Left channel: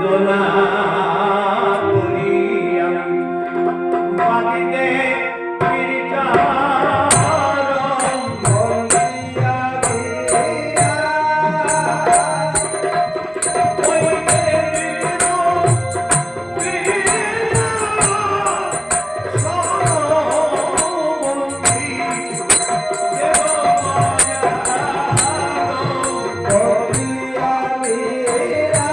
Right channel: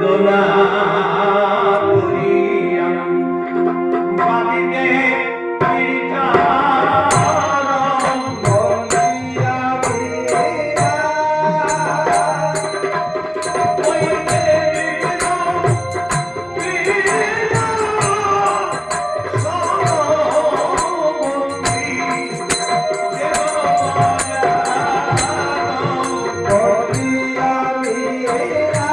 দোলা তুলি আমি বাদিতে চিরচরণ বলিয়া দিয়া ওই দেব বীরা সমবন্দি দেব বলিয়া দিয়া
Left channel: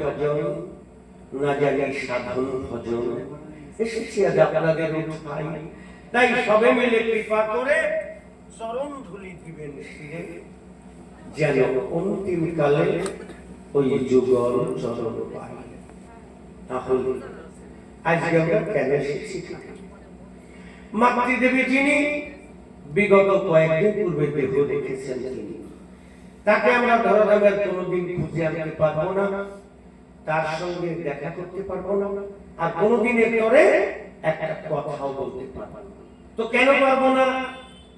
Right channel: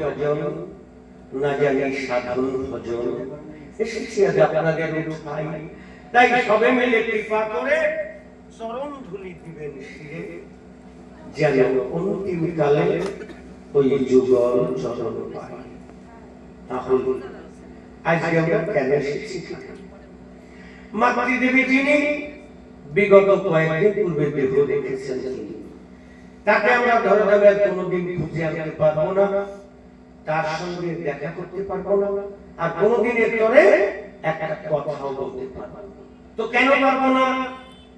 ভজন না জানি সাধন ভজন এসেছি আজ আপনাদের উঠাই, তাই সবে মিলে কৃপা করে চরণ ধুলি দিবেন শিরে, যেন অন্তিম কালে ওই যুগল চরণ পাই। তাহলে আজকে আমরা কেন এসেছি? মাতৃদেবী যিনি বিগত কয়েকদিন পূর্বে দেহ দেখেছেন, তাকে আমরা ধরাধামের কোনোদিন খুঁজে আনতে পারবো না, তার সঙ্গে দেখা করতে পারবো না, আর কোনোদিনের তরে একটা কথাও বলতে পারবো না। তো কেন পারবো না?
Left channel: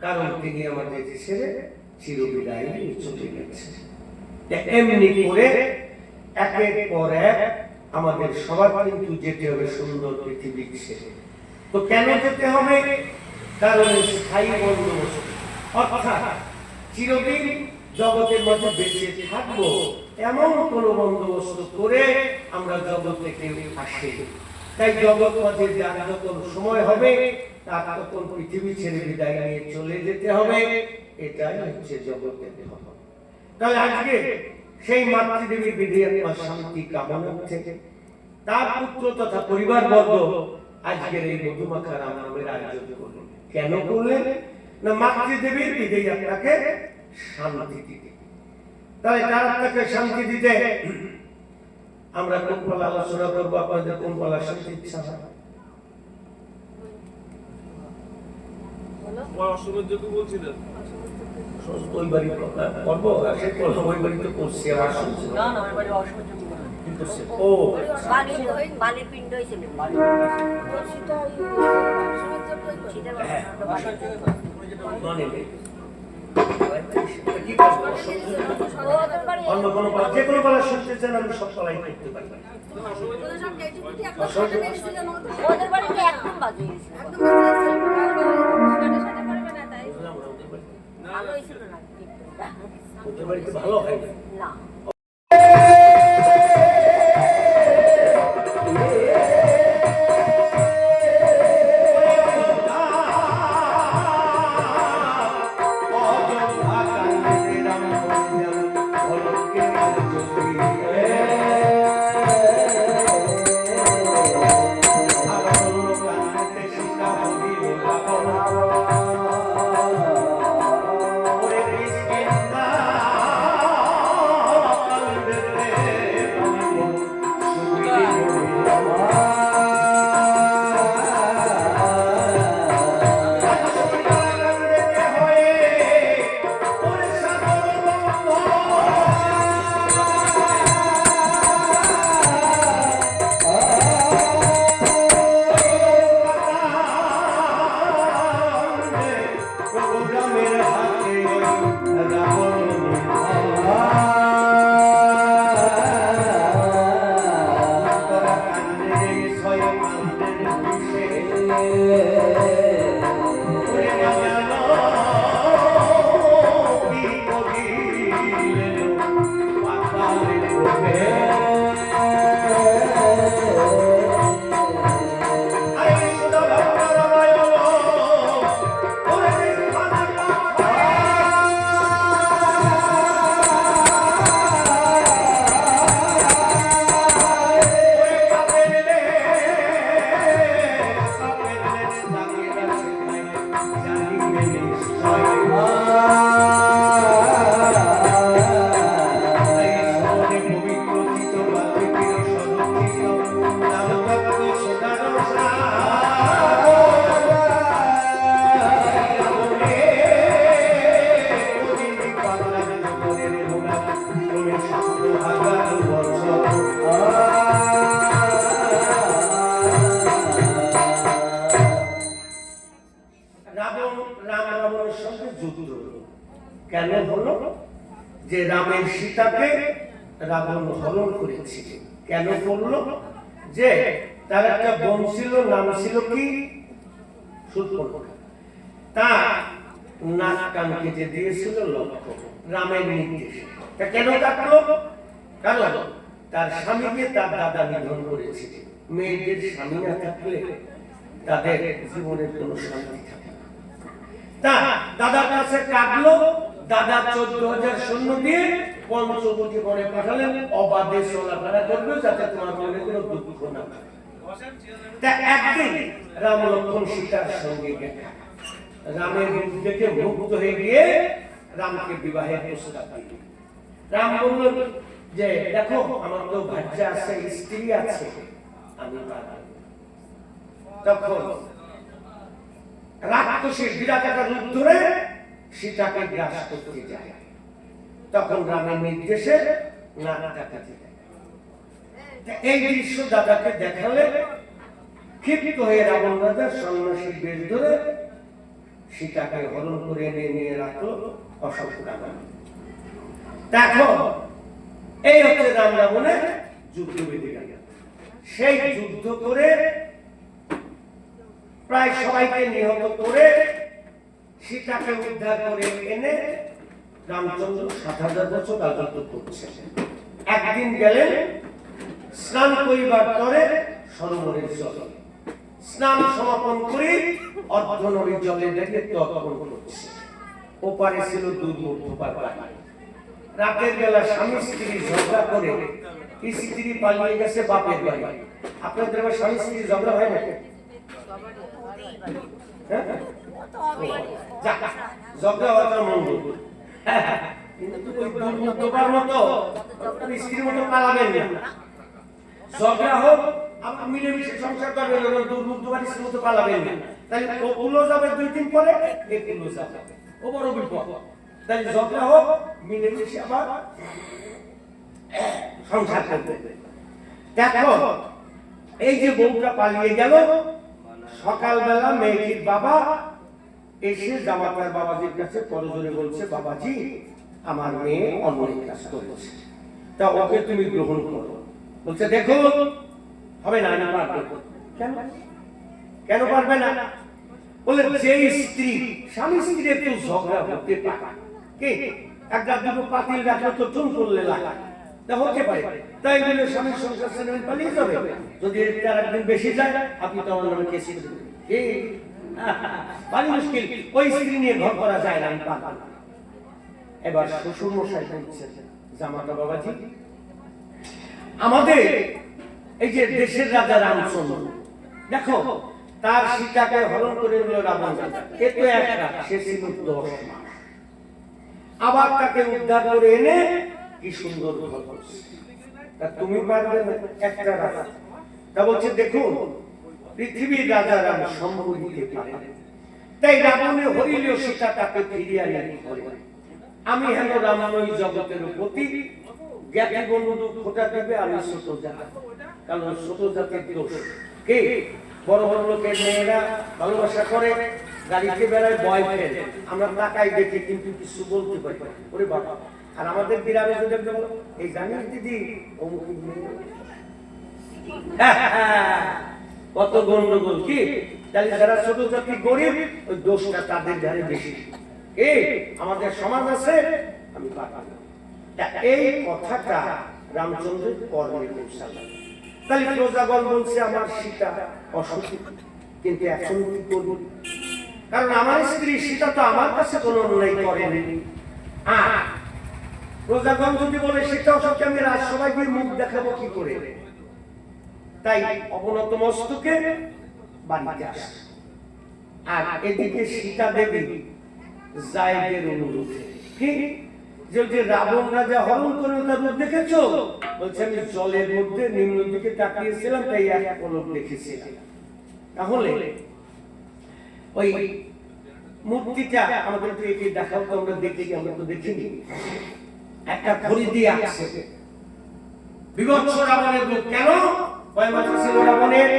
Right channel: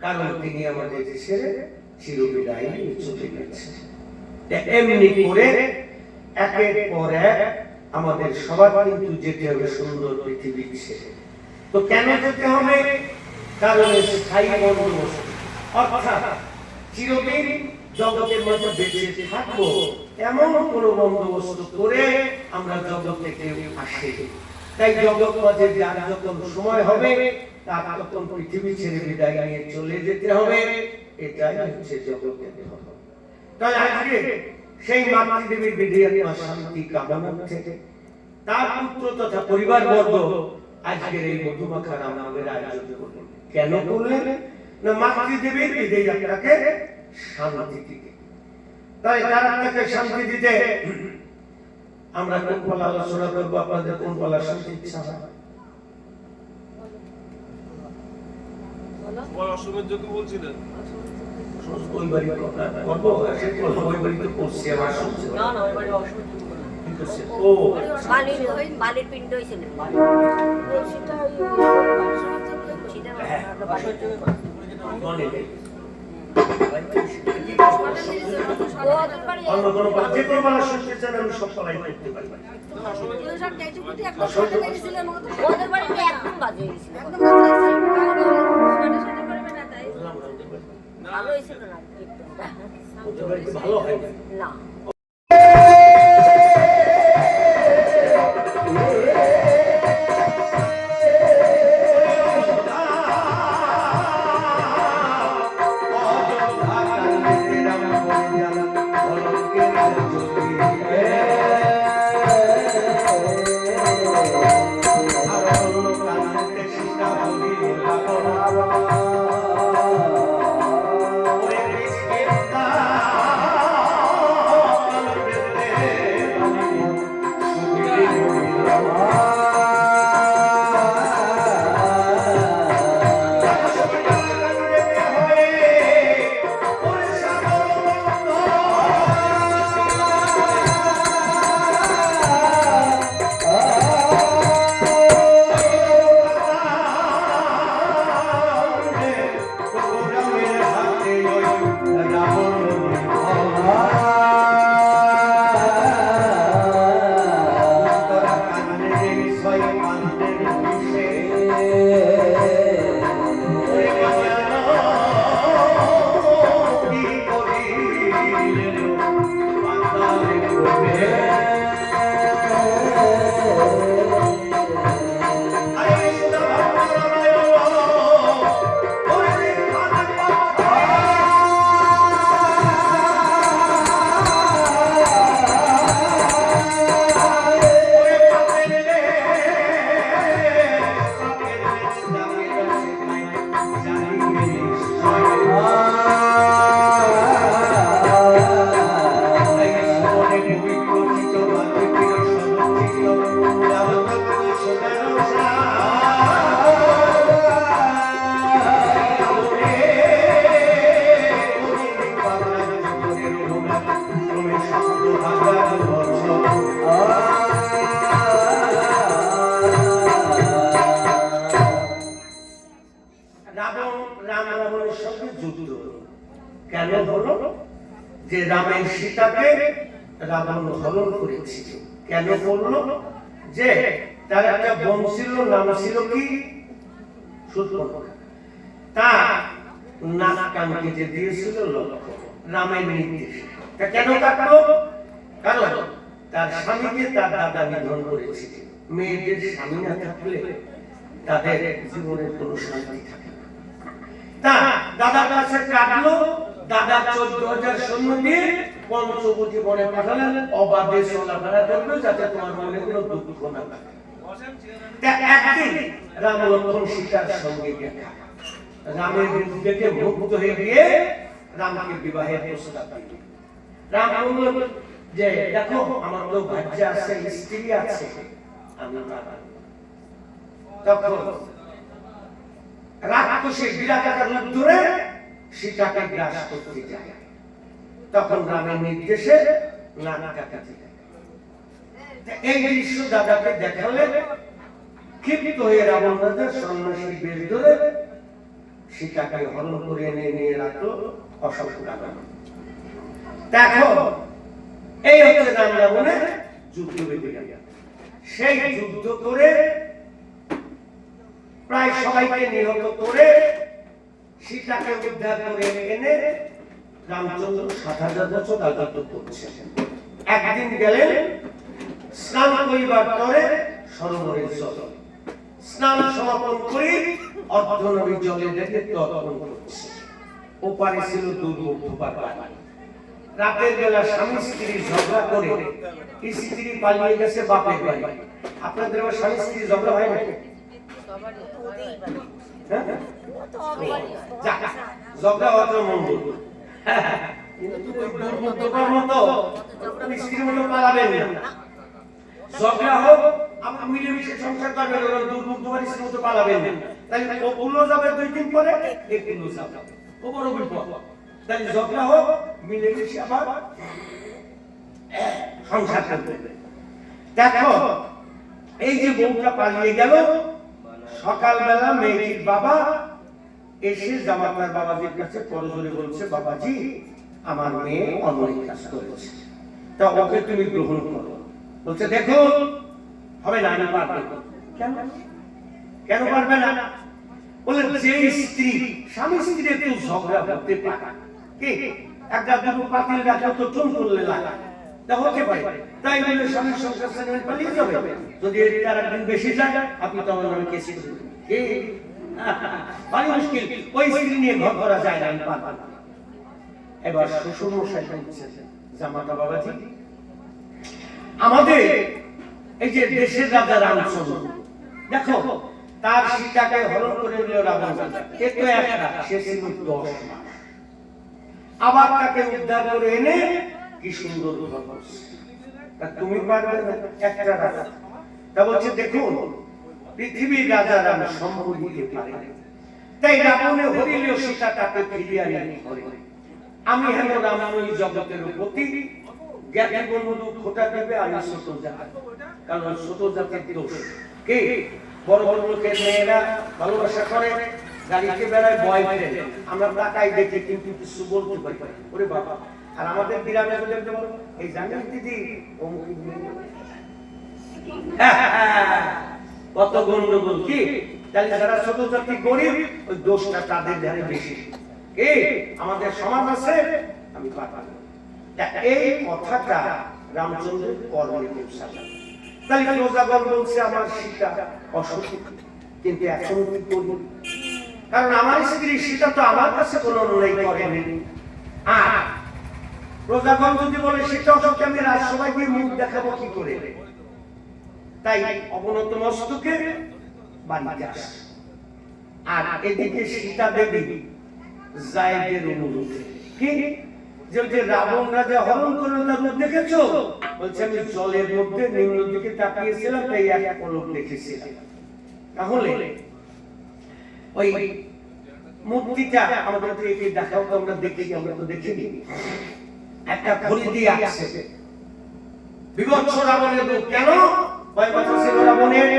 কারণ তিনি আমাদের ছেড়ে চিরবিদায় নিয়ে চলে গেছেন। এমনি করে একের পর এক আমাদের সবার কিন্তু যেতে হবে সুন্দর পৃথিবী ছেড়ে। তো কেন যেতে হবে? কারণ স্থায়ী বন্দোবস্ত, অর্থাৎ চিরদিন জগতের মধ্যে বেঁচে থাকবো এমন কোন বন্দোবস্ত করে আমরা জগৎ থেকে আসি। তাই জগৎ মাঝে যার যখন সময় হবে তার তখন পৃথিবী ছেড়ে বিদায় নিয়ে চলে যেতে হবে, এটাই হচ্ছে জগতের ধর্ম। তাই আজকে সেই মাতৃদেবীর বিদায় শান্তি কামনার্থে তার পুত্র তথা পরিবারবর্গ আজকের এই মধুমাখা রাম নামের আয়োজন করলেন। কেন করলেন? না মাতৃদেবীর বিদায় আপনাকে শান্তি দিতে। তাই তার আপনাকে শান্তি দিতে আমরা কোন পালা আলোচনা করবো? আপনাদের কোন পালা শুনতে ইচ্ছা হয়? অসমের যোগ্য বলছিলেন ওই বাড়ি কথা করবো, সে করবো ওই বাড়ি তো করছি আবার শুনছি না না ওই বাড়ি অসমের যোগ্য বলেন। ও বালির পিণ্ড হয়েছিল। মানে নেই অন্য কোনো পালা, যে কোনো পালা শুনতে চান আমি সব পালাই করতে পারি। ওদের বাড়িতে একদম বাজে হয়েছিল। ভালো হয়েছিল না? ওদের বাড়িতে ভালো হয় না। কেন হলো? যে রামের সীতাকে রাবণ হরণ করেছিল। কেন করলো? যে তার একটা বোন ছিল, নাম ছিল কি? শূর্পণখা। তার নাক কান কেটে দিয়েছিল লক্ষ্মণ, রামের নির্দেশে। তা কেন কাটলো? কারণ তার স্বামীকে তার দাদা নিধন করেছিল। মেয়েদের স্বামী না থাকলে তাদের জীবনের কোনো শান্তি থাকে না। তা দাদার কাছে কাটলো, দাদা 14,000 সৈন্য দিয়ে পঞ্চবটি বনে পাঠালেন, অবাধে চলাফেরা করবে যাতে তোমার মনে কোনো দুঃখ না থাকে। তা একদিন রাম লক্ষ্মণ সীতার সঙ্গে দেখা, রামের রূপ দেখে মুগ্ধ হয়ে গিয়ে রামকে বিবাহের প্রস্তাব দিলেন। রাম বলল যে দেখো আমার তো বাচ্চা আছে, স্ত্রী আছে, আমি পারবো। তখন রাক্ষসের বিরাটাকার রূপ ধরে সীতাকে গ্রাস করতে যায়। তখন রামের নির্দেশে নানা টাকাতে এই দৃশ্য দাদাকে দেখালে ক্ষিপ্ত হয়ে রাবণ রাজা সন্ন্যাসীর বেশ ধরে সীতাকে হরণ করে এনে নিয়ে রাখলো অশোক রাবণ। দেখো এই হচ্ছে রাম রাবণের যুদ্ধ বিগ্রহ। সেই যুদ্ধ করে প্রায় সবাইকে নিহত করে সীতাকে উদ্ধার করে এনে রামচন্দ্র 7,000 বছর রাজত্ব করছে। একদিন গেলেন স্নান করিবার পরে সরোবরের জলে স্নান সমাপন করে অর্ধনবী জলে দেখে তর্পণ করছে। ওপারে ছিল দুর্মুখ পাড়া। রাতের বেলা স্বামী স্ত্রী ঝগড়া করে স্ত্রী পালিয়ে গেছে বাপের বাড়ি। আপনাদের স্বামী স্ত্রী ঝগড়া হয় না? ঝগড়া হওয়াটা মঙ্গল, কিন্তু দুর্মুখ ঢোকার মতো স্ত্রীর মতো পালাবেন না। ঝগড়া হোক আপনি মিলেমিশে সংসার করবেন, দুর্মুখ ঢোকার স্ত্রীর মতো পালাবেন না। তাহলে ওগুলো যাবে 2 দিন পরে, এগুলো যাবে, ও বড় বিপদ। তাহলে ঝগড়া হোক মিলেমিশে আবার সংসার করবে। দেখো এই যে বউটা পালিয়ে গেল, সকালবেলা মেয়েটির বাবা এসে জামাতার বাবাজির কাছে পরজোরে বলছে, বাবাজি আমার মেয়ে অন্যায় কাজ করেছে, তা ওকে তুমি গ্রহণ করো। বলছে দেখুন হবে না, আমি পারবো না। কেন পারবে না? বলে যে স্ত্রী স্বামী স্ত্রী একটু ঝগড়া করতে পারে, কি একটা দুটো পাতিল রাখলে তো টুন করলে লাগা হতে পারে, তাই বলে স্বামীর সংসার ছেড়ে পালিয়ে যাবে? যদি তার একদিন বেশি যায় আপনি তো আমার নামে কেস করবেন। ভারী মুশকিল, ওই স্ত্রী নিয়ে ঘর করা যায় না, আমি পারবো না। এবার শ্বশুর মশাই বলছেন, জামাতা বাবাজি আমাদের এই যে দেশের রাজা রামচন্দ্র, দেখো তার সীতাকে হরণ করে নিল রাবণ, এ তো একটা, সে ছিল 10 মাস, আবার তাকে উদ্ধার করে এনে কি সুন্দর ঘর করছে, তা তুমি পারবে না একটা রাজা? তা বলছে দেখুন পৃথিবীর রাজা রাম সম্ভব দিতে পারে, তাই রাবণে হরিল সীতা তাকে ফিরিয়ে আনি ঘরে। আমি হেন রাম নই জগতের প্রতি, জ্ঞাতি বন্ধু খোঁটা দেবে আমি ছোট জাত, কারণ ছোট জাতের দোষ। কে বড় বড় লোকের মেয়েরা ভালোবাসা করে, গাড়িতে বেড়ায় বয়ফ্রেন্ড, আমরা তাকাই দেখে কিন্তু কিছু বলতে পারি, ওরে বাবা। আর আমাদের গ্রামে যদি বলো এই জানেন দিদি কত গন্ডগোল, কি তাহলে যারা ছোট জাতি গরিব ওই দোষটা তাদের ধারে বেশি। আমাদের সমাজ আছে আমি পারবো না। এই কথাটা রামচন্দ্রের কর্মে পৌঁছালো। তাহলে প্রজাগণ বলছে আমার সীতা অসুখী, কিন্তু এখন কি করব? কারণ আমার স্ত্রী সীতা তো আমার কাছে কোনো অন্যায় করেনি। আর প্রজাগণ যদি বলে সীতা অসুখী, আমি রাজসভায় গিয়ে মুখ দেখাবো কি করে? তাই অবনত মস্তকে বাড়িতে আসে। আর এদিকে সীতা দেবী জায়েদের অনুরোধে, কি যে রাবণ রাজা হরণ করে তার রূপ দেখেছো? বলছে আমি জলের মধ্যে নিম্ন দিকে তাকিয়েছিলাম, তাই এক পলক দেখেছিলাম। তাহলে ওই মূর্তিটা আমাদের একে দেখাও তো, আমরা দেখি, আমরা তো দেখিনি। একটা ঘড়ি দিয়ে আসছে বিভৎস রাবণের রূপ। কেন? কয় মাথা ছিল রাবণের?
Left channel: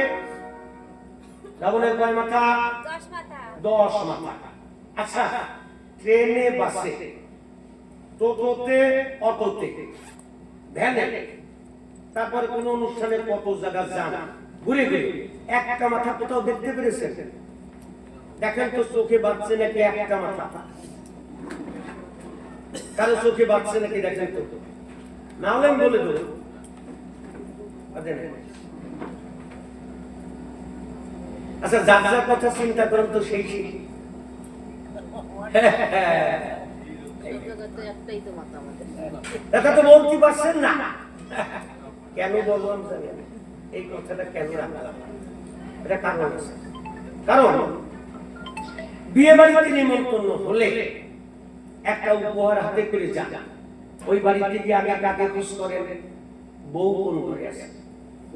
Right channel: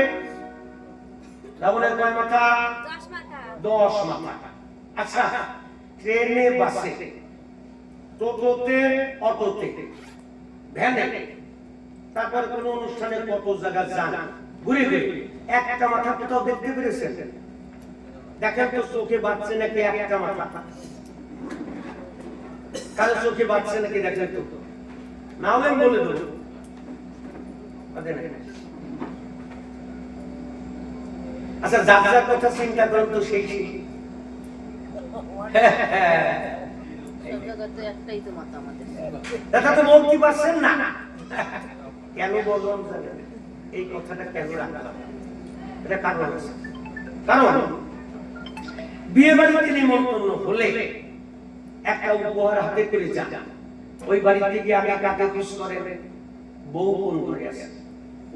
রাবণের কয় মাথা? 10 মাথা। আচ্ছা ট্রেনে, বাসে, টোটোতে, অটোতে, ভ্যানে, তারপরে কোন অনুষ্ঠানে কত জায়গা যান, ঘুরে ঘুরে একটা মাথা কোথাও দেখতে পেরেছেন? দেখেন তো চোখে বাঁচছে নাকি একটা মাথা? কারো চোখে বাঁচছে নাকি দেখেন তো, না হলে বলে দেবো। আচ্ছা যার যার কথা চিন্তা করেন তো, সেই জগতে একটাই তো মাতা আমাদের। এটা তো বলতে পারছেন না। কেন বললাম জানেন? এই কথাটা কেন রাখলাম? এটা কারণ আছে। কারণ বিয়ে বাড়িতে নিমন্ত্রণ হলে একটা উপহার হাতে করে যান। ওই বাড়িতে গিয়ে আগে কাকে খুশ করেন? বউ কোন ঘরে আছে,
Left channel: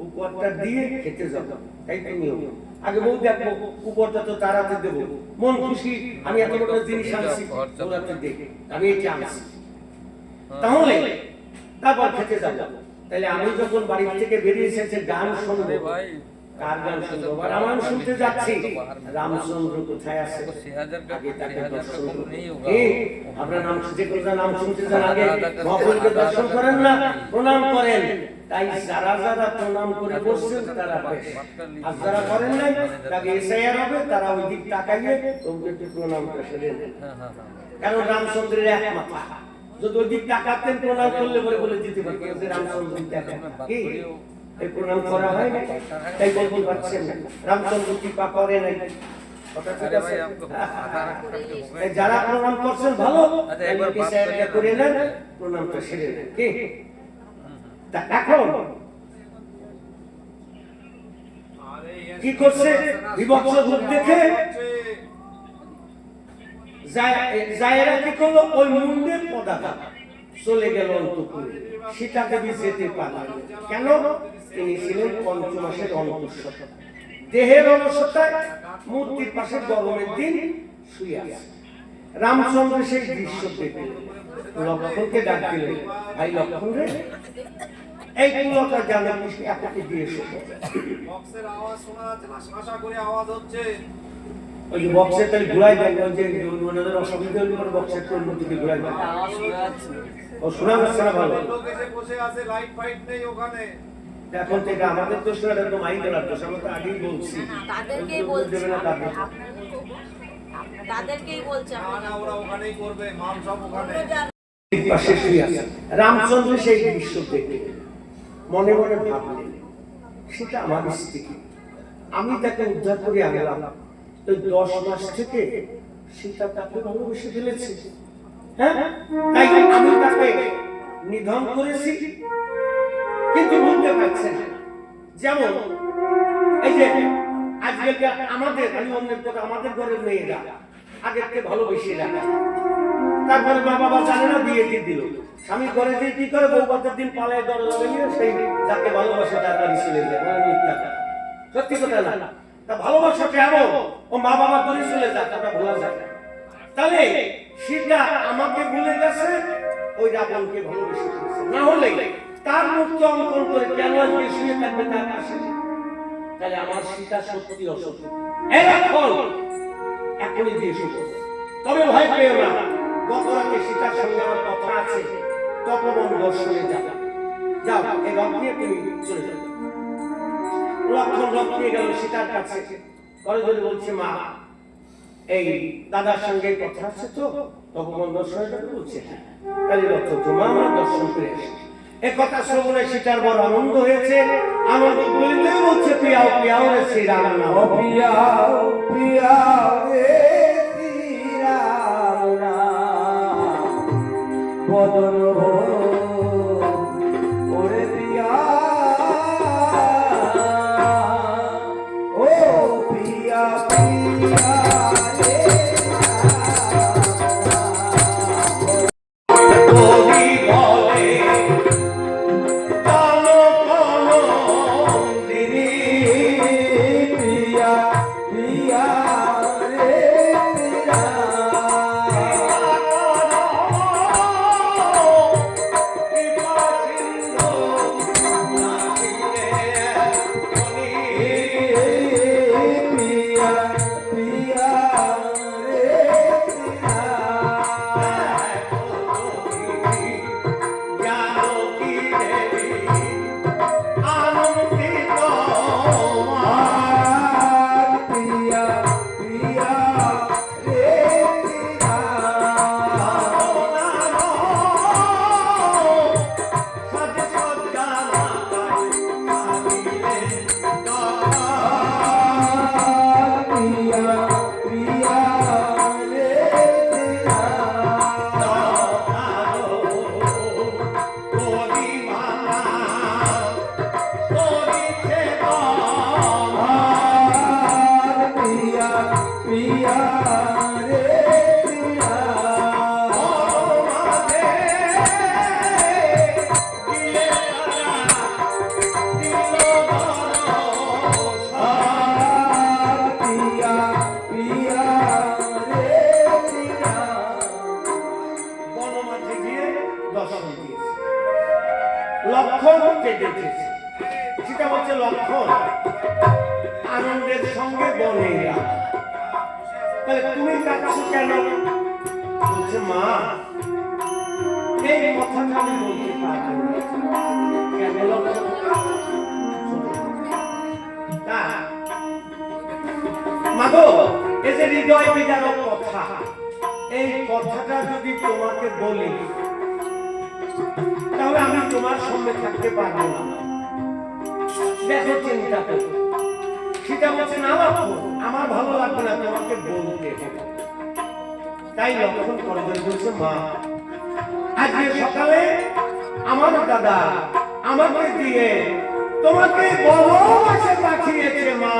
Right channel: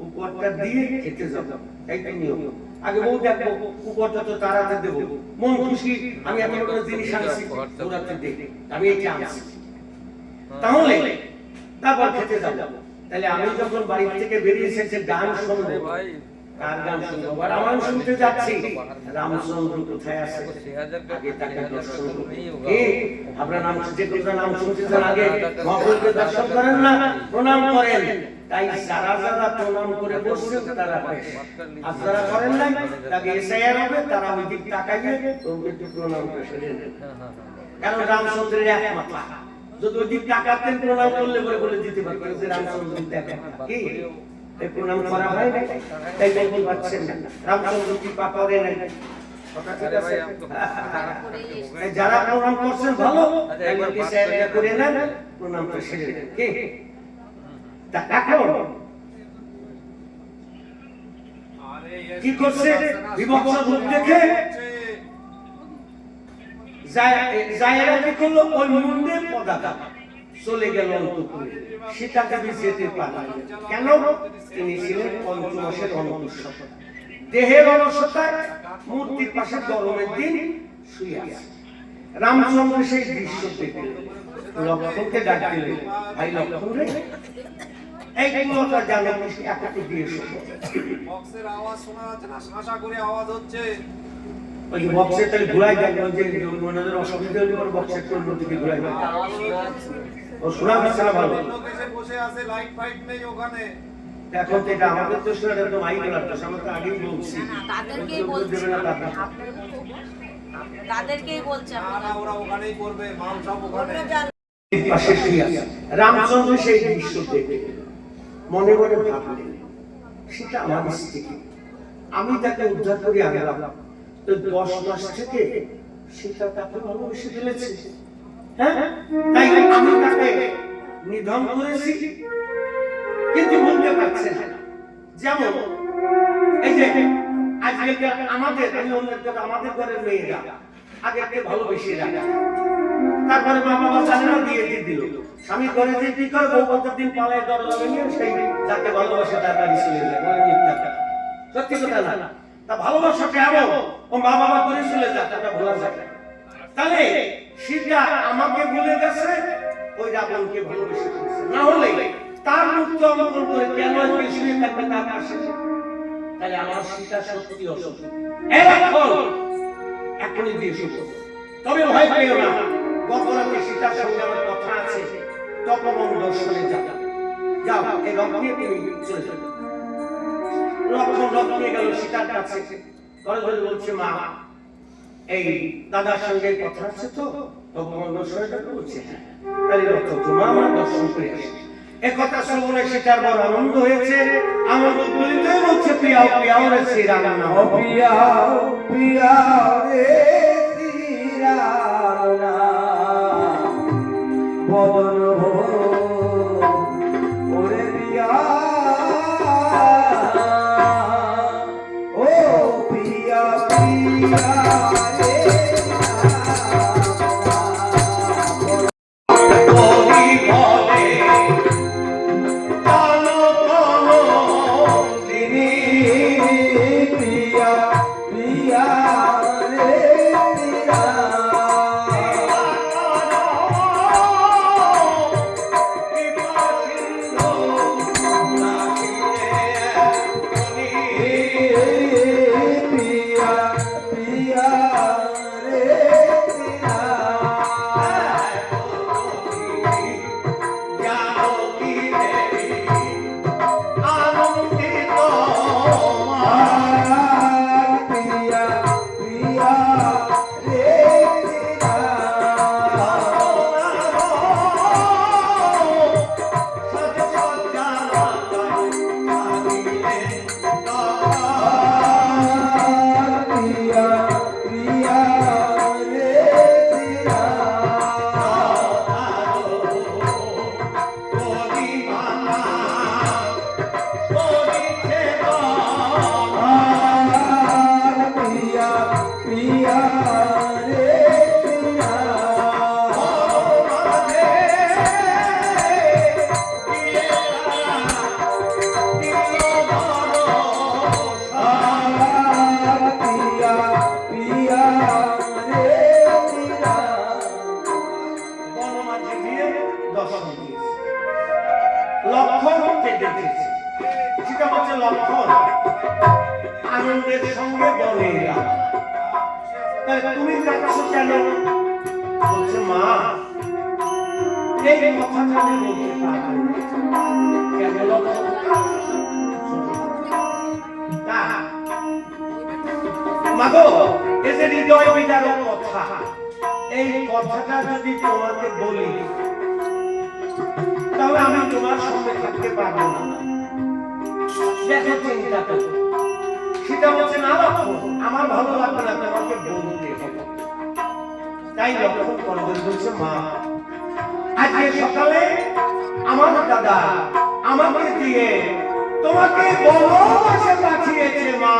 উপহারটা দিয়ে খেতে যাব, তাই তো নিয়ম। আগে বউ দেখবো, উপহারটা তো তার হাতে দেবো, মন খুশি আমি এত বড় জিনিস আনছি ওর হাতে দেখে আমি এটা আনছি, তাহলে তারপর খেতে যাব। তাহলে আমি যখন বাড়ি থেকে বেরিয়ে এসেছে গান শুনবো, কার গান শুনবো? রামায়ণ শুনতে যাচ্ছি, রামচন্দ্র কোথায় আছে আগে তাকে দর্শন করবো। আপনার নাম যে কোনটা নাম শুনতে চান আগে মহাপুরুষকে দর্শন করেন না, প্রণাম করেন। তাই যারা যারা প্রণাম করে বসছেন তারা বেশ, আর যারা করেন নাই তাকে এসআইআর হবে, তারা ওই দিক তাকাইয়ে তোমকে একটু প্রণাম করে সেরে নেন। কারণ রামচন্দ্রের এক মাথা, যদি ওই দিক তাকাতেন প্রণাম করলে বলে বলে দিতে পারবেন যে রামচন্দ্র দেখেন কি এই প্রণাম করা হয় না, তাই বলতে পারছেন না রামচন্দ্র কৃপা করে নাই। যারা প্রণাম করছেন ভালো, করে নেন প্রণামটা সেরে নেন। এখন কি করছে? বিভৎস রূপ দেখে জায়েরা কি করলো? ওই মুন্ডের পতাকা চলে গেল অন্তঃপুরে। সীতাকে যেতে পারলেন কেন? তিনি ছিলেন পঞ্চমাসের অন্তঃসত্ত্বা, দেহের অলসতায় মূর্তির পাশে গরমের দিন শুয়ে আছে। রামচন্দ্র সেই দৃশ্য দেখলেন, লক্ষ্মণকে ডাক দিলেন, ভাই লক্ষ্মণ রে, এই কুয়াটা জানো একাকে দিয়ে শোনো। বক্সের আওয়াজ শোনা যাচ্ছে না, শাঁসা করে আওয়াজ হচ্ছে। ওই যে বক্সের তাহলে ঘুরাই দেন, ওই যে ওনাদের অসুবিধা হলে পরে বক্সের একটু অন্যদিকে ঘুরাই দেন। ও শোনা যাচ্ছে না ভালো। লোক এসে বসে আছে, লাইট ফাইট নেই ওখানে। এখন তো এটা আমাদের দোষ না, এটা তো মাইকেলার দোষ। আমরা তো আগেই বলছি তাদেরকেই দেবে না তাদের। তাদেরকেই বলছে না না, ওরা ওখানেই করবে, মাল সব ওখানে। পাশে শুয়ে আছে। রামচন্দ্র সেই দৃশ্য দেখে মনে মনে ভাবলেন, সেটা আমার স্ত্রী, আমি তাকে উদ্ধার করে আনলাম, তো 10 মাস থেকে সীতা তাকে ভালোবেসে ফেলেছে। হ্যাঁ, তাই আমি তাকে নিধন করেছি, কিন্তু বলতে পারছেন না। যেমন এই যে আজকে আমাদের, আমি অন্যের কথা, আমাদের ঘরের মেয়েরা আগে থেকে ভালোবেসে রাখা, তারপরে মা বাবা জানে না, বিয়ে দিয়ে দিল। স্বামীর ঘরে যে কি করে, বউ কত দিন পালায় দরজা ভেঙে সেই যাকে ভালোবাসে তার বাড়ি চলে যায়। মানে মিথ্যা কথা, সত্যি কথা না। তা ভালোবাসা কেন? ও মা বাবা করে চলে যায়, ওটা ভোলা যায় না। তাহলে সীতা আমাকে ভুলে গেছে, ওই রাবণকে ভালোবেসে ফেলেছে। না হলে তার মুক্ত অঙ্কন করে কেন আজকে শুয়ে থাকবে তার পাশে? তাহলে আমার সীতা সত্যি অসুখ। এখন এখনই দিয়ে শুভ, তবে ভয় পেও না। গত রাতে সীতার সঙ্গে আমার কথা আছে, তপবন দর্শনে যাও, যাও এই রথ নিয়ে তুমি চলে যাও। লক্ষ্মণ রথ নিয়ে গেল সীতার কাছে, করে ধরে বলছে, মা এই দাদার সঙ্গে কথা আছে তো, তপবন দর্শনে যাবে। বলছে হ্যাঁ, তাহলে রথ তোমার আমার দর্শন করে আসি। এ কথা শ্রবণে সীতার বড় আনন্দ হয়েছে। আনন্দ বলিতে বলছে, পিয়াও পিয়াও রে শ্রীরাম নাম, পিয়াও পিয়াও রে শ্রীরাম নাম, বদন ওরে পিয়া, ও পিয়া পিয়া রে যে লক্ষণ আনন্দের সঙ্গে বলে এলাম। তাহলে তুমি কাঁদছো কেন? বলছে মা এই কথাটা আমি বলতে পারবো না। কেন লক্ষণ? তা মাগো এই যে হৃদয় বিদারক কথা, এই কথাটা যদি তোমাকে বলি তাহলে আমি তোমার সঙ্গে থাকতে পারবো না। দেখো চিন্তা করো। সীতা বলছে না আমার ভালো লাগবে না, তোমাকে বলতে হবে। তাই লক্ষণ করে বলছে মা আজকে সকালে আমার দাদা আমাকে দিয়ে তোমাকে বনবাসে পাঠিয়েছে মা।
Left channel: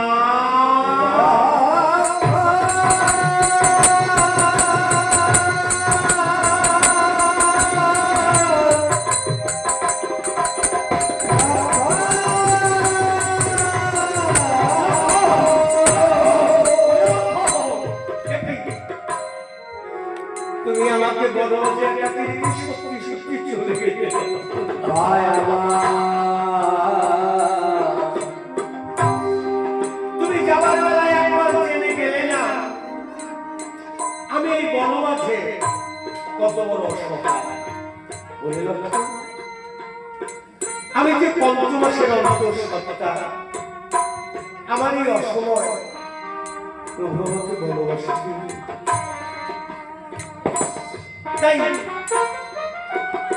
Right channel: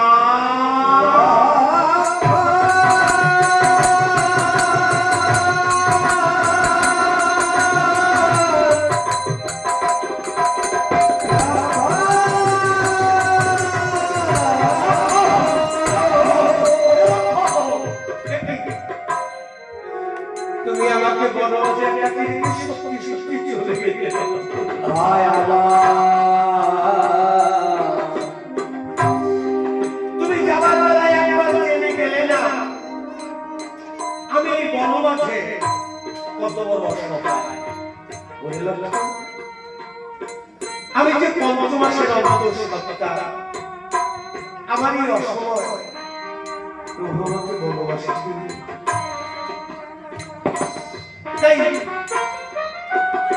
তুমি আমাকে বনবাসে সত্যি সত্যি চলে গেলে। হায় আল্লাহ, তুমি যাবার বেলায় একবার জেনে গেলে না আমি এই বনবাসে কত বড় অসহায়। বুঝল? আমি যে পঞ্চমাসের অন্তঃসত্ত্বা, আমার এই অসময় প্রভু আমাকে বনবাসে দিলেন। তাই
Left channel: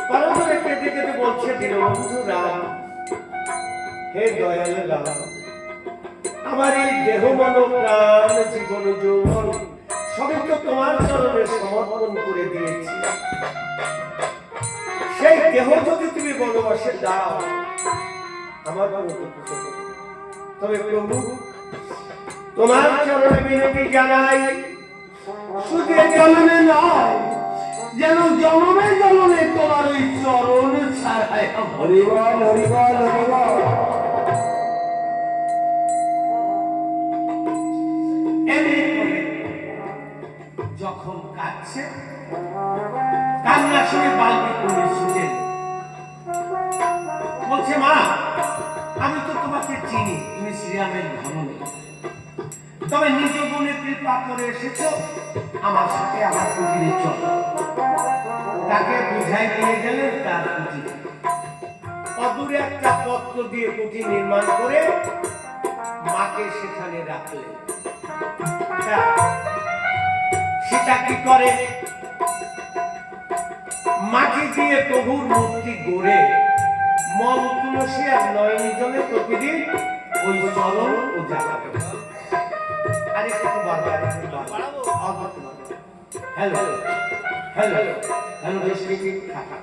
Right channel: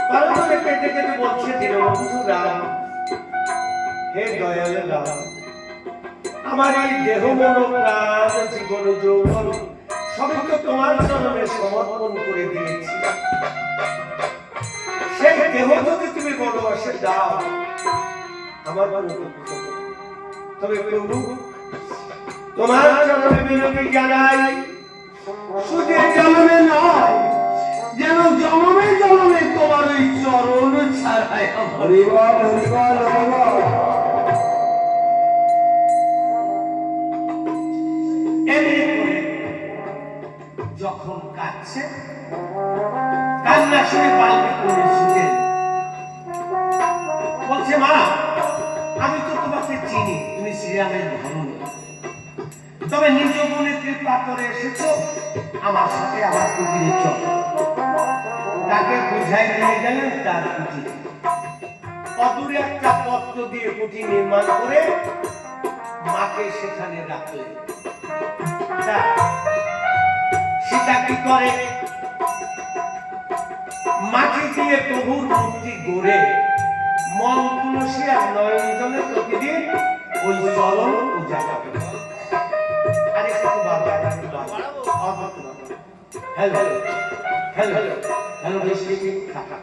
পরস্পরে কেটে কেটে বলছে দীনবন্ধু রাম, হে দয়ালু রাম, আমার এই দেহ মন প্রাণ জীবন যৌবন সবই তো তোমার চরণে সমর্পণ করে দিয়েছি। সেই দেহ যদি তুমি বনবাসে দাও আমার কোনো দুঃখ নেই। তবে প্রভু তোমার চরণে বিনতি জানাই, শুধু এই চরণে নয়, যেন জনমে জনমে তোমার ওই চরণ ছাড়াই হরিবল হরিবল হরিবল। এরপরে যখন কাঁদছে কান্না শুনে বাল্মীকি করেছিলেন, বলছে মা আমি তো তোমাকে চিনি, তুমি শ্রীরামের ধর্মী, তবে নিজ গুণে কৃপা করে এসেছো আমার সাথে আমার কুটিরে চল। তাকে বুঝাই নিয়ে গেলেন তার কুটিরে। অদূরে একটা পত্র দিয়ে কুটি নির্মাণ করে মাকে সেখানে রাখলেন। সীতা কি করে? মাটি দিয়ে প্রভুর মূর্তি গড়ে মন তুলসী আর নয়ন জলে প্রতিদিন ওই চরণ পূজা করে। আরে একটু বারবার হ্যালো হ্যালো হ্যালো ডিস্ট্রিক্ট থাকা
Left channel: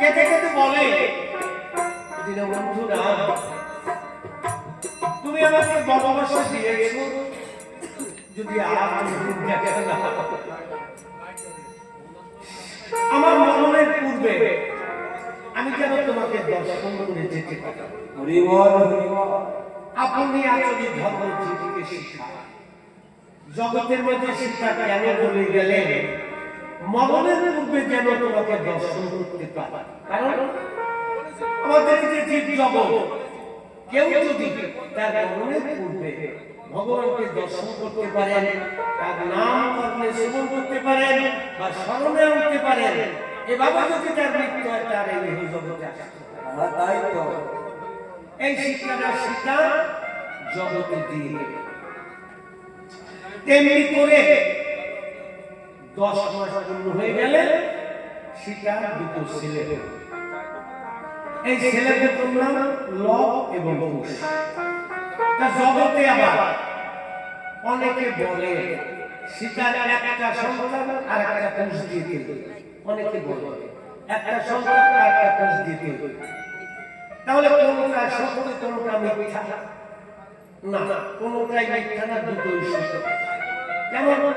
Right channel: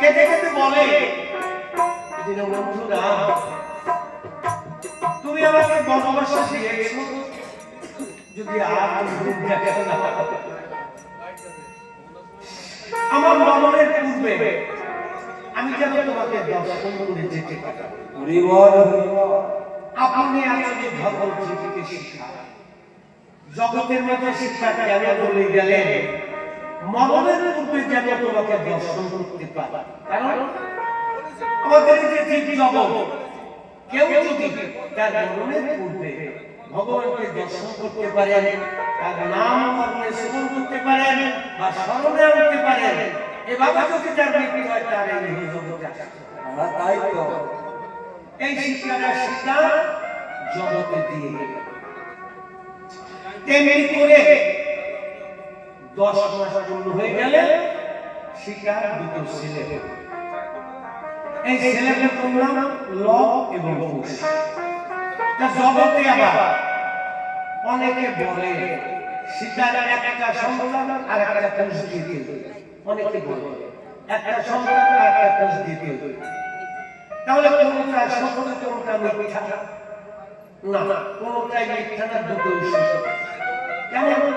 কেটে কেটে বলে দীনবন্ধু রাম, তুমি আমাকে বনবাসে দিয়ে গেছো, যদি আর দেখা না আমার মরণের পূর্বে আমি কেন তোমাকে দর্শন করে যেতে পারি? হরিবল হরিবল। আপনি আজকে ভগবদ্গীতাকে শিক্ষা জগতের মধ্যে শিক্ষা কেন বলে গেলেন মরণের পূর্বে যেন তোমাকে দর্শন করতে পারি। কারণ আমাদের যে জীব জগৎ কেউ যদি তার মরণের পূর্বে ভগবানকে দর্শন করতে পারেন, তার নাম কর্মে শ্রবণ করতে পারেন বা স্মরণে আনতে পারেন, এভাবে যদি তার মৃত্যু হয় তার এই জগতে আসে। তাই তো এই শিক্ষাটা শিক্ষা জগতে দিয়ে গেল। তেমনি করে 10 মাস পূর্ণ হয়ে গেলে শিক্ষার দুটো ছেলে, এই ছেলে দুটোর নাম লব এবং কুশ। তা জগতে আবার অনেকে বলে সীতার একটা সন্তান আর একটা কুশ দিতে, অনেকে বলে একটা সন্তান আর একটা কুশ দিতে। তাহলে কোনটা সত্য কোনটা মিথ্যা? না, কোনটাই মিথ্যা না, দুটোই সত্য। কেমন?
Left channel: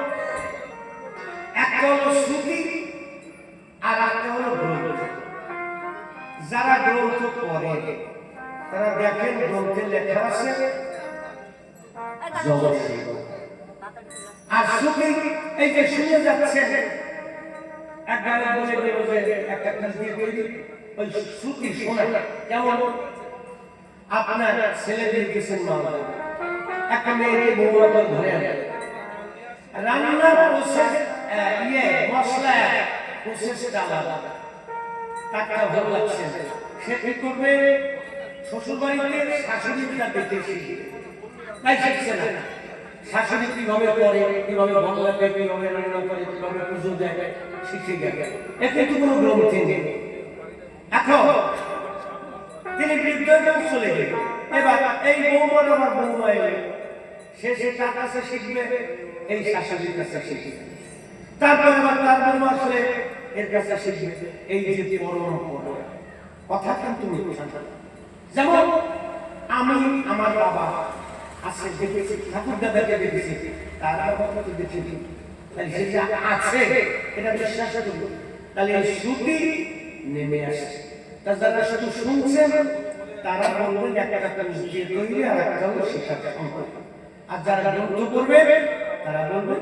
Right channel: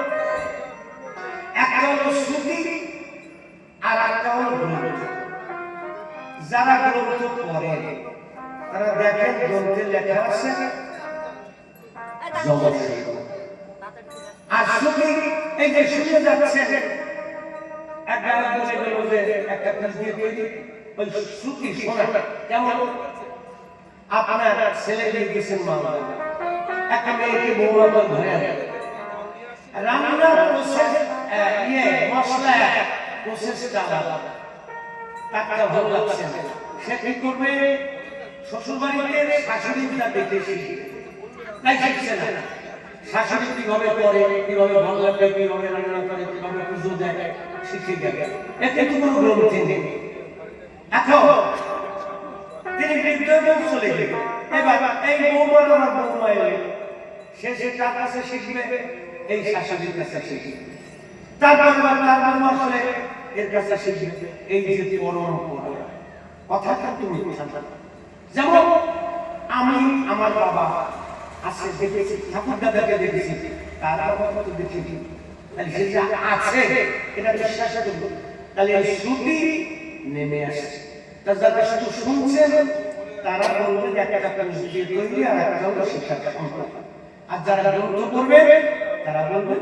একটা হলো শ্রুতি আর একটা হলো গ্রন্থ। যারা গ্রন্থ পড়ে তারা দেখেন গ্রন্থে লেখা আছে জগৎ, আর শ্রুতি এই যে শুনে যাচ্ছে এক গায়ক বলে গেল যে একটা কুশ দিয়ে তৈরি, ওই শ্রুতি শোনা কেমন আপনার ছেলে গেছেন মা একটা মেয়েকে বৌমা করে ধরে আনে রান্নার প্রসেস মশলা প্রসেসটা আলাদা তাকে ভালো লাগছে সে কি করবে শ্বশুর বাড়িতে শাশুড়িটা দেখে শিখবে তাই শিখছে না শাশুড়ি কিভাবে করে কিভাবে ভালো লাগে কিভাবে রান্না করে কিভাবে পুজো দেয় শিখে গেছে এতে তো কোনো গ্রন্থি নেই এখন তিনি বিদ্যালয়ে চলে গেলেন এবার এই বৌমার আমার বৌমা এলেন সে তার কাছে শিখবে এই শাশুড়ির কাছে শিখবে তারপর তার বৌমা আসলে এর কাছে শিখবে এই যে পরম্পরা কথাটা তুমি যেমন আমি আমার বাবা আছে দেখেছি ঠাকুর দাদাকে দেখেছি তার বাবা তো দেখেছি তাহলে সে যে আছে এটা বিশ্বাস করবো তাহলে এই শ্রুতি নেমে আসে তা যারা শুধু শুনছেন তারা বলবেন একটা নিজের তৈরি আর একটা হলো শিক্ষার সম্পর্ক আর যারা গ্রন্থ করবে তারা বলবে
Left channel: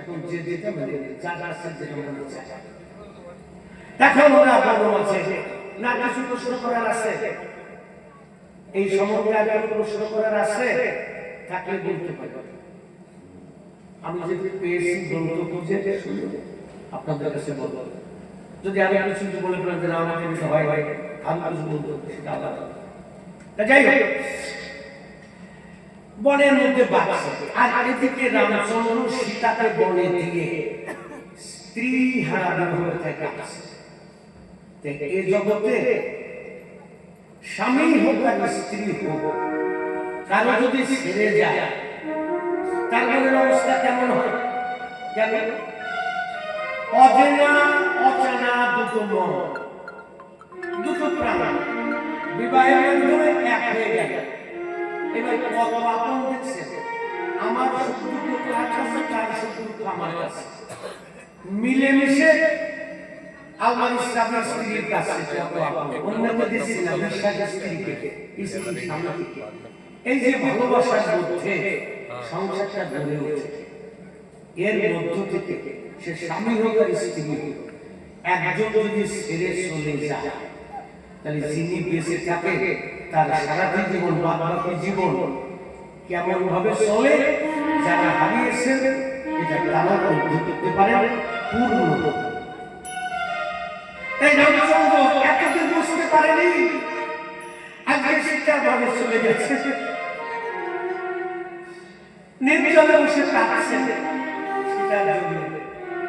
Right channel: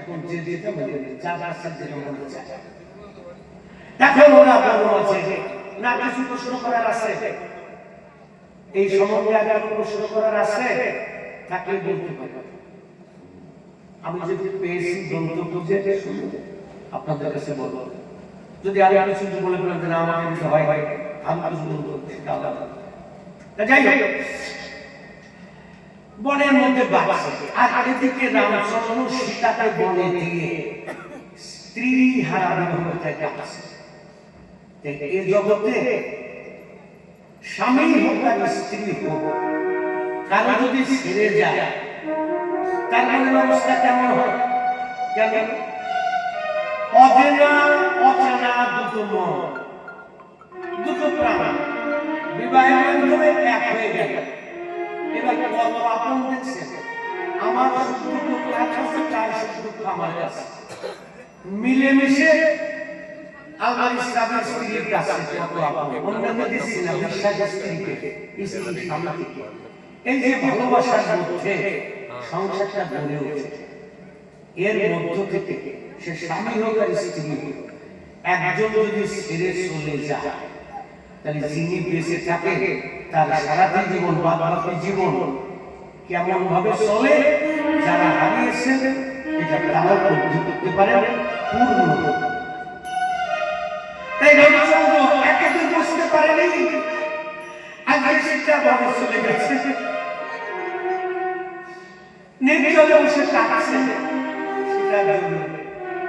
এখন যে যেটা মেনে যার আছে যে মনে চায় দেখো ওরা বড় আছে না কিছু প্রশ্ন করার আছে এই সম্বন্ধে আর কোনো প্রশ্ন করার আছে তাকে বলতে পারে আমি যদি পেয়েছি গ্রন্থ খুঁজে আপনাদের কাছে বলবো যদি আর কিছু বলে ফেলেন যে না আমাকে কিছু হয় ভাই আমি কিছু বলবো সেটা আলাদা যাই হোক বনের মধ্যে বাঁচছে আর এদিকে রামচন্দ্র সীতাকে বনে দিয়ে স্ত্রী হারা বিবাহ কাছে এই জগতে স্বামী হোক আর স্ত্রী হোক কারো যদি ছেড়ে যায় তার মনের অবস্থা কেমন হয় কেন অজানা অজানা দুটো মন দুটো প্রাণ বিবাহের মাধ্যমে এক হয়ে গেল এবার কত আপন দেখছে আমার সুখ দুঃখ কার কাছে তার সুখ দুঃখ আমার কাছে মিলেমিশে আমার স্বামী স্ত্রীর কাছে অন্যকে দিচ্ছি না বিশ্বাসের স্ত্রীকে স্ত্রীর স্বামীকে এই যে ভালোবাসার মধ্যে সংসারটা গড়ে উঠে এর মধ্য থেকে সে স্বামী হোক আর স্ত্রী হোক একজন যদি ছেড়ে চলে যায় তাহলে যিনি বেঁচে থাকে তার সারাটি জীবন বাকি জীবন কেমন ভাবে চলে যারা হারিয়েছেন এটা তারা উপলব্ধি করতে পারেন পূর্ণ তাই রামচন্দ্র এতদিন বুঝতে পারেনি আজকে সেটা ভাবে চলে গেছে নির্জনে বসে কাঁদছে সেটা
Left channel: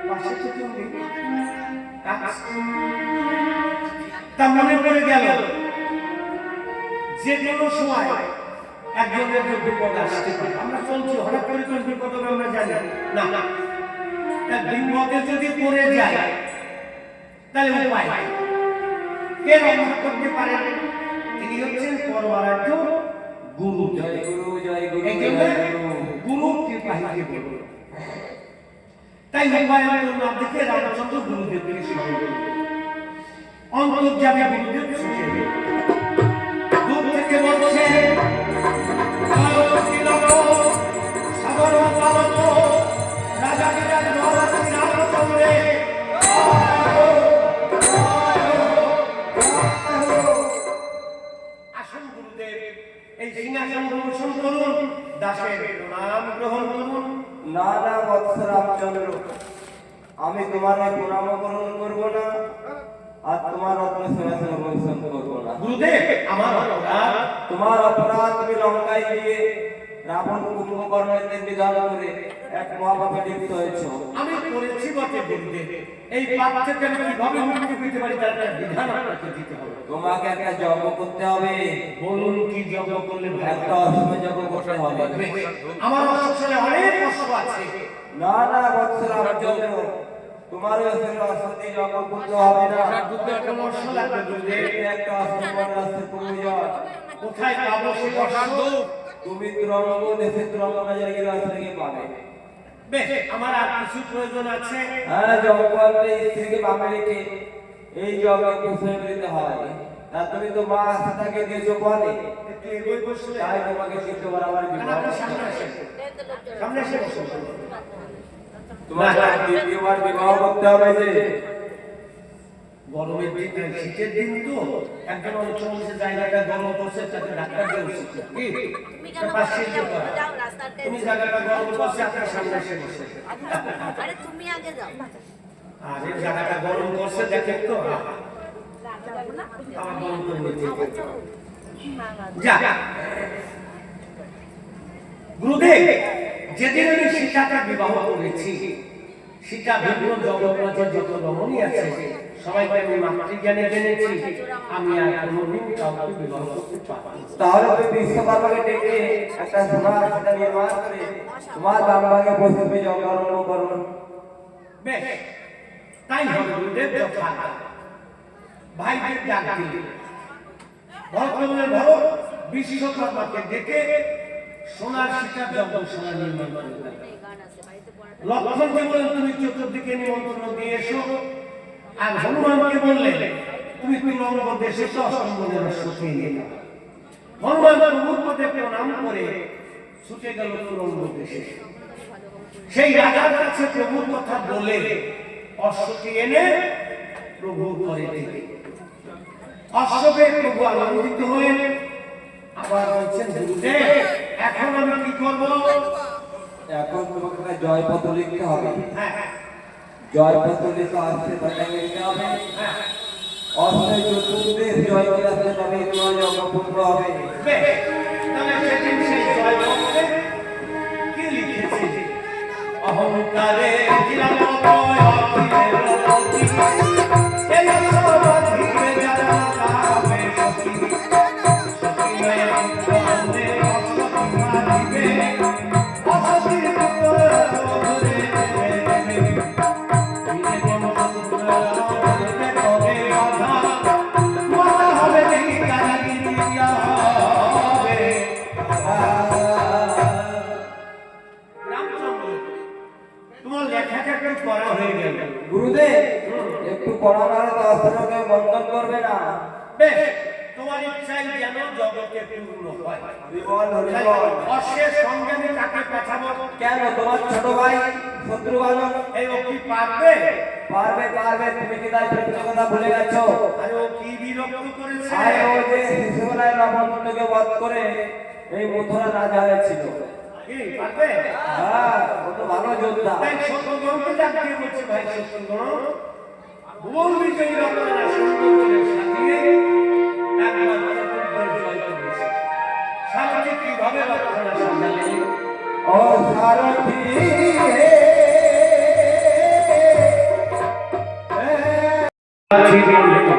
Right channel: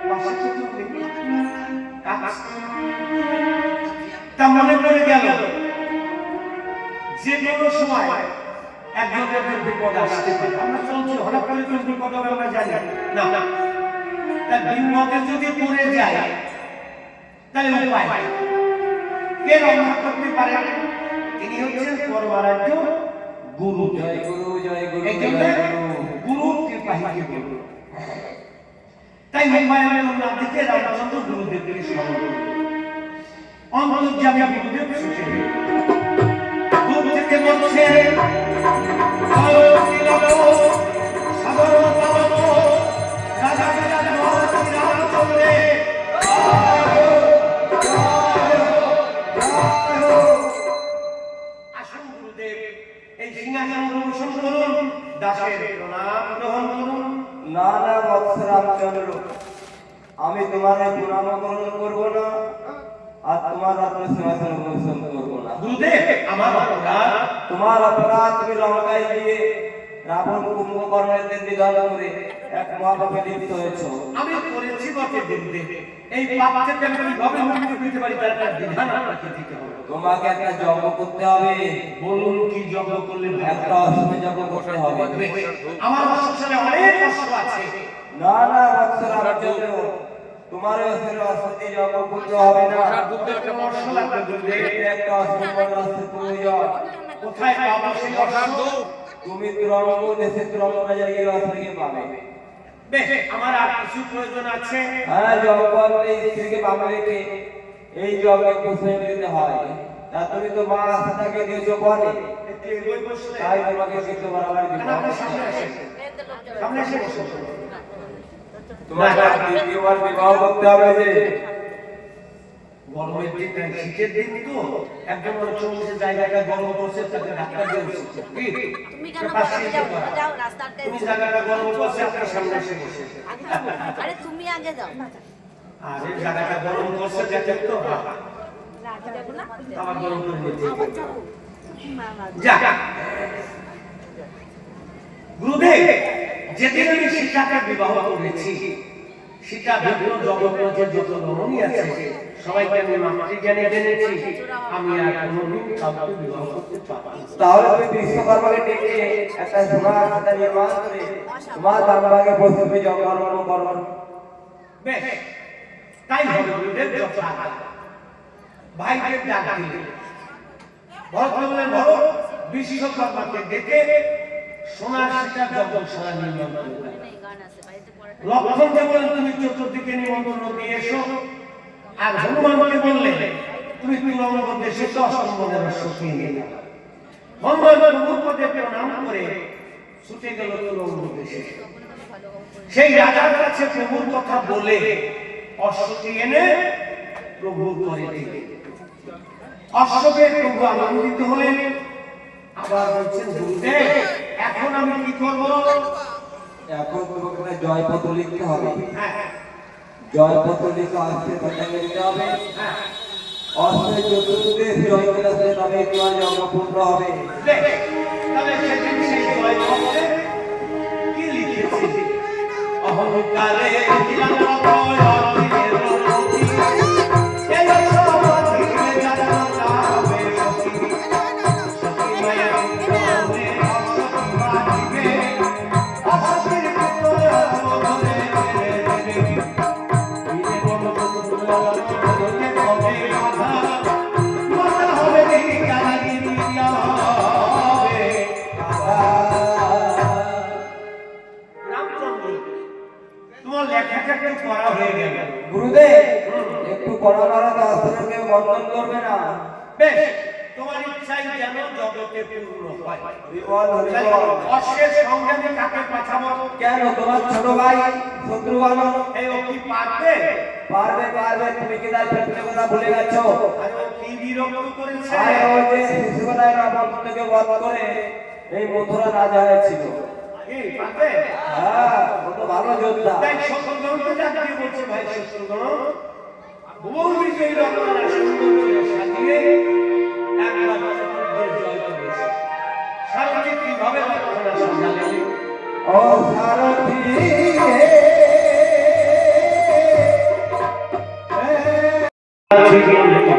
পাশে তো কেউ নেই কাঁদছে তা মনে পড়ে গেল যে কোনো সময় একজনের বিপদ আসতে পারে আমরা চলছি হঠাৎ করে কোন বিপদ হবে আমরা জানি না তার বিপদে যদি পড়ে যায় তাহলে উপায় কে রক্ষা করতে পারে তিনি হচ্ছেন পরমারাধ্য গুরু জয় গুরু জয় গুরু এই জন্য গুরু কৃপাহীকে বলবো তাই উপায়ের নাম থেকে রামচন্দ্র গুরুদেবকে স্মরণ করবে অন্তর্যামী গুরুদেব ছুটে দূর থেকে বলছে সাগর পালক রাজা রাজা মহারাজ রামচন্দ্রে আসুন গুরুদেব এই সিংহাসন প্রবেশন করুন দাসের প্রণাম গ্রহণ করুন না না বৎস রামচন্দ্র আমি তোমার এই প্রণাম গ্রহণ করবো না আর তোমার রত্ন সিংহাসন প্রবেশন করবো না গুরুদেব আমার অপরাধ তোমার অপরাধ তুমি লঙ্কায় গিয়ে রাবণ কুম্ভকর্ণের নিধন করে এক মহাপাপে লিপ্ত হয়েছ। আমি করেছি বটে গুরুদেব এই পাপ থেকে আমি কিভাবে মুক্তি পেতে পারি তার একটা বিধান আপনাকে দিতে হবে তোমাকে একটা যজ্ঞ করতে হবে। বলুন কি যজ্ঞ করলে একটা অশ্বমেধ যজ্ঞ করতে হবে। আমার সংসারে অনেক কষ্ট আছে না না বৎস রামচন্দ্র তোমার অশ্বতী যজ্ঞ করতে হবে না। একটা কষ্ট লাগবে গুরুদেব একটা অশ্বমেধ রাস্তার প্রয়োজন। কোথায় পাবো সেই কষ্ট তুমি ত্রঙ্গ দেশে ত্রঙ্গ বাজারে গিয়ে রাস্তাকে পাবে। বেশ আমার আর কিছু প্রয়োজন আছে হ্যাঁ জঙ্গলে স্ত্রীকে পাবে রেখে এই জঙ্গলে প্রশ্রয় দিতে হয়। তা তুমি তো মা আস্থাকে দিয়েছো বলে একটু এগোই বসলে তাই তোমাকে কিন্তু বরাবর বিবাহ আপনার করতে সামনে হবে। আসেন সামনে এসে বসুন তোমাকে দ্বিতীয়বার বিবাহ করতে হবে যে গরমের দিন শীতের দিন তো একজন অনেক সময় সে জায়গাটা গরম করছে তাকে ধাক্কা দিয়ে উচিত কি তুমি তো কেন পাশে যাও করা যাও রাস্তাতে তুমি জায়গাটা গরম করছে আপনার সামনে এসে বসে আরে তুমি আগে যাও আর এই জায়গাটা গরম করছে দেখেন তো আমার গরম করে নিতে হবে। যা গুরুদেব যেদিন আমি সীতাকে বিবাহ করেছি সীতা বিভিন্ন জগৎপথে যত রমণী আছে সবাইকে আমি মাতৃজ্ঞানে জেনেছি আমি আর কোনোদিন কাউকে বিবাহ করতে পারি না। তাহলে তুমি বিশ্বকর্মাকে ডেকে একটা সোনার সীতা নির্মাণ করে তোমার বাবাকে প্রথমে জগর্ম করো। বেশ তাই হবে গুরুদেব যথাজ্ঞা। ভাইকে ডাক দিলে ভরতমনে ভরত বিশ্বকর্মাকে ডেকে সোনার সীতা যজ্ঞশালা নির্মাণ করলেন। এই গান আছে বাড়িতে পড়াটা লক্ষণকে বলেন তুমি চতুর্দিকে নিমন্ত্রণ দিয়ে এসো আর হনুমানকে বললেন তুমি তুলঙ্গ দেশে অষ্টমদের সখিয়ে নিয়ে হনুমান মুহূর্তে প্রণাম করে ছুটে গেল তুলঙ্গ দেশে। সেই রাজার কাছে প্রভুর কথা বলে অশ্বকে এনে প্রভুর করে দিলেন। অশ্বকে প্রভু আনন্দিত হলেন। আবার বলছেন গুরুদেব এখন আমি কি করবো? এখন তোমাকে জয়পত্র লিখতে হবে। হ্যাঁ জয়পত্র লিখে আসতে তাকে লিখতে হবে। হ্যাঁ অস্ত্রের চতুর্দেশ জয় করে আসলে তবে তোমার জন্মপুত্র হবে। বেশ, তাহলে সেদিন সেই জয়পত্রে কি লিখেছি? অহংকারে দিলাম অভয়, অখিলের রতি। এই সব অধিকে যারা কাবে সখী। সখী মায়ের উত্তরে অসৎ মারিবে। অসতীর পুত্রে অসধরে ফেলে দেবে। বীরে বনপুত্র অসধরে পদে বাধা। মাথা হবে এই কারাগিরি হবে। রামচন্দ্র তোমার লেখাটা একটু পড়া হয়ে গেল। গুরুদেব একটু করোনারে তো অস্ত্রকে বন্ধন করবে না। বেশ তোমার ইচ্ছাই যেন জগতে পূর্ণ হয়। হরিবল হরিবল। অশ্বের সঙ্গে আমি কাকে পাঠাবো? কেন তোমার ছোট ভাই শত্রুঘ্ন এই ও কি পারবে? পারবে পারবে, তুমি কি তার কথা ভুলে গেছো? আর ও কি বিরক্ত করেছে? আরে ও যে শিশুবেলায় রাবণকে বধ করে এই মথুরা রাজা হয়েছিল। কি পারবে? হ্যাঁ, ও তো ভালো যোদ্ধা। তাই শত্রুঘ্নকে ডাকিয়ে বলছে ভাই শত্রুঘ্ন ভুবন বিজয়ী রত্নারা সুন্দর সাজিয়ে একবার চতুর্দের জয় করেছে। সারাটি কিভাবে রত্নারা সাজালেন? ও সারথি ডাকে বলে ও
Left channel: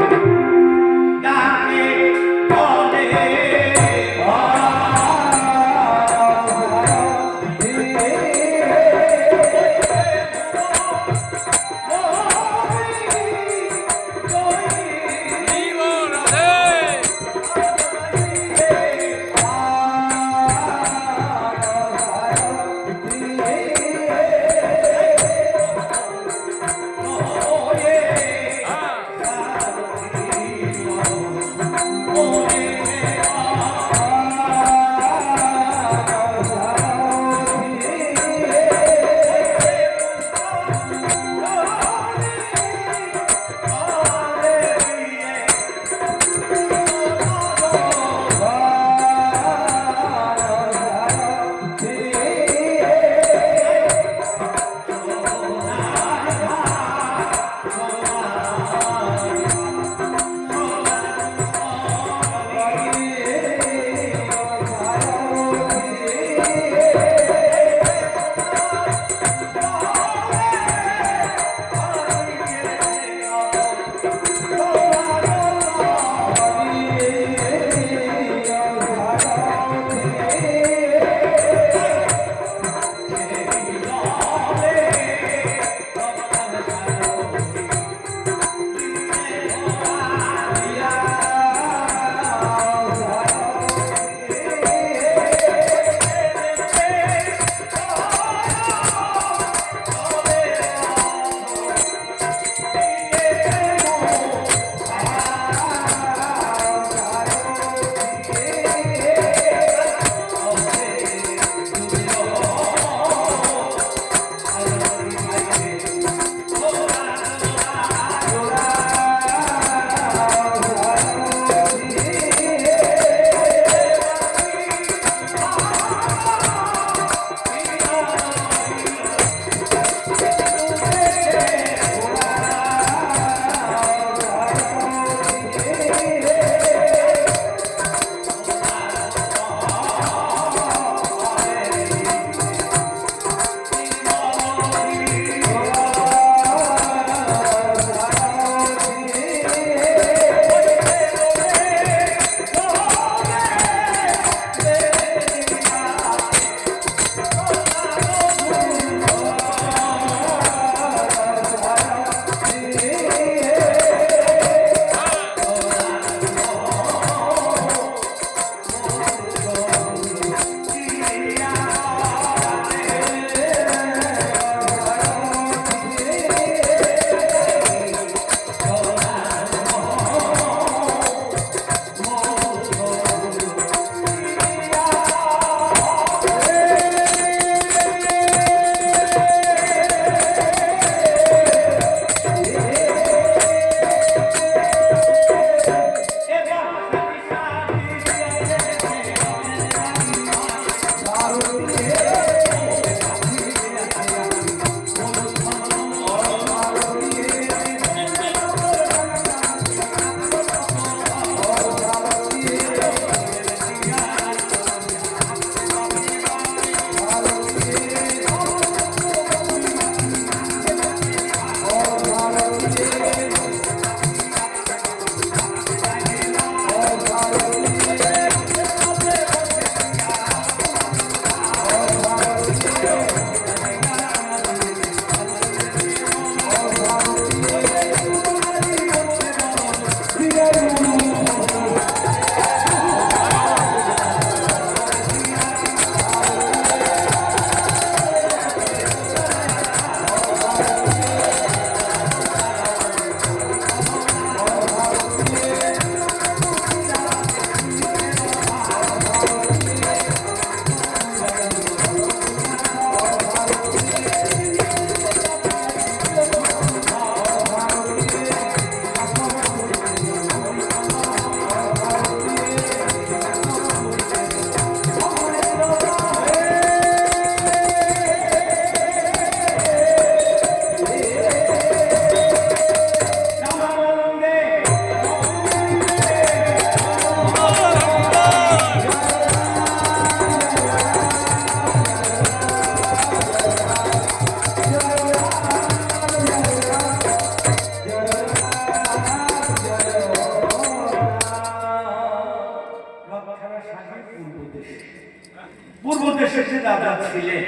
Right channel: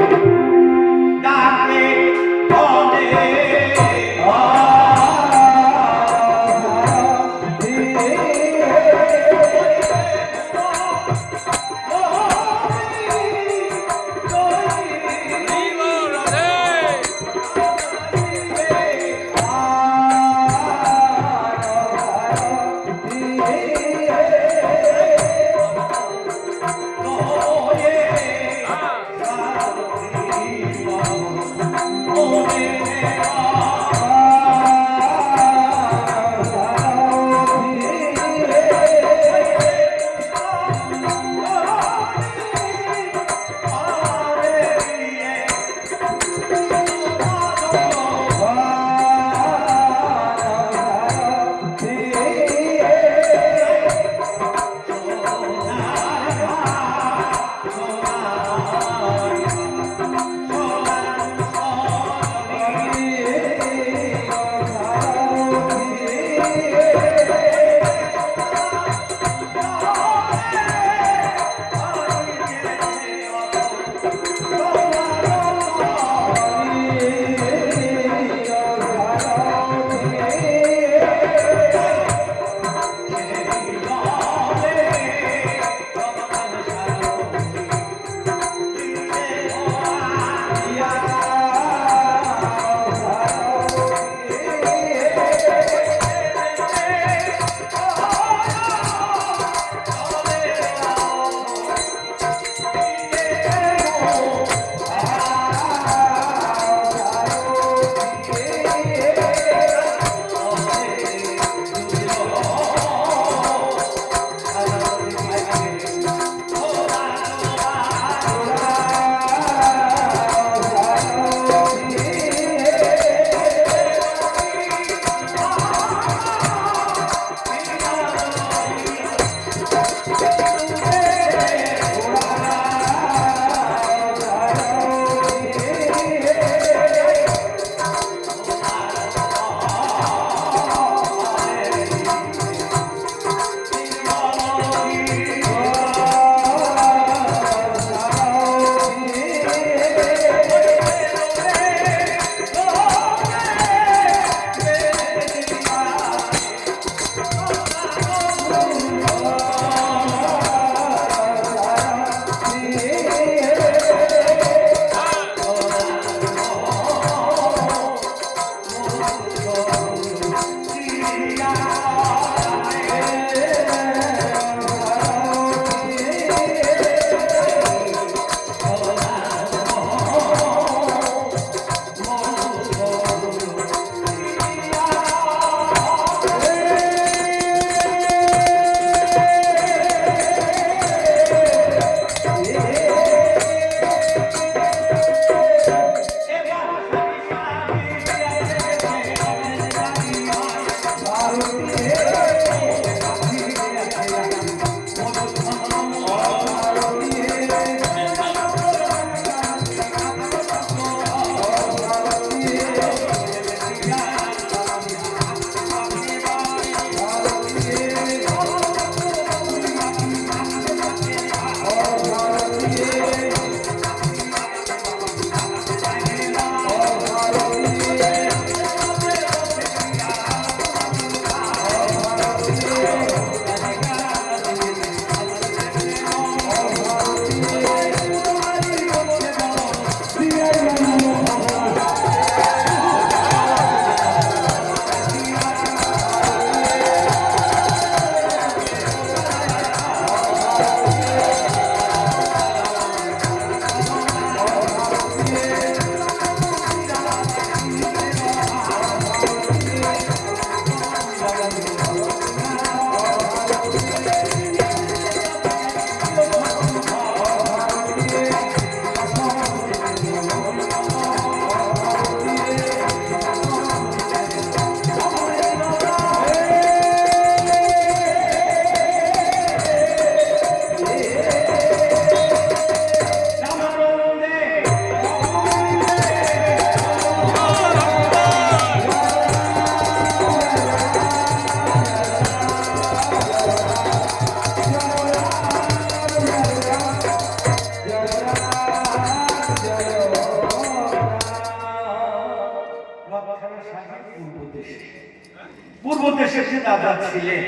পূর্ব দেশে যে রাজা ছিলেন,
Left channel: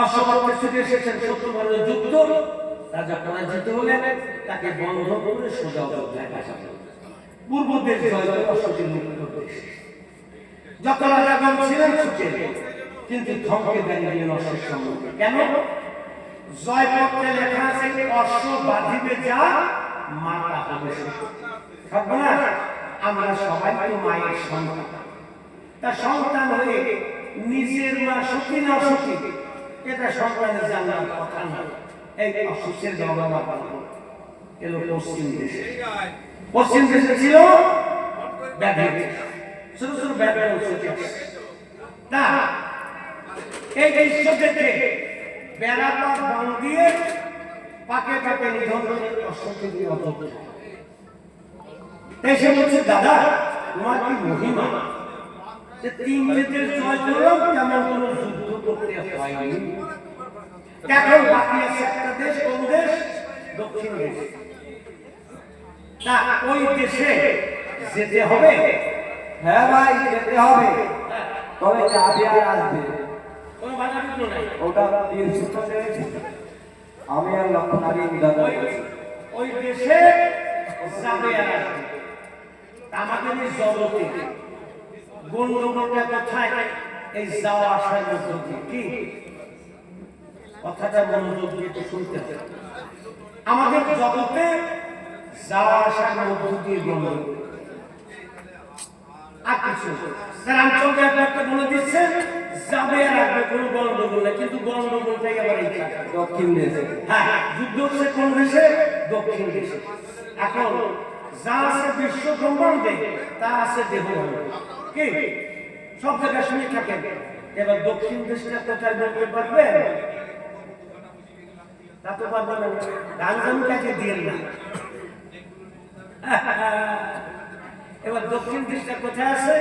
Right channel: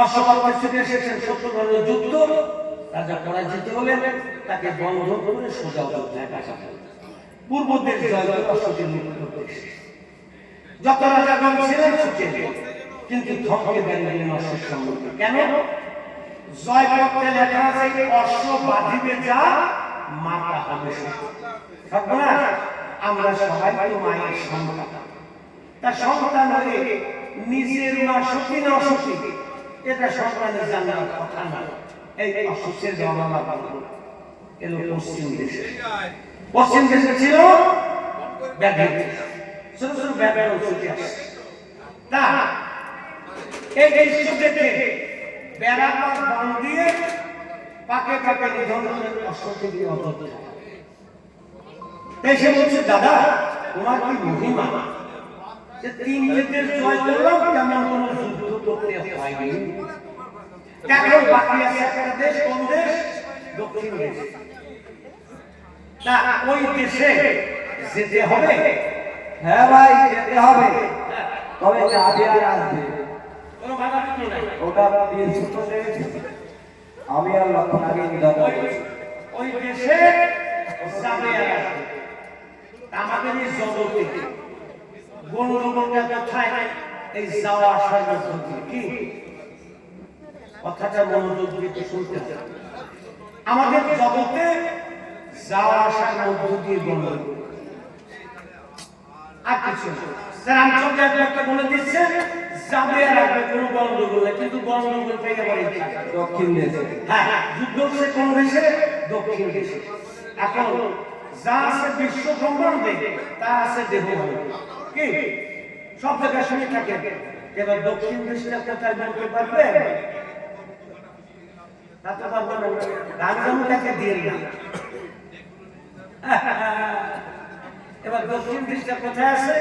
অশ্বত্থ থেকে এসেছেন শত্রুগণের যুদ্ধ, রাজা পরাজিত হলেন, তাকে বন্ধ করে সোজা অযোধ্যায় পাঠানো। পূর্ব দেশ জয় করে অশ্বতীর মুক্ত দেশ। যত রাজাগণ ছিলেন ছুটে, কিন্তু থমকে দাঁড়িয়ে অশ্বের সম্মুখে। কেন? জয়পত্রে লেখা আছে অশ্ব বাঁধিবে যা মাতা হবে সর্বনাশ। আমরা সবাই তো মায়ের সন্তান, তার সন্তান হয়ে নিজের মা সতী না অসতী, এটা সন্তানের জানার কথা না। এই অসুখের জন্মা এলো পশ্চিম দেশে। পশ্চিম দেশে ছিল ব্যাধি, ছোট ছোট ব্যাধি তা এই দৃশ্য দেখে বেড়াপাত বন দিয়ে পাকে পাকে নিধন করে অশ্বত্থ দিয়ে অযোধ্যা। সে বলছে, দাদা তোমার কি মহিমা যে 3 দেশের জয় করলাম, তেমন কোন যুদ্ধ করতে হয়নি। এখন বাকি আছে একটা দেশ, কোন দেশ? দক্ষিণ দেশ। তা ওই দেশে যেতে হবে? হ্যাঁ ভাই, যেতে হবে, তবে যাবে আর আসবে। কোনো বাধা বিঘ্ন নাই। ওটা বীর সুতোষের আমি আর লক্ষণ আগে নির্ধারণ করেছি। ওই দেশে যাবে আর আসবে। আমাদের এই জগতে গন্ডগোলটা কোথায়? এই যাওয়া আসার মধ্য দিয়ে। কি কথাটা মনোযোগ দিয়ে একটু শুনতে হবে। আমাদের জগতে যাওয়া আসার মধ্য দিয়ে গন্ডগোল। আর কিছু রামচন্দ্র একটা বলে দিচ্ছে যাবে আর আসবে, কোনো গন্ডগোল নেই। কিন্তু গন্ডগোলটাই আবার এই দক্ষিণ দেশে। হ্যাঁ, যুদ্ধ হচ্ছে কোন দেশে? দক্ষিণ দেশে। এখন যা আছে বিশ্ব ব্রহ্মাণ্ডে, তা আছে দেহ। কি সব জায়গায় শুনে থাকেন। এবার দক্ষিণ দেশটা কোথায় বলতে পারবে? তা তো পারবো না। রাজধানীটাকে দিয়ে না। এবার দক্ষিণ দেশটা কোথায় আছে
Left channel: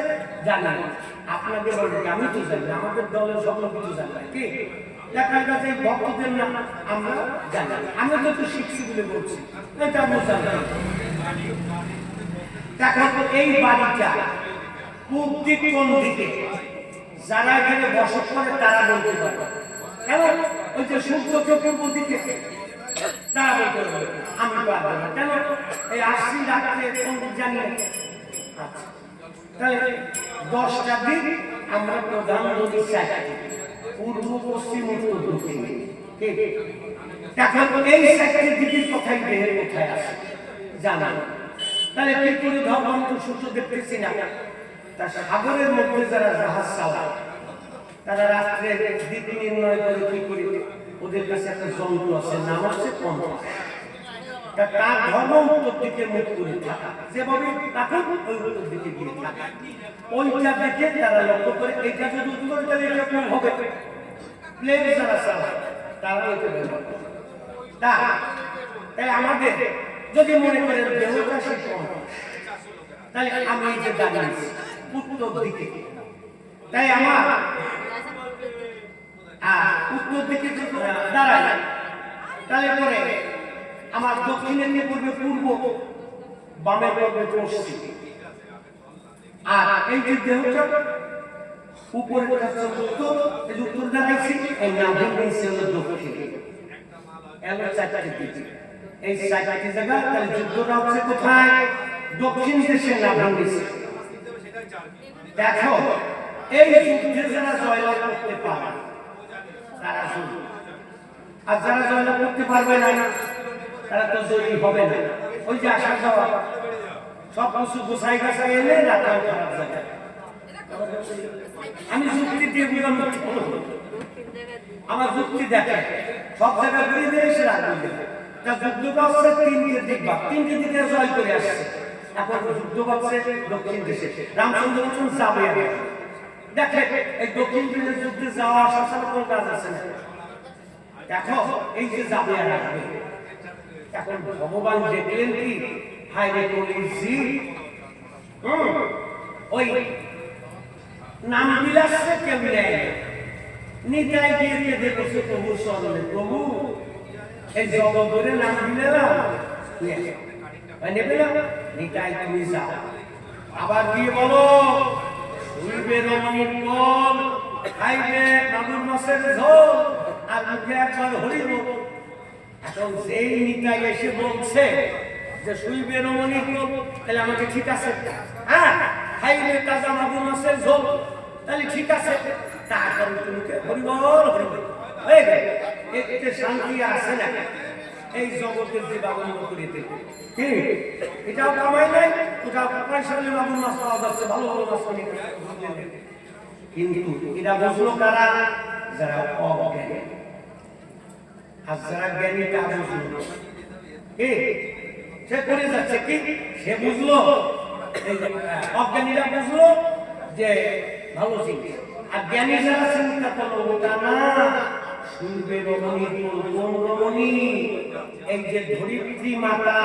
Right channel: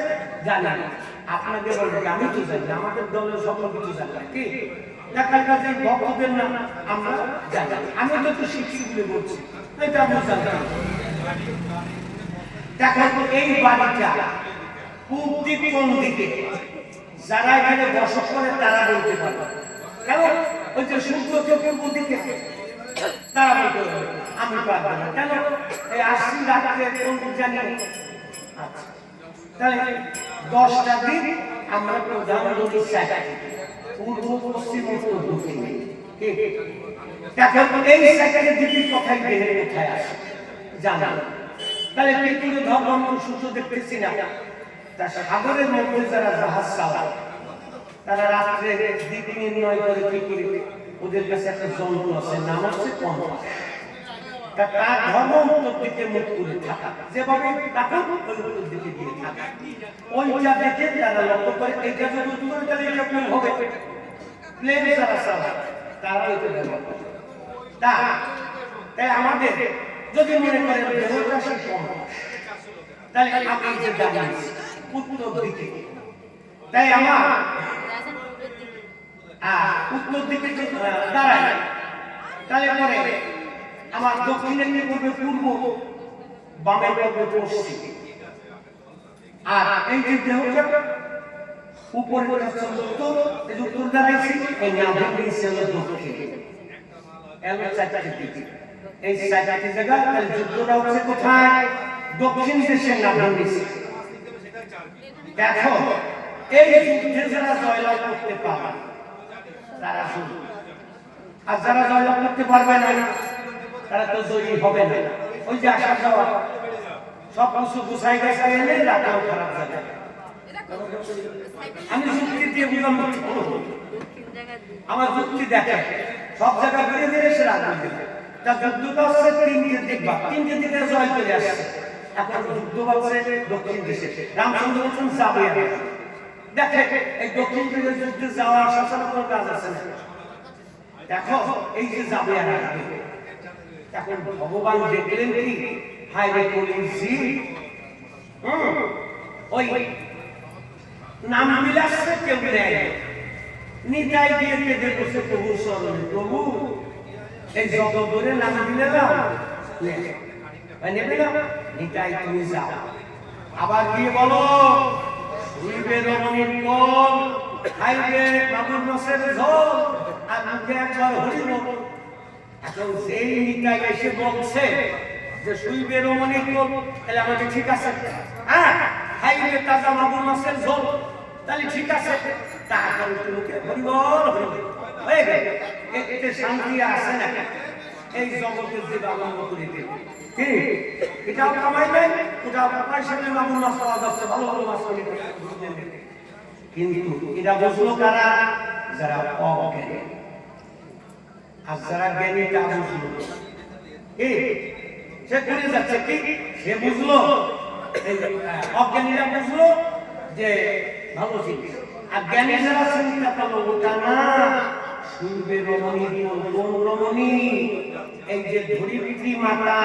জানি না। আপনাদের আমি তো জানি, আমাদের দলের সব লোক কিছু জানি না। কি দেখা গেছে ভক্তদের নাম আমরা জানি। আমি তো একটু শিখছি বলে বলছি, এটা আমরা জানি। দেখেন এই বাড়িটা পূব দিক কোন দিকে? যারা এখানে বসত করে তারা বলতে পারবে। কেন? ওই যে সূর্য পূর্ব দিকে, তারা বলতে পারবে, আমি পারবো না। কেন? এই আশি রাত্রে কোন দিক জানি। আচ্ছা, তাহলে 10টা দিক আমরা প্রধান নদী সাইডে, পূর্ব পশ্চিম উত্তর দক্ষিণ। দেখেন এই সাইডের দিকের কথাই দেহের কোথায় আসে জানা। তাহলে কি করে ধর্ম সূত্র দেখতেছি না? তা সাগরের মধ্যে যারা জাহাজ চালায়, তারা রাত্রে দিক নির্ণয় করে কি করে? ওদের কাছে একটা যন্ত্র আছে, নাম হচ্ছে কম্পাস। তার ধর্ম উত্তর দিকে মুখ করে থাকা, যেভাবে তাকে ওই উত্তর দিকে দিয়ে থাকা। ওইটা দেখে তারা লক্ষ্য করে এইটা যদি উত্তরে তাহলে এটা প্লেন হবে। প্লেন যারা চালায় তারা এটা ব্যবহার করে। তাই আমাদের যদি মনে করেন দেহটা সে কম্পাস, তাহলে আমি এই যে দাঁড়িয়েছি উত্তর দিকে, তাই আমার উত্তর দিকে দাঁড়াই, তাহলে পরে আমার দক্ষিণের দিকে পড়বে পূর্ব, বামের পড়বে পশ্চিম। আর এই যে দেহটা উপরে উত্তর, এই উত্তর দাঁড়াইছি, এই নাভের নিচে হলো দক্ষিণ। এলো 4টে দিকে, এই 4টে জায়গা। তাহলে যুদ্ধটা হচ্ছে কোথায়? দক্ষিণ দেশের নাভের নিচে। দেখো এই যুদ্ধে যারা জয়লাভ করতে পারে তারা শুধু, আর যারা জয়লাভ করতে পারবে না তারা তো জয়ী হবে না। ওই যে আসা যাওয়া সব কিছু গোছাই গাছাই এলে রাখাও খারাপ যাবে। আমি যুক্তি দিয়ে বুঝলাম, আমার যুক্তি দেখে সব জায়গা ঘুরিয়ে দিয়ে এসে রাখবে। তা যুদ্ধটা হচ্ছে 3টে দিক, বা 3টে দিকে জয় করে আসছে। এখন যুদ্ধ হচ্ছে দক্ষিণ দেশে। রামচন্দ্র বলছেন যাবে আর দেখে এই দক্ষিণ দিকের যুদ্ধে যাওয়া আসা ছাড়া কোনো কাজ আছে না। দেখো এই যে যাবে আর আসবে, এখন ভগবান দেখলেন কি হায় রে কলিজি, ওই নাম বিলাসে কেউ নেয় নিতাই দিয়ে কেঁদে বসে প্রভু স্মরণে, প্রভু এই জগৎ নাম দিলাম নেবে না, নিতাই তুমি যাও। আবার গিয়ে বলো শুইবে রমণীর কোল, খাইবে মাগুর মাছের ঝোল, আর মুখে একবার হরির মতো। এখন যেই নিতাই এসে বলছে যে শুইবে রমণীর কোল, তাহলে আমাকে ঠিক আছে, হ্যাঁ খাইবে তাজা মাগুর মাছের ঝোল, তাহলে ঠিক আছে। তারপর মুখে হরিবল হরিবল হয়ে গেল। এতে শান্তি আছে না? এই জগতের যে বাগান করে দেবে কি এটাও কামাই নাই, ওটা পয়সা দিয়ে মাগুর মাছ পাওয়া যাচ্ছে, ভালো ভালো মাছ পাওয়া যাচ্ছে। কিন্তু এটা বুঝলো কারা? যারা অজ্ঞানী। আর যারা জ্ঞানী তা বুঝলো না। কি সে করে যাচ্ছে কি? সে বুঝলো, অজ্ঞানীরা বুঝলো যে ভালো জিনিস, আর জ্ঞানী যারা চিন্তা করলো ওটা না। শুনবে রমণী, কোন রমণী? এই যে ধরিত্রী মাতা,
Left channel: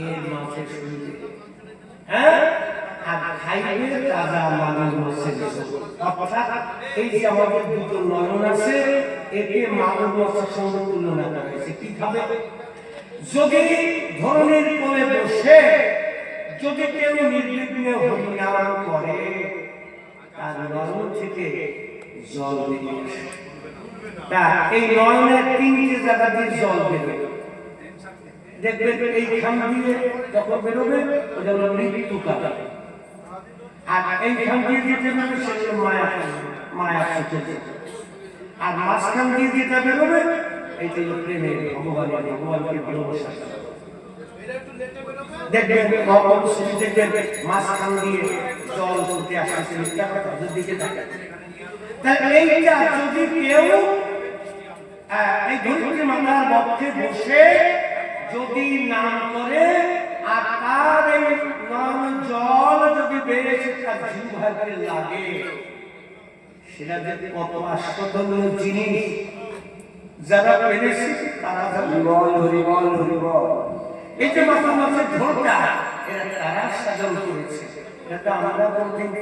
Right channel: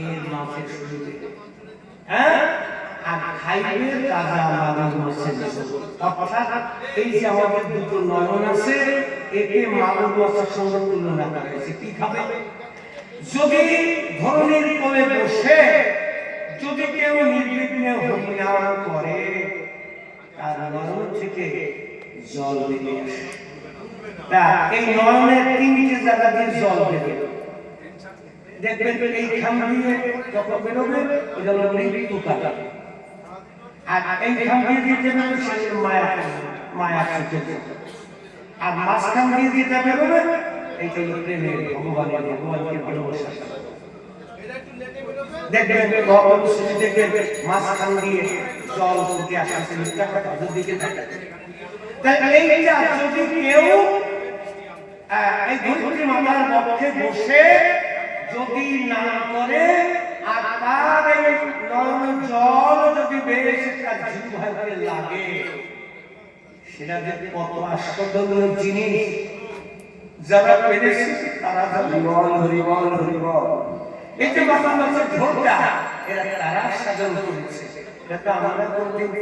এর মাঝে শুনবে, হ্যাঁ, আর খাইবে তাজা মাগুর মাছের ঝোল। অর্থাৎ এই যে আমাদের দুটো নয়ন আছে, একে মাগুর মাছের সঙ্গে তুলনা করা হয়েছে। কি খাবে? যদি ধরনের কোলে বসে যদি কেউ নির্বিঘ্নে হরিনাম করে, তার নয়ন থেকে জল বেরিয়ে আসে। তা এই নয়নের তিনটি জায়গা দিয়ে জল বেরোবে, দেখবেন এইখান দিয়ে যখন বেরোবে ওটা হলো মৃত্যু কাটা, আর এইখান দিয়ে যেতে মানে সে মায়া মায়া শিখেছে, আর মাঝখান দিয়ে যেটা বেরোবে এইটা হলো প্রেমের, ভগবানের, ভগবানকে ভালোবাসা। দেখবেন দেখবেন মাঝখান দিয়ে জল উঠে আসছে, দিকে থাকে। তাহলে এইটা যদি কেউ এই ধরিত্রী মাতার পক্ষে বসে যদি নাম করে, আর তার এই নয়ন জল যদি বেশি তার জিহ্বায় লাগে, সেটা যে কত আশ্চর্যজনক জিনিস। যারা পেরেছে তারা হরিবল হরিবল হরিবল। এই যে মাতার মাছের ঝোলটা এরা তারা সাধন করেছে। এটা আমরা কোনদিন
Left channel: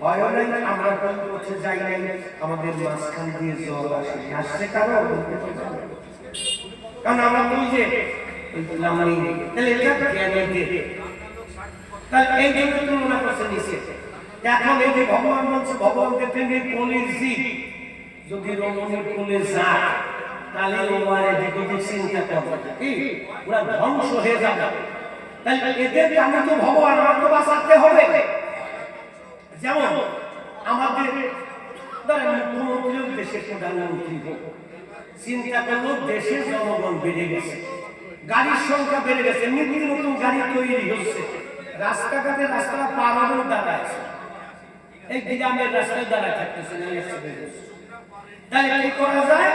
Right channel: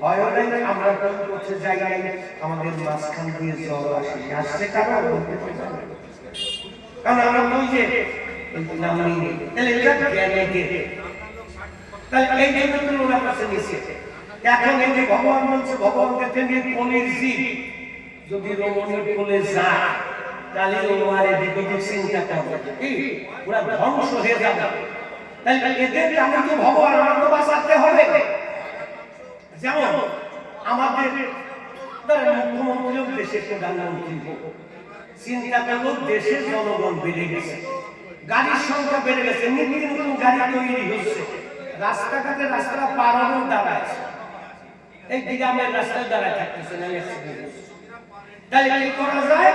ভয় নাই, আমরা কোন পথে যাই নাই, আমাদের মাঝখান দিয়ে জল আসছে কারণ বলতে পারি না। কারণ আমরা তো ওই যে নাম নেই, তাহলে এটা জ্ঞানে দিয়ে, তাহলে এই জন্য তুলনা করছে নিচে। এখন এই যে ভগবান বলছে, ভগবান দেখেন এই কোলের জীব যদি রমণীর কোলে যায়, তাহলে ও মারে দিকে চিন্তা করবে কি পুরা ধ্বংস হয়ে যাবে। তাহলে এদেরকে আমি তো ভগবান, আমার তো বাঁচাতে হবে। যেমন আমাদের মুখ্যমন্ত্রীও দেশের প্রধানমন্ত্রী, চিন্তা করলো দেশের জনগণ বেড়ে গেছে, গাড়ির সংখ্যা বেড়ে গেছে, নিত্য নতুন গাড়ি তৈরি হচ্ছে, রাস্তাঘাটে রাস্তা পার হলেও দাঁড়ায়, এই গ্রামের রাস্তায় দাঁড়ায় থাকতেছে না। তাহলে কি করা যায়?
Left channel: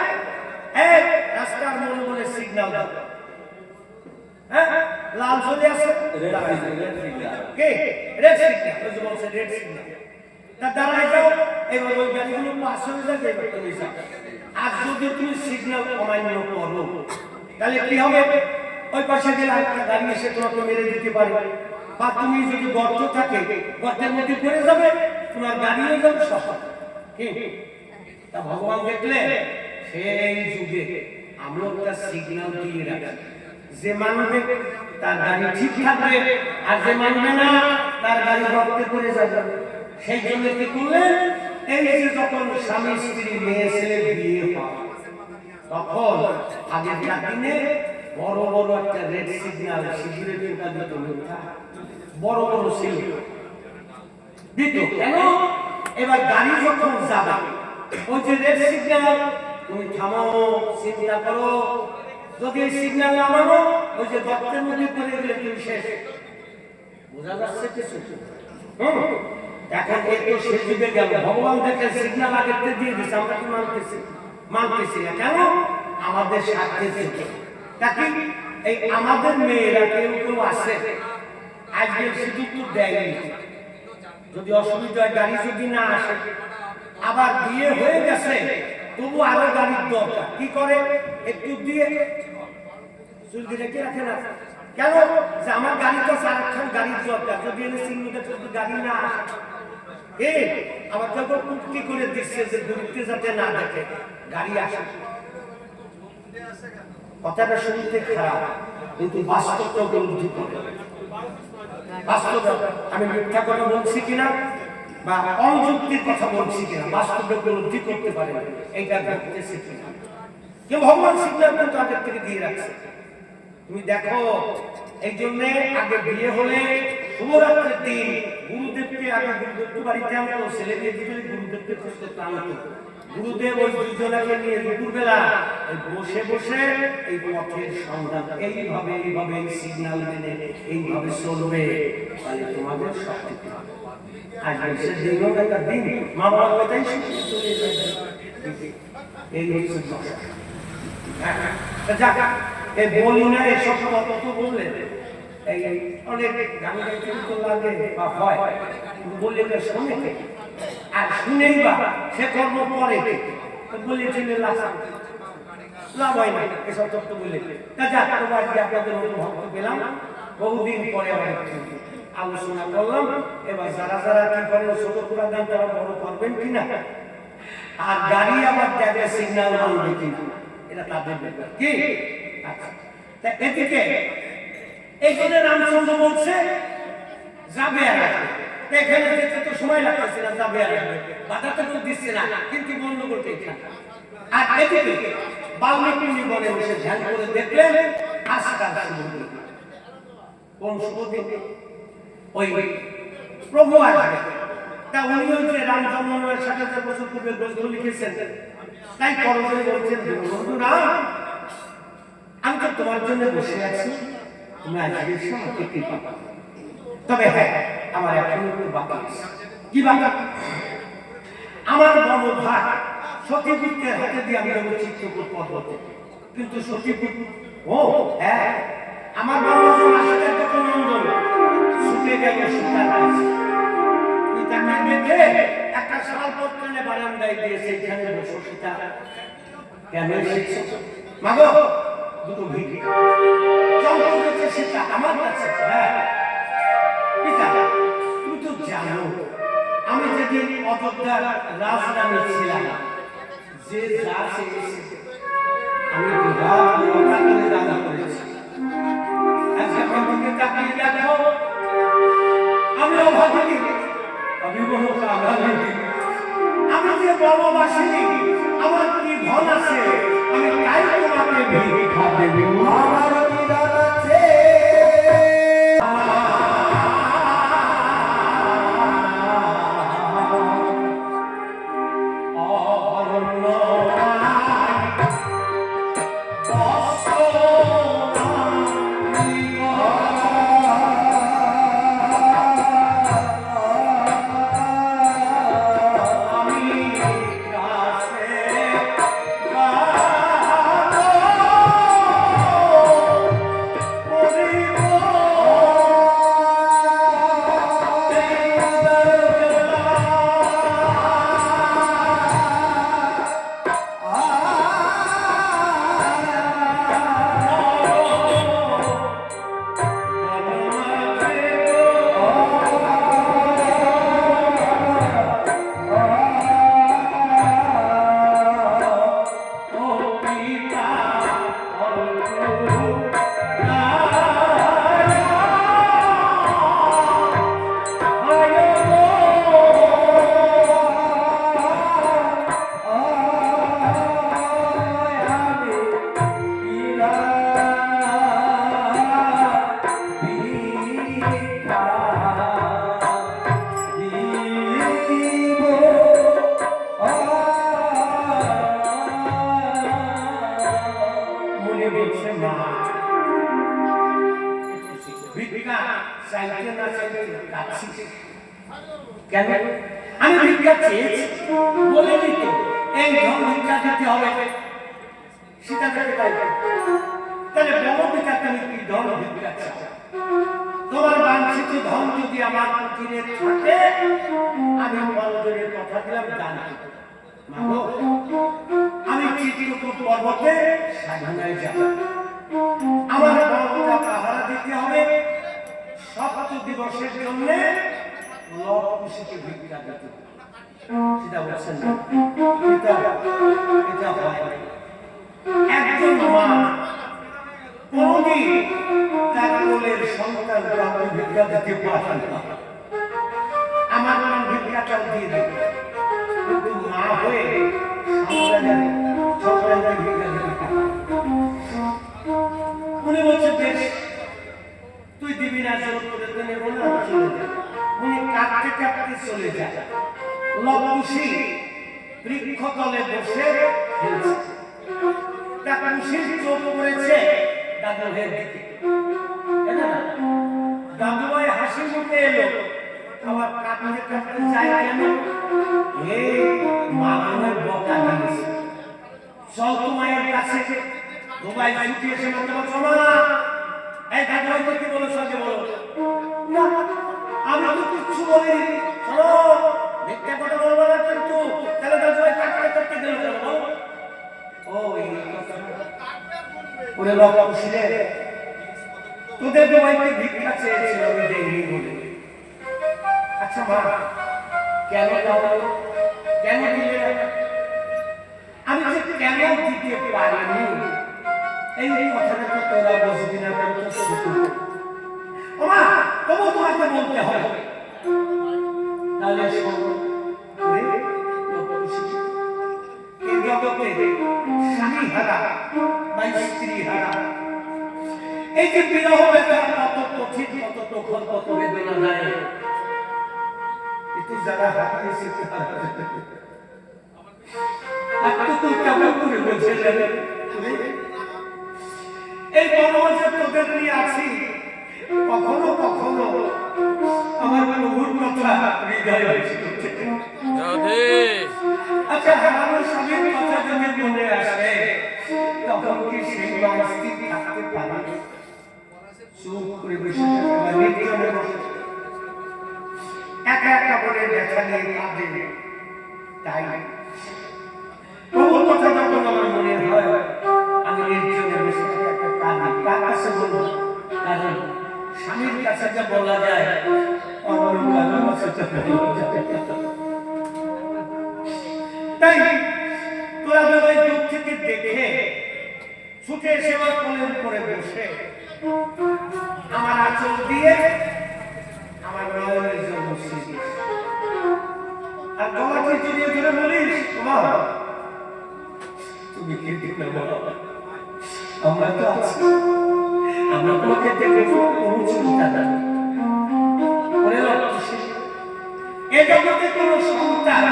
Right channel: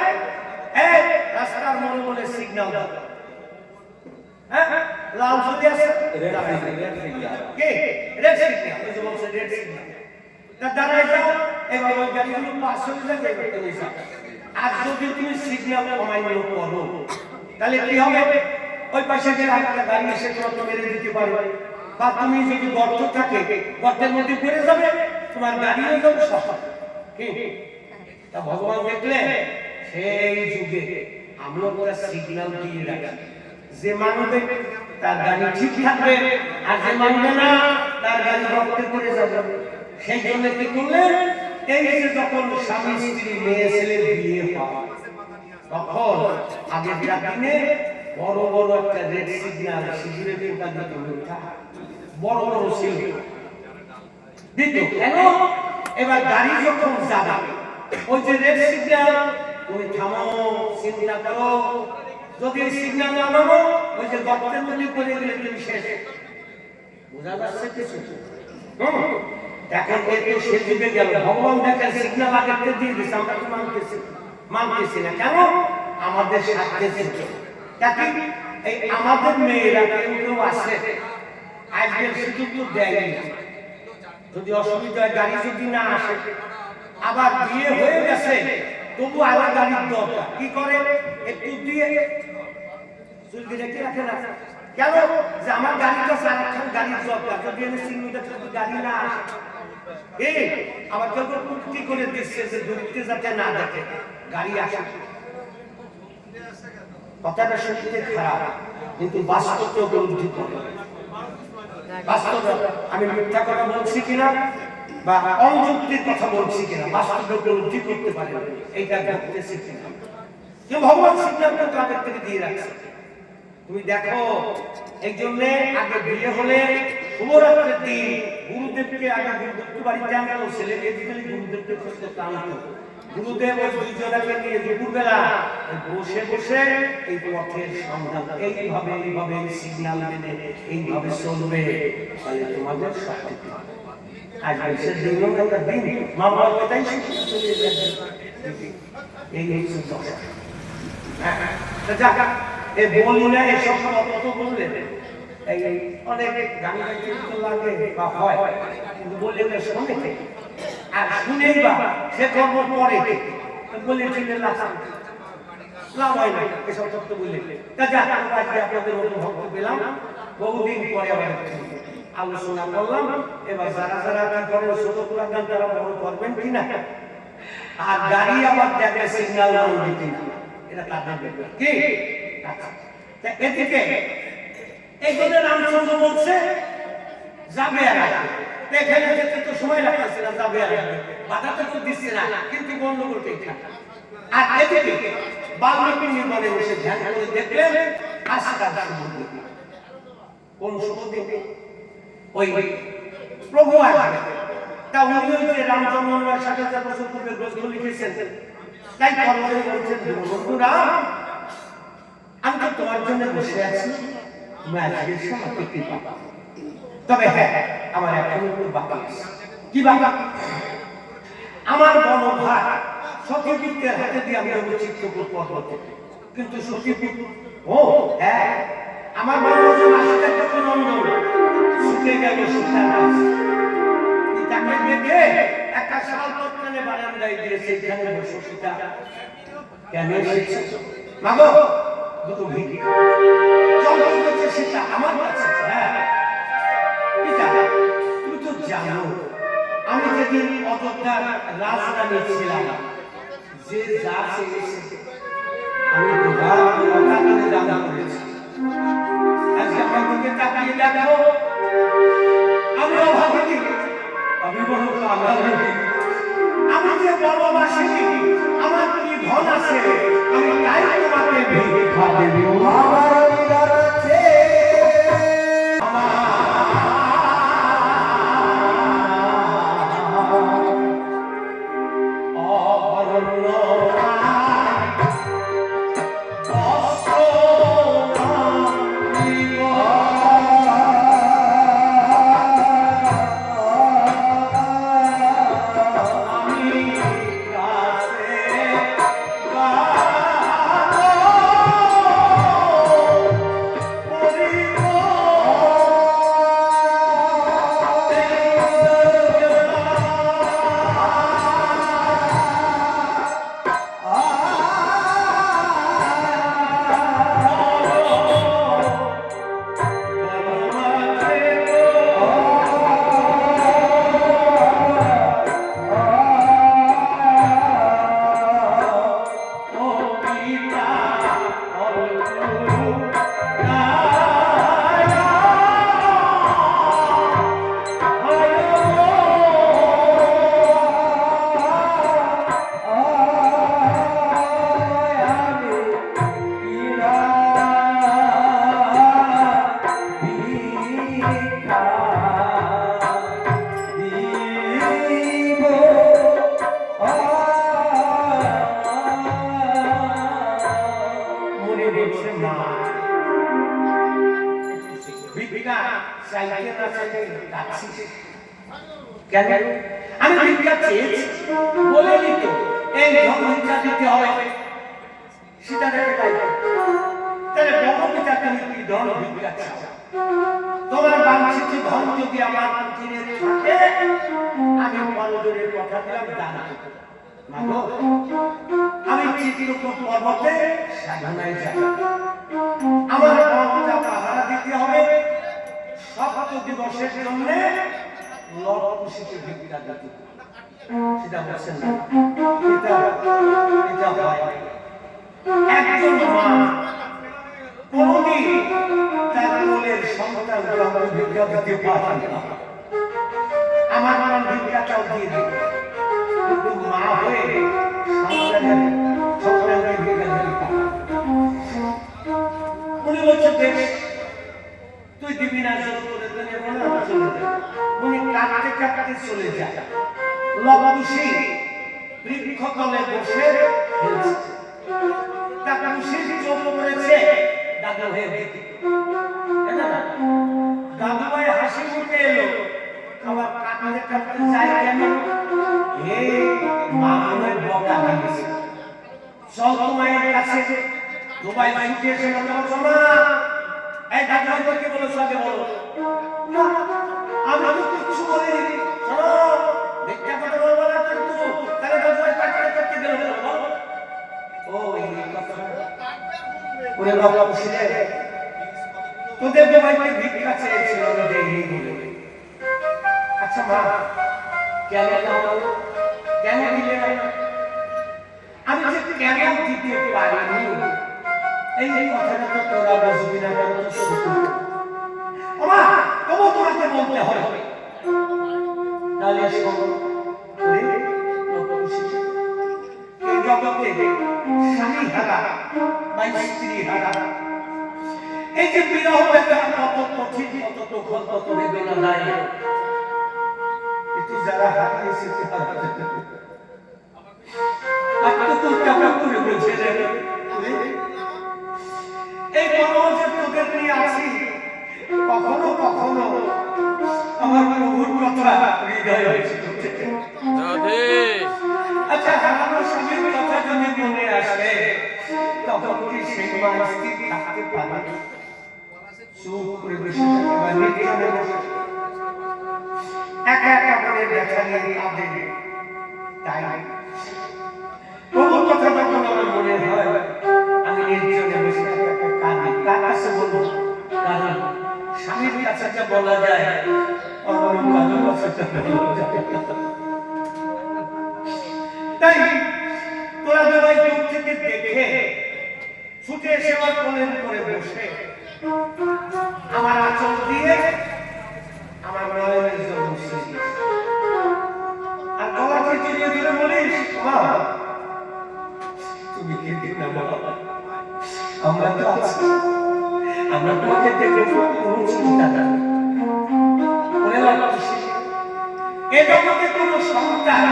এই রাস্তার মনে মনে সিগন্যাল দাও, হ্যাঁ লাল চলে আসে, কে রেড সিগন্যাল, ওই যে বলছে রেড সিগন্যাল, তা দাঁড়ায় যাও। এবার ওই গাড়িগুলো পাস হয়ে যাবে, এবার তুমি যাও। আর যদি তুমি সিগন্যাল অমান্য করো, তাহলে কি হবে? ওই পাশে গেলে আরেকটা গাড়ি এসে তোমাকে মেরে দিতে পারে, বা তুমি যদি গর্ত থাকে গর্তের মধ্যে পড়ে যাবে, তোমার গাড়িও যাবে সব। কি তা ভগবান দেখলে সেই যুগে আমরা একটা সিগন্যাল দিয়ে রাখি, যে মানবে তার গাড়ি ঠিক থাকবে, আর যে মানবে না তার গাড়ি গর্তে পড়ে যাবে। সেই জন্য কি করলেন? এই যে যখন স্বামী স্ত্রী মেয়ে ছেলে বিয়ে হয়, তখন আগেকার দিনে বড় বড় একটা রেড সিগন্যাল, সিঁদুরের টোকা দিত, বড় বড় ছিল দিত। কেন? এবার গাড়ি যখন যাবে, ওই যে রেড সিগন্যাল, তুমি থামো, চিন্তা করো, যদি সিগন্যাল না মানো ওই যে গর্তের মধ্যে পড়ে গেলে তুমি শেষ। বোঝা যাচ্ছে কিছু? এখন এত সে যুগে গেল, ভগবান দেখেন সিগন্যাল আগে দিয়ে দিচ্ছে, আমরা কি মানতেছি না। কেন? আমাদের স্বার্থের থেকে। তাকে এই আমাদের মেয়েরা কেউ কেউ আছে আজকের সুযোগ তো দেয়নি, যদি অসুবিধা হয়, গাড়ি যদি না আসে, আবার বিয়ে হয়ে গেছে তবু আরো গাড়ির দরকার, কি করে? একটু দিয়ে চুল দিয়ে রেখে রাখে না। কেন? যে আমার গাড়ির কাছে আরেকখান গাড়ির দরকার, যদি এনে সিগন্যালটা যদি গাড়ি না আসে, এই আবার কেউ কি করে দিচ্ছে যে দূরত্বে যাতে না দেখে গাড়ি আসে। কথাটা শুনতে খারাপ, কিন্তু বাস্তবটা উপলব্ধি করে। বাস্তব আমি মিথ্যা কথা বলছি কিনা বা অযুক্তির কথা বলছি কিনা, বাস্তব উপলব্ধি করতে পারে এইটা ঘটতেছে কিনা। যে ভগবান সিগন্যাল কিন্তু আগের থেকে দিয়ে রাখছে। তুমি দেখো, এই জন্য আগে বিয়ে হলে শুভরাত্রির দিন গুরুদেবকে আগে গুরুদেবকে বাড়িতে আনতো, ছেলে বিয়ে দিতে গুরুদেবকে খুঁজতে আনতো। গুরুদেব ওই দুজনাকে নিয়ে দুপুরবেলা বসে বসে এই পথের সন্ধান, এইভাবে এইভাবে সিগন্যাল মেনে এইভাবে চলবে, তাহলে তোমাদের সব ঠিক হবে। আর সে দিন একটা দিন মা বাবা ওইটাই চলে যাবে। এই হচ্ছে দশা। যাক, এই বলি না এসব কত বললে এই অনেক গান গাইতে তো লাগে বা হয়, কিন্তু বললে শোনে আর শুনেই বা সে কর্ম করে বললে চলে লাভ হয় না এসব তত্ত্ব বললে। আজকে আপনাদের অনুভব পেলাম, বহুদিন পরে আবার আলোচনা করলাম। এবার যারা যারা কি করেন ছোট পুরা গান তারা বড় করবেন কিনা, আর গাড়ি আবার দেখবে সিগন্যাল মানবে কিনা, এটা তাদের ব্যাপার কি। আচ্ছা, এদিকে এই জন্য রামচন্দ্র বলছে যাবে আর আসবে, এখানে যেতে তো সময় লাগতেছে না, যাবে আর আসবে, বাধা তো দিচ্ছে না, কিন্তু গন্ডগোল এখানে। আর এদিকে বাল্মীকি বনে বসে ধ্যান করে দেখলেন আজকাল কোন শুভ দিন ওই প্রভু আসবে। তা উনি ওই যে রাম জন্মের ৭০০০ বছর পূর্বে গ্রন্থ লিখেছেন, তাই পরবর্তী বলছেন, বন্ধু রাম, আমি তো তোমার জন্য বসে আছি, তুমি আজকে এসে আমাকে কৃপা করো। তবে হ্যাঁ, আমার এখন একটু বাকি আছে। কি বাকি? আমার বনভাগ সতীপুত্রের হাতে দিয়ে আমি যাবো চিত্রকূট পর্বতে। কিন্তু সতীপুত্র, ও হ্যাঁ, আমার বনবাসন আসতে কত নন্দন ছুটে গেল সীতার কাছে। তাকে দেখে একটা শাল পত্রানে বারান্দায় দিয়েছে, এখানে বসো সীতা। কেন এসেছে? মাগো, দুটো ভিড় চম্পক হচ্ছে সীতা আমার কাছে। হ্যাঁ পিতা, তুমি তো জানো আমি যেদিন অযোধ্যার রাজধানী ছিলাম, যে যা চেয়েছে আমি দুবার দান করেছি। আজকে আমার দিকে তাকিয়ে দেখো, আমি অভাগী, আমি বড় কাঙালি, আমি যে বনবাসিনী, আমার কি ধন আছে, আমি তাই তোমাকে ভিক্ষা দেব। আমার অধিকার আছে, আমি ভিক্ষা চেয়েছি বলে দিত এই ধন ভিক্ষা দিতে হবে। সীতা দেখে তাই, তাহলে বড়পিতা তুমি কি ধন ভিক্ষা চাও? তোমার বাঞ্ছিত ধন যদি আমার কুটিরে থাকে, আমি বড়জনের কথা দিলাম দান করব। মাগো, আমি চিত্রকূট পর্বতে সাধনায় যাব, আমার বড়টা পাহারা দিতে হবে, ৭ দিবসের জন্য লবকুশিকে ভিক্ষা দিতে। সেটা বলছেন না, এটা হয় একজন মা কোনদিন তার কোলের সন্তান ভিক্ষা দিতে পারে না। আমার ভিক্ষাটাও দিয়ে দেবে, কিন্তু মা হয়ে সন্তানের ভিক্ষা দিতে পারে। উনি বলছে বেশ, তুই দিবি না, জোর করে তো নেবো না, চলে যা। উনি কাঁদতে কাঁদতে চলে যায়। লবকুশি বৃক্ষতলে বসে খেলছে, কাকুশির চোখ পড়েছে দাদু ভাইয়ের দিকে। দাদু ভাই হাসি মুখে এলো, আবার কাঁদতে কাঁদতে যায় কেন? এই মা মনে বকা দিয়েছে, চল তো মায়ের কাছে। দুবাই ছুটি এসে মাত্র চলো না, এই দাদু ভাই কি বলো, সঙ্গে বলো না, আমরা তো কিচ্ছু বলিনি, চলো ভিক্ষা করে বলবো না কিন্তু। তাহলে দাদু ভাই কাটতে কাটতে গেল, চলো বলো। ও এই কথা ওরে লবকুশি রে, তোদের দুবাইকে ভিক্ষা চেয়েছিল, আমি দেইনি বলে। আচ্ছা মা, কেন দাও, কেন দিলে না? আমি যে কেন দিতে পারিনি এই কথাটা তো তোরা বুঝবি না, কেন তো শুধু ও মা, তবু তোমাকে বলতে হবে। তাহলে শোনো, এই জগতে স্বামী হারা বা স্ত্রী হারা, এই যে বিরহ বেদনা কত কঠিন, কত দুঃখ, কত বেদনা নাই, এটি যারা হারিয়েছে তারা তুই কেমন করে বুঝে যাবে? এই মনোজে তোদের নিয়ে আছি, কখনো কখনো আমার প্রভুর কথা হৃদয়ে এসে উঠে। আচ্ছা, হারানো স্বামীর কথা যদি মনে আসে, তখন কি সেই মানুষটি থাকতে পারে? চুপ করে বসে থাকে বা নির্জনে বসে একা একা করে ব্যথা নিয়ে কাঁদে। তাই প্রভুর কথা যখন আমার মনে হয়, আমি নির্জনে বসে একা কাঁদি। কার কাছে বলবো? কারণ স্বামীর কাছে যা বলা যায়, অন্য কারোর কাছে তা বলা যায় না। তাই তোরা সবাই দূর থেকে দেখে ছুটে এসে আমার কোলের উপরে বসে আমার আঁচল দিয়ে আমার নয়নের জন্য বসিয়ে দিয়েছে। আর গলাকে জড়িয়ে ধরে বলিস, মা তুমি কেঁদো না বাবা, আমরা তো আছি, আমরা তোমাকে দেখবো, কোনো চিন্তা নাই। ওরে লবকুশি, এ জগতে কোনো সন্তান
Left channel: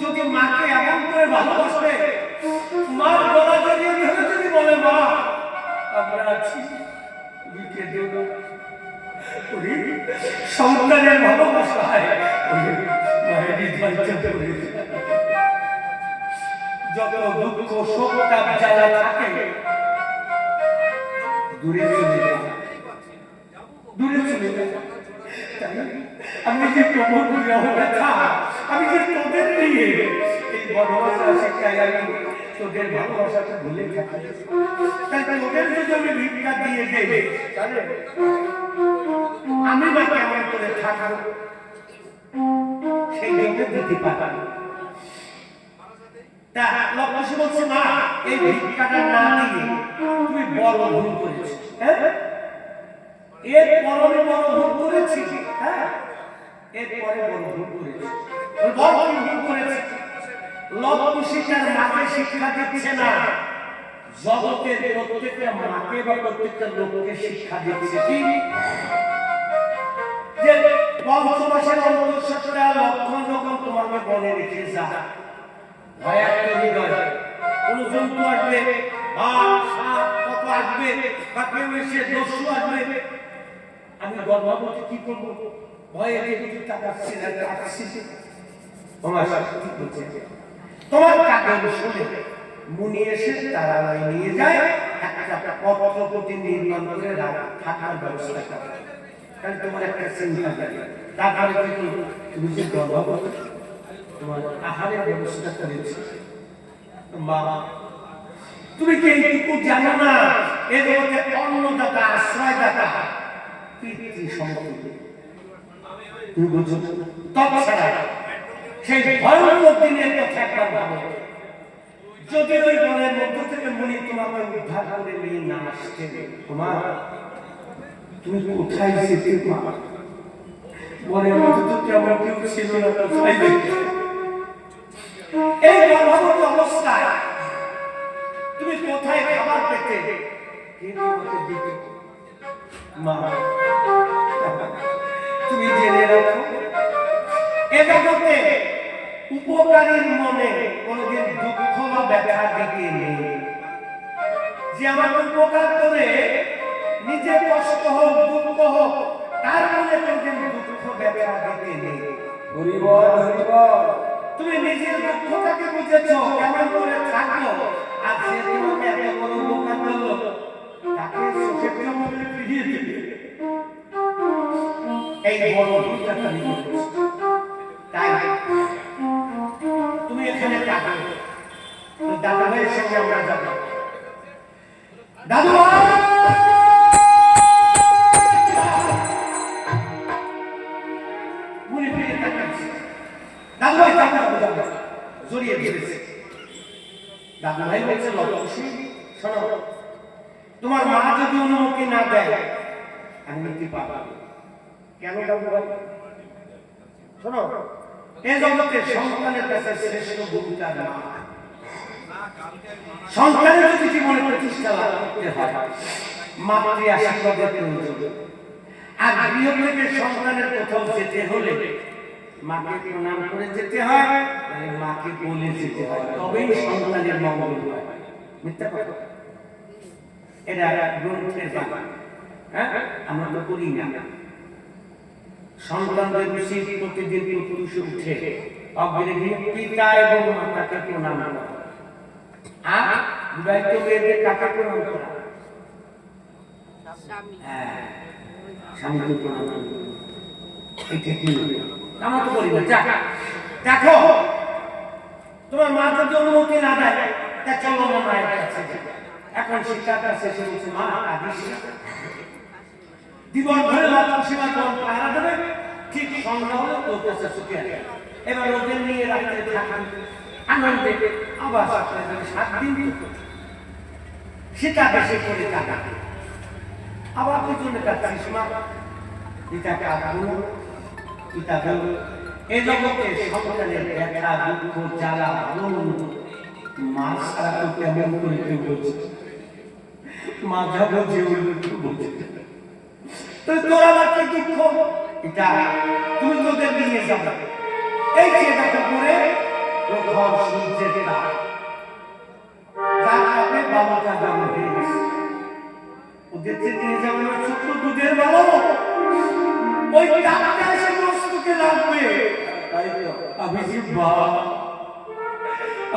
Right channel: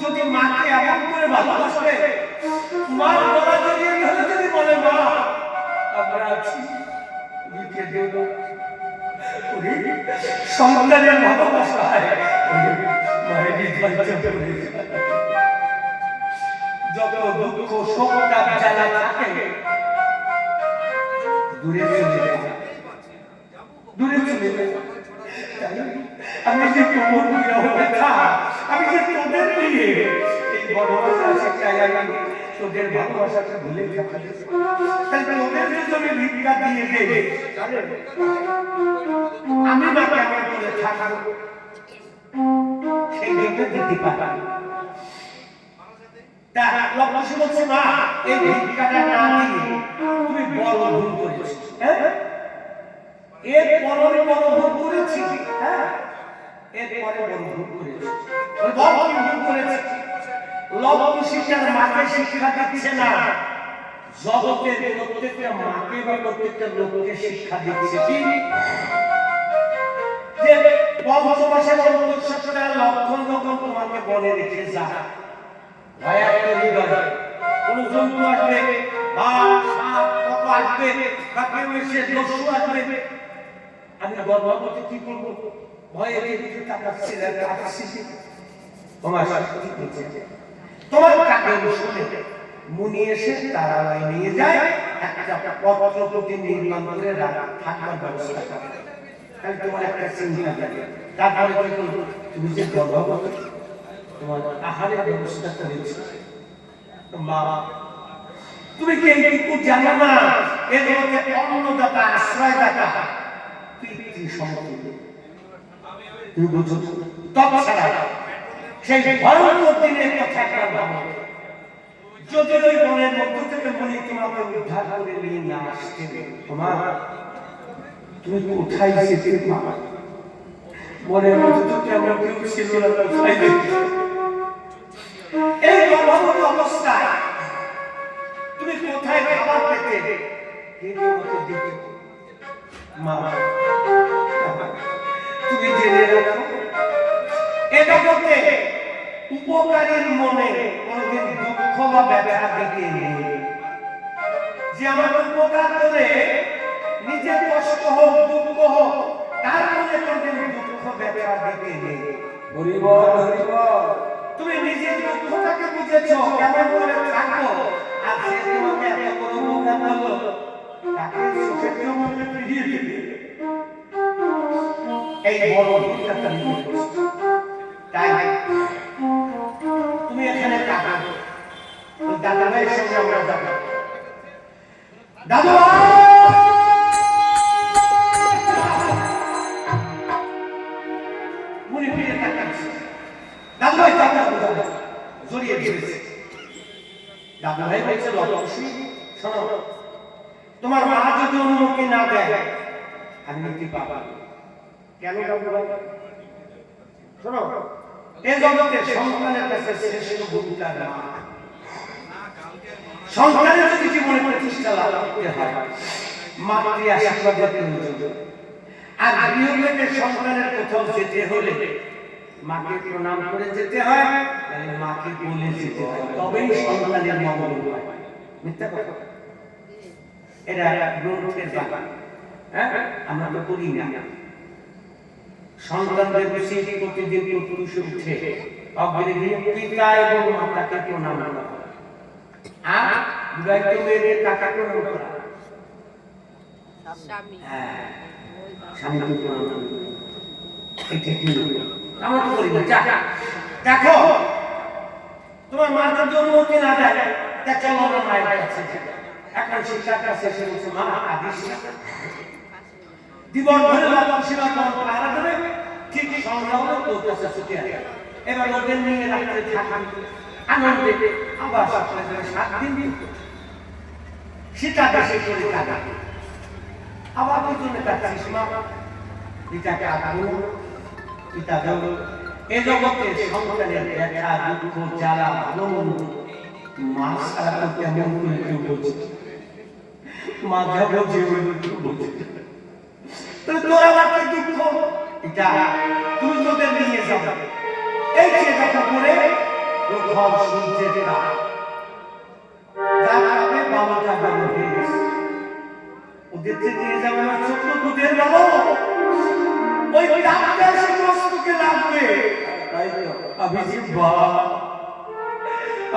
যদি মাকে এমন করে ভালোবাসে, মার গলা জড়িয়ে ধরে যদি বলে মা আমরা আছি, তুমি কেঁদো না, ওরে সন্তানের ভালোবাসায় মায়ের হৃদয়টা পড়ে যায়। যত দুঃখ শোক তাপ জ্বালা থাকে দূরে চলে যায়, দূরে চলে যায়। তাই আমি যে প্রভুর প্রিয় ব্যথা, আমি যে তোদের নিয়ে এই বড় শিক্ষায় আমি তোদের ভালোবাসাটা ভুলে থাকি। তাই তোদের যদি আমি ভিক্ষা দিয়ে দেবে, তাহলে আমি বা কেমন করে থাকবো, সেই জন্য দিতে পারি। তা লবকুশি বলছে, মা এই ভিক্ষাটা না দিয়ে তুমি বড় ভুল করেছো। হ্যাঁ, এর পরে বড় ভুল করেছি। হ্যাঁ, এর পরে বড় ভুল করেছি। বড় ভুল করেছি। লবকুশি তার মাকে শিক্ষা দিচ্ছে না, জগতের প্রত্যেকটা মাকে বা প্রত্যেকটা লোককে শিক্ষা দিচ্ছে কি যে পঞ্চমাসের অন্তঃসত্ত্বা লক্ষণ যখন তোমাকে বলে রেখে যা, ভয়াক্ত হৃদয়, কোন জন্তু আসবে, বাঘ সাপ কত আসবে, বা কেউ এসে দস্যু আসবে, আমি গর্ভবতী কি করবো? ভয়ে কিছু তাকাচ্ছি না, কাঁদছি। তোমার শাস্তি বলছে, তোমার কাকে শুনে মুনি এসে তারা নিয়ে যায়, একটা পত্রপতি নির্মাণ করে থাকার ব্যবস্থা করে। তাহলে তোমার একটা চিন্তা লাগে, তারপরে কি করবো? তুমি যে গর্ভবতী, তোমার আহারের ব্যবস্থা করেছি। মা তুমি কি এইটুকু জানো না, এর মধ্যে অন্নদাতা, আশ্রয়দাতা, পিতৃ সমতুল্য। তুমি বুঝো তৎছাড়া সেই ভয়ঙ্কর দিনের কথা একবার ভাবো, যদি ওই বনের মধ্য থেকে মুনি তোমাকে উদ্ধার করে নিয়ে না আসতেন, তোমার তুমি কোথায় যেতে? মা মনের মধ্যে তো কেমন কেউ ছিল না, কোথায় দেখি এই গর্ভবতী অবস্থায় তুমি কোথায় খাবার পেতে? কে তোমাকে দিত? মা, তুমি জেনে রাখো, এ জগতে উপকারীর মনে কোনদিন দুঃখ বা ব্যথা দিকে নেই। যে আমার উপকার করে নিজের কষ্ট হোক দুঃখ হোক তার মনে কোনদিন দুঃখ ব্যথা দিকে নেই। হরি বল, হরি বল। তুমি নিজের দুঃখটাকে বুঝেছো কেমন করে থাকো, আর সে তোমাকে এত বড় উপকার করলো তাকে সুখের জগতে ফিরিয়ে দিবে। এই বড় ভুলটা তুমি করেছো। তাই তুমি এখানে থাকো, দাদা ভাইয়ের সঙ্গে আমরা যাবো। দাদু ভাই, মনে ফিরে তাকাচ্ছে। দাদু ভাই জড়িয়ে দিয়েছে। দাদু ভাই বলছে, লক্ষ্মী শোনো, তোমার মা যদি অনুমতি না দেয় আমি নিতে পারবো। কেন দাদু ভাই? শোনো, এই জগতে সন্তানের কাছে শ্রেষ্ঠ ভূমিকার মা। সন্তানের যদি জীবনে প্রতিষ্ঠা লাভ করতে হয় মাতৃ আশীর্বাদের প্রয়োজন। আর গৃহ থেকে সন্তানের কোথাও যেতে হলে মাকে প্রণাম করে যেতে হয়, মাকে বলে যেতে হয়, তবেই সন্তানের মঙ্গল হয়। মিথ্যা কথা? এটা গ্রন্থের ব্যাপার। হ্যাঁ, আমরা তো করি না। সন্তানদের উচিত প্রতিদিন পুরুষে উঠে অগ্রে পিতা এবং মাতাকে প্রণাম করা, আর বিবাহিত মেয়েদের কাকে প্রণাম করা? হ্যাঁ, স্বামীকে প্রণাম করা। এটা কি আমরা তো করি না। দেখো, তোমার মা যদি অনুমতি না দেয় দেখো মনে মায়ের কাছে এখন শিক্ষার কাছে এসে বলছে, মা আদিস জীবন ধরে লক্ষ্য সীমা কম পাহারা দেবে, ঠিক সন্ধ্যা হলে তোর কাছে ছুটে আসবে। এবার ওদের নিয়ে রাত্রে থাকা আনন্দে আবার 7 দিন সেটা দেশে করে কাটা আবার পিছনে কাটছিস মা, পিতাকে আগানো পিতা গেল। এ জগতে সন্তানের ব্যথা দুঃখ জ্বালা ভালো মা সারা তো কেমন করে কেউ বলছে, মা যাবো যে কেউ বলছে তোর আবার কি দুঃখ? এটা তুমি তোদের নিয়ে যাবে। এই যে যখন করে প্রথম সূর্যের তাপ যার কারণে বাবাটা বড় হয়ে গেছে, ওদের যে নিয়ে যাবে না ছোট্ট দুধের বাবা, ওই তাপটা এসে মস্তকে লাগবে। তাই তো আমি যে বাবা,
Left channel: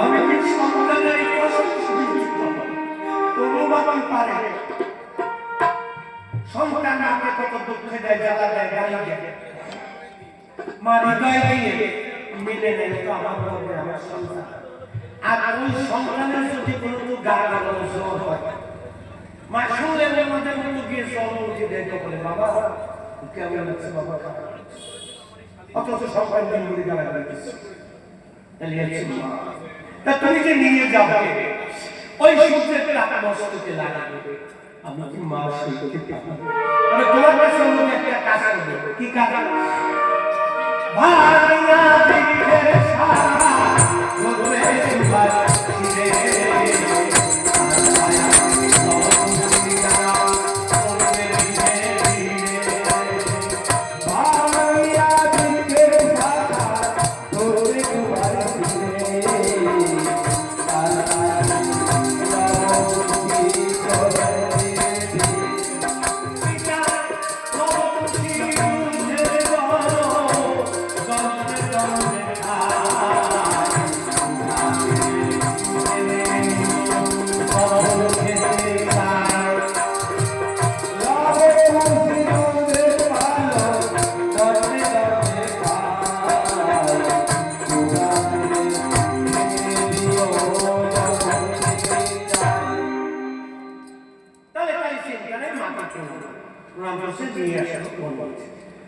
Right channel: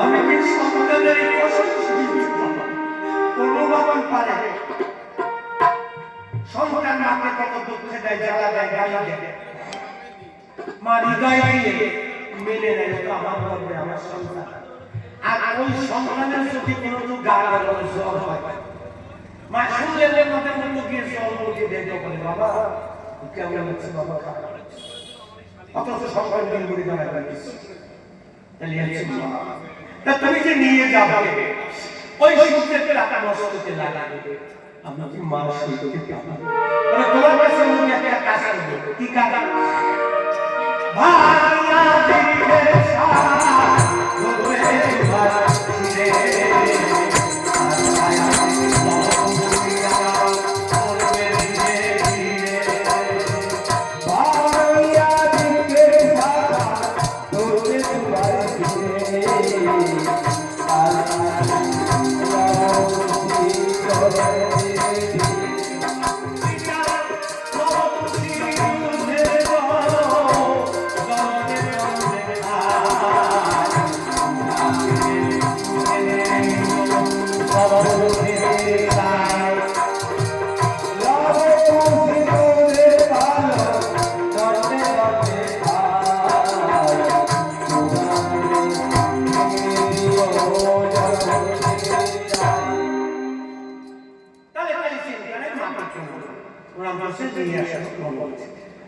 আমি কি সন্তানের কষ্ট সইতে পারবো? কোনো বাবা পারে? সন্তান মাকে কত দুঃখ দেয়, জ্বালা দেয়, গালি দেয়, মা হৃদয় দিয়ে মেনে নেয় তো আমার গর্বে আমার সন্তান। আর ওই সন্তানের যদি কোনো তো গা গরম জ্বর হয়, মা শুনলে আমাদের মতো গিয়ে জ্বর বলতে দেখতে পারে, বাবা কেমন লাগছে বাবা, অথচ সন্তান দিন করে গালায় লাগিয়েছে। তাহলে তা তুমি যে নিয়ে যাবে ওই সূর্যের তাপ মস্তকে লাগাবে, আমরা কি মা সইতে পারবো? তবে তোমার কাছে অন্য একটা কাজ করবে। কি কাজ? ভাইয়া দিকে সারা ধরে বাঁচিরে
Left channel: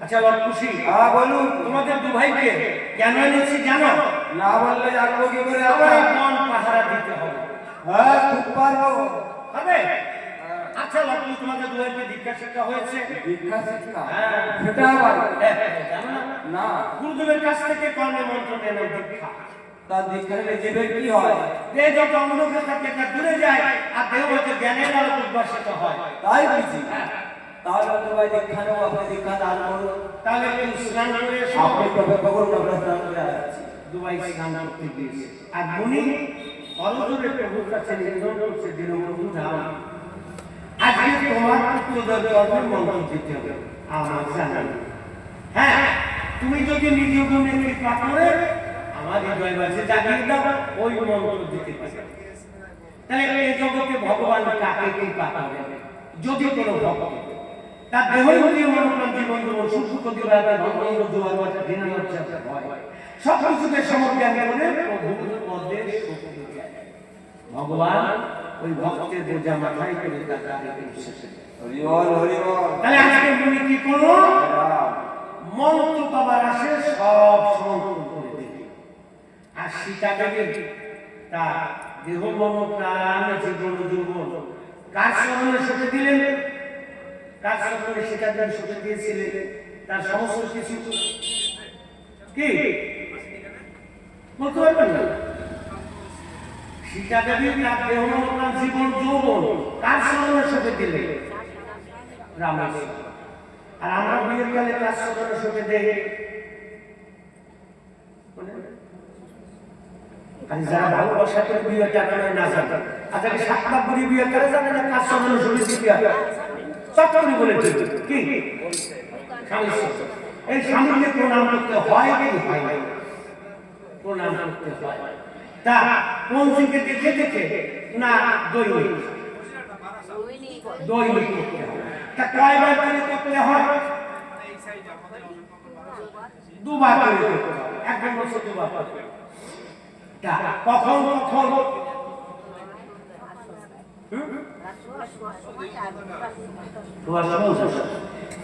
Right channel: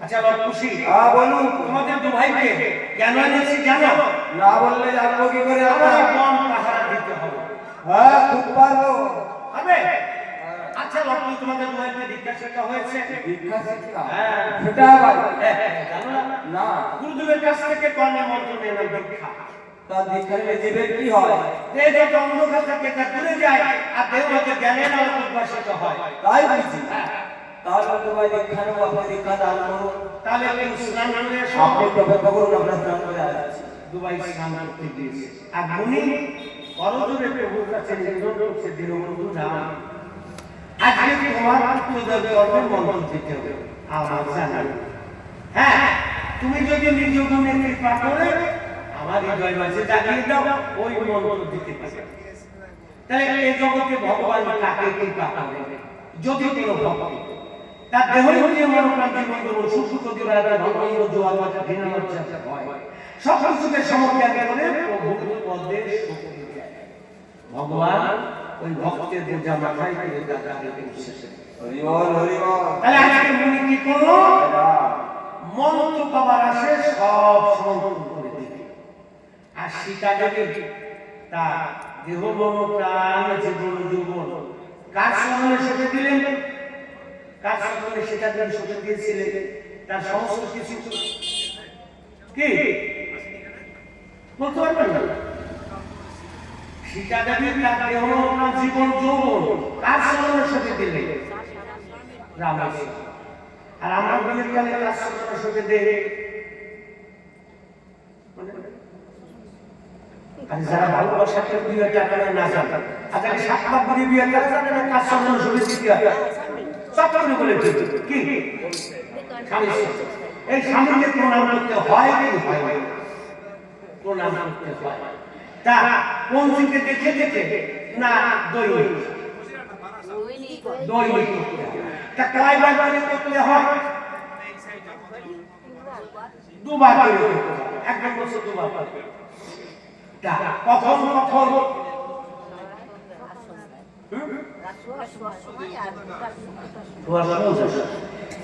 আচ্ছা লক্ষ্মী, বলুন। তোমাদের দু ভাইকে কেন এনেছি জানো? না বললে জানবো কি করে? আমার বন পাহারা দিতে হবে। হ্যাঁ, খুব পারবো। হবে? আচ্ছা লক্ষ্মী, তোমাদের দুয়াইকে দীক্ষা শিক্ষা হয়েছে? দীক্ষা শিক্ষা হ্যাঁ। সেটা আবার জানো না? না। গুরুদেবের কাছ থেকে কর্ণে মন্ত্র নিয়ে নাম দীক্ষা। তার দীক্ষা নিলে জীবের কি হয়? যে যত অন্ধকার থাকে তা দূরে যায়, আর দেহ হচ্ছে জ্ঞানের আলো উদ্ভাসিত হয়। তাই বুঝি। তাহলে তো ভাই দীক্ষা নেবো, আপনি দীক্ষা দান করুন। তাহলে একটু স্নান করে এসো। আপনি তো অপেক্ষা করুন, আমরা স্নান করে আসছি। দুবাই স্নান করতে গিয়েছে, আর মুনি করজোরে প্রভুর কাছে নিবেদন করছে, দীনবন্ধু রাম, আজকে তোমার পুত্রদের কর্মের মন্ত্র দিতে হবে, আমার জানা নেই। হ্যাঁ, তুমি যদি নিজ গুণে কৃপা করে আমার হৃদয় বাসে জাগিয়ে দাও, ওই মন্ত্র দিতে পারবে। তাহলে এই জগতে ভগবান কাকে কৃপা করেন? যদি কোনো ভক্ত তার দেহীয় মনোপ্রাণ জীবন সুখ দিবারা ভগবান দোয়া কথা ঘৃণা লজ্জাতে হয়, সব কিছুকে সমজ্ঞান করে প্রভুর পদে সুখ দিয়ে ভগবান ওই ভক্তের বোঝা মাথায় করে দাঁড়িয়ে বসেছে। হরি বল, হরি বল। তাহলে আজকে মুনি কি করলো? মন্ত্র পাবার আসে সব সমর্পণ করে দিল। আর সীতা দেবী তার দেহ মন প্রাণ জীবন যৌবন কার সম্মানে সঁপে দিলেন? কার সম্মানে সীতা দেবী সঁপে দিয়েছিলেন? তার সমস্ত কিছু কি বলতে পারবেন না? সীতা দেবী তার দেহ মন প্রাণ জীবন যৌবন কার সম্মানে সঁপে দিলেন? রামের। আর আমরা বিয়ের কালে কাজ সম্মানে সঁপে দেই আর যারা ভালোবাসা করে বিয়ে টাকা না জানে, আর যাকে 7 লাখ করে বিয়ে করে জানে না, কাজ সম্মানে সঁপে দিতে হয়। সব করে বলে কি স্বামী, এই স্বামীকে প্রণাম করতে হয় কি হয় না? প্রণাম করতে হয়। তা কোন দিকে দেখে দেখে না দৈনিক দৈনিক করতে হয়। তা কয়বার করে করতে হয়? 2 বার করে করতে হয়। একদম বলছে 2 বার করে। তা কখন কখন?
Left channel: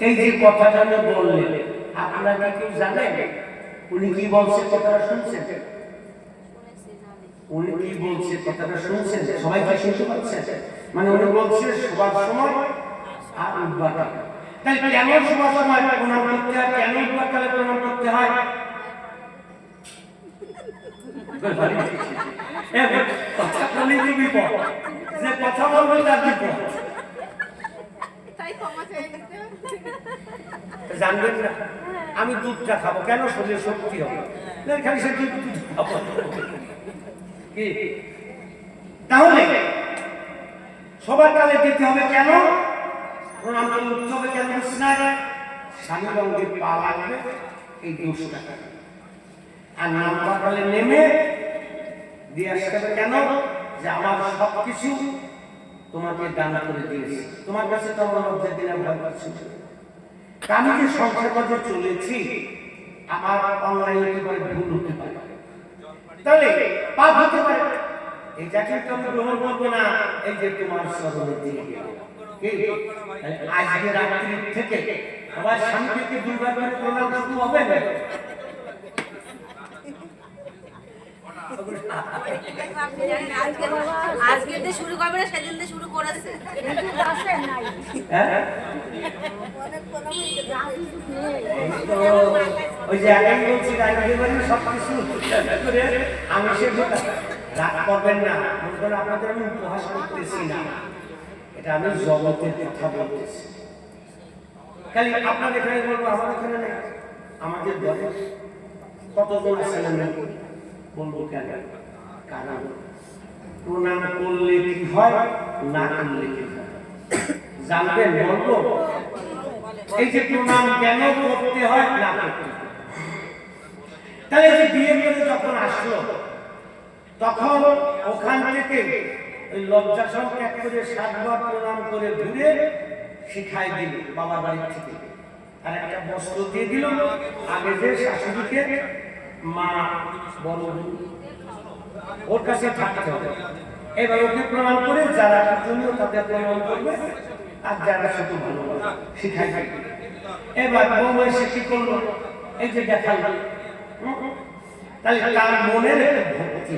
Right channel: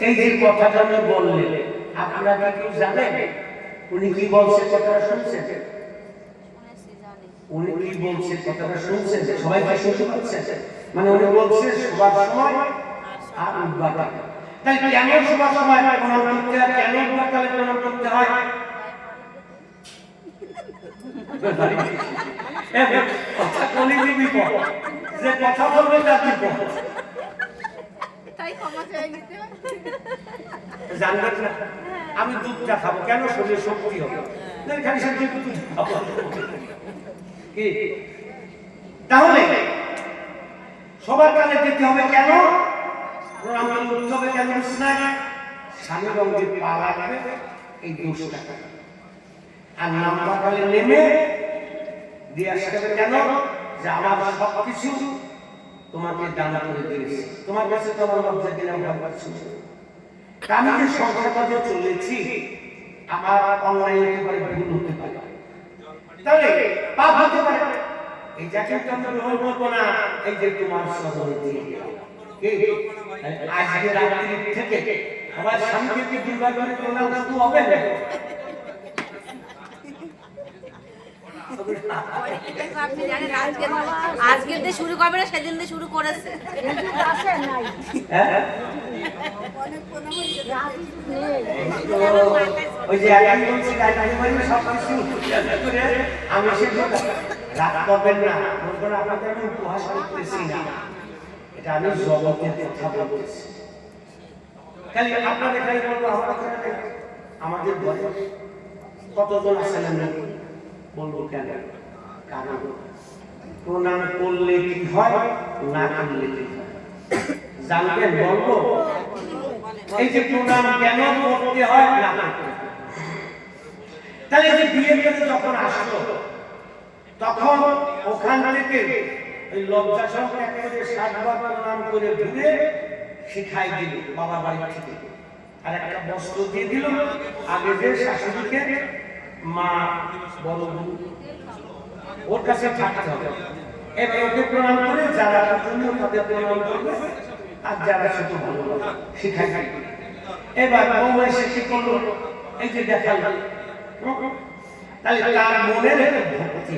এই যে কথাটা আমি বললেন, আপনারা কি জানেন উনি কি বলছে? কথাটা শুনছেন? উনি কি বলছে কথাটা শুনছেন? সবাই কি শুনতে পাচ্ছেন? মানে উনি বলছে সবার সময় আর উঠবার কালে। তাহলে কেন সবার সময় প্রণাম করতে হয়? কেন উঠবার কালে প্রণাম করতে হয়? যে কথা বলবে তার বিপদ জানবেন না। আমি দুধটা খাবো কেন? শরীরে শক্তি হবে। খালি সে দুধ খাবো কি? তাহলে সবার কালে দিতে হবে কেন? প্রণাম করলে উৎসবে কেন? স্বামী রঙের পা লাগবে এই দোষটা। আর নাম্বার কালে নেমে দিয়ে আসতে হবে কেন? যে আমার সবকিছু তোমাকে দান করে দিয়েছি, তোমার কাছে তো আমার লজ্জা দিলাম ভাবছি। আমি যে সংসার কাজে চলেছি, আমার অনলাইনে একেবারে ভুল হতে পারে, তাহলে পাপ হতে পারে। এই যাকে আমি গ্রহণ করবো না। এই যে তোমার স্মরণে দিয়ে আজকে রাত্রি থেকে আমার স্বামীকে দুর্বার করে প্রণাম করতে হবে না। আজকে দিয়ে শুরু করবে না, সেদিন দিয়ে শুরু করেছে। ওই যে আগে বলছি সবকিছু করে আমি সে রাগ করবেন না। মনে করেন আপনাদের আমি উপহাস করতেছি না, এটা আমি জগতের কথা বলতেছি। খালি আপনার এখানে বলবো, আমার এখানে নেই। আমাদের ঘরে কতজন আছেন আমি বলবো কেন? কারণ প্রণাম করলে কি হয়, না করলে কি হয় জানবেন? বলবো এই যে প্রণাম কেন করতে হয়, না করতে হয়। তাহলে যে বিয়ে করে যখন আসলো, তখন ওখান থেকে ওই লজ্জাসন ত্যাগ করে 7 বার প্রণাম করে ঘুরে শিখাই দিল বাবার বাড়ি থেকে। আর একটা বস্ত্র দিয়ে দিল। আগে যে শাশুড়িকে মা বড় ওর কাছে থাকতে হবে। এবার ওকে প্রণাম করে যারা পূজনীয় তাদের প্রণাম করবে, আর যারা ছোট ভালো শিখাই থাকবে। এবার বউ এসে কি করলো? এই যে দেখাল, তাহলে তার মনের ভক্তি।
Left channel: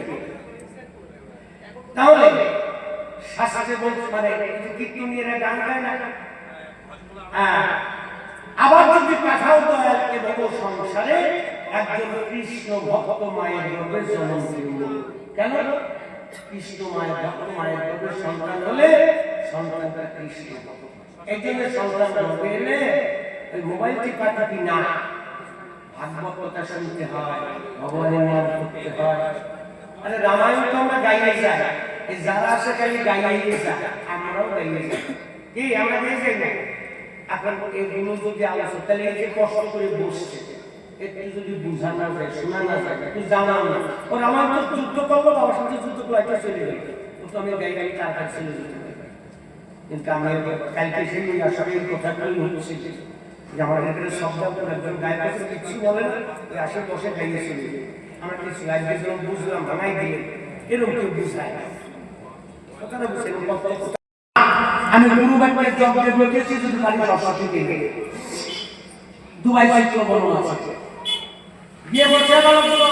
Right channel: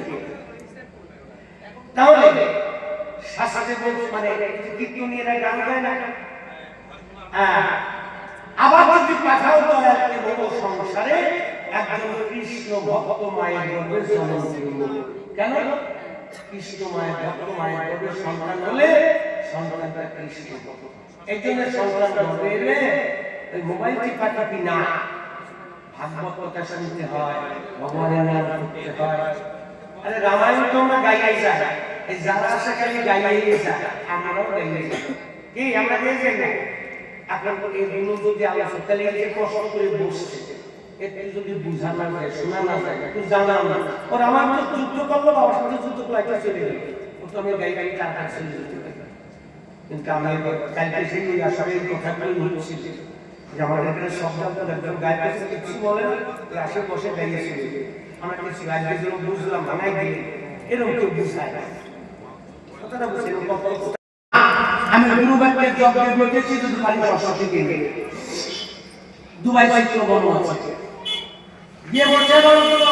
তাহলে শাস্ত্রে বলছে মানে কীর্তনীয়রা গান গায় না, হ্যাঁ, আবার যদি পাঠাও দয়ালকে বলো সংসারে একজন কৃষ্ণ ভক্ত মায়ের গর্ভে জন্ম দিল। কেন? কৃষ্ণ মায়ের ভক্ত মায়ের গর্ভে সন্তান হলে সন্তানটা কৃষ্ণ ভক্ত। এই জন্য সন্তান গর্ভে এলে ওই মোবাইল টিপাটিপি না, ভাগবত কথা শুনতে হয়, ভগবানের নাম করতে হয়। আরে রামায়ণ তো আমরা গাইয়ে যাই, এই যারা আসে খালি গাইয়ে যায়, আমরাও গাইয়ে যাই। কি আমরা গাইয়ে যাই না? এখন এগুলো যদি আলোচনা, তাহলে এই যে কষ্ট করে বসছে, একটু যদি বোঝা না যায়, শোনা না যায়, একটু জানা না, ওর আমার তো যুদ্ধ করলো, বাবার সাথে যুদ্ধ করলো, একটা চলে গেল, ও তো আমি গাই গাই তাড়াতাড়ি চলে যেতে পারি। কিন্তু আমি কালকে সেই ওই আসলে এই কথাগুলো হচ্ছে যে আমার এখানে শব্দ একজন গায়ে কাছে কিছু বলে না, ওই আশেপাশে গাইয়ে চলে যায়। আমরা কিছু গাইতে গেলাম, বুঝলাম, ভাঙাই দিলেন, এরকম কেউ বুঝায় না। কথাটা বুঝে আমি গুরুবাক্যের যজ্ঞে বলেছি, যদি খালি সরস্বতী দিবে দুবাই চিত্র বর্ণনা আছে। বিয়ে বলছে বলো তো,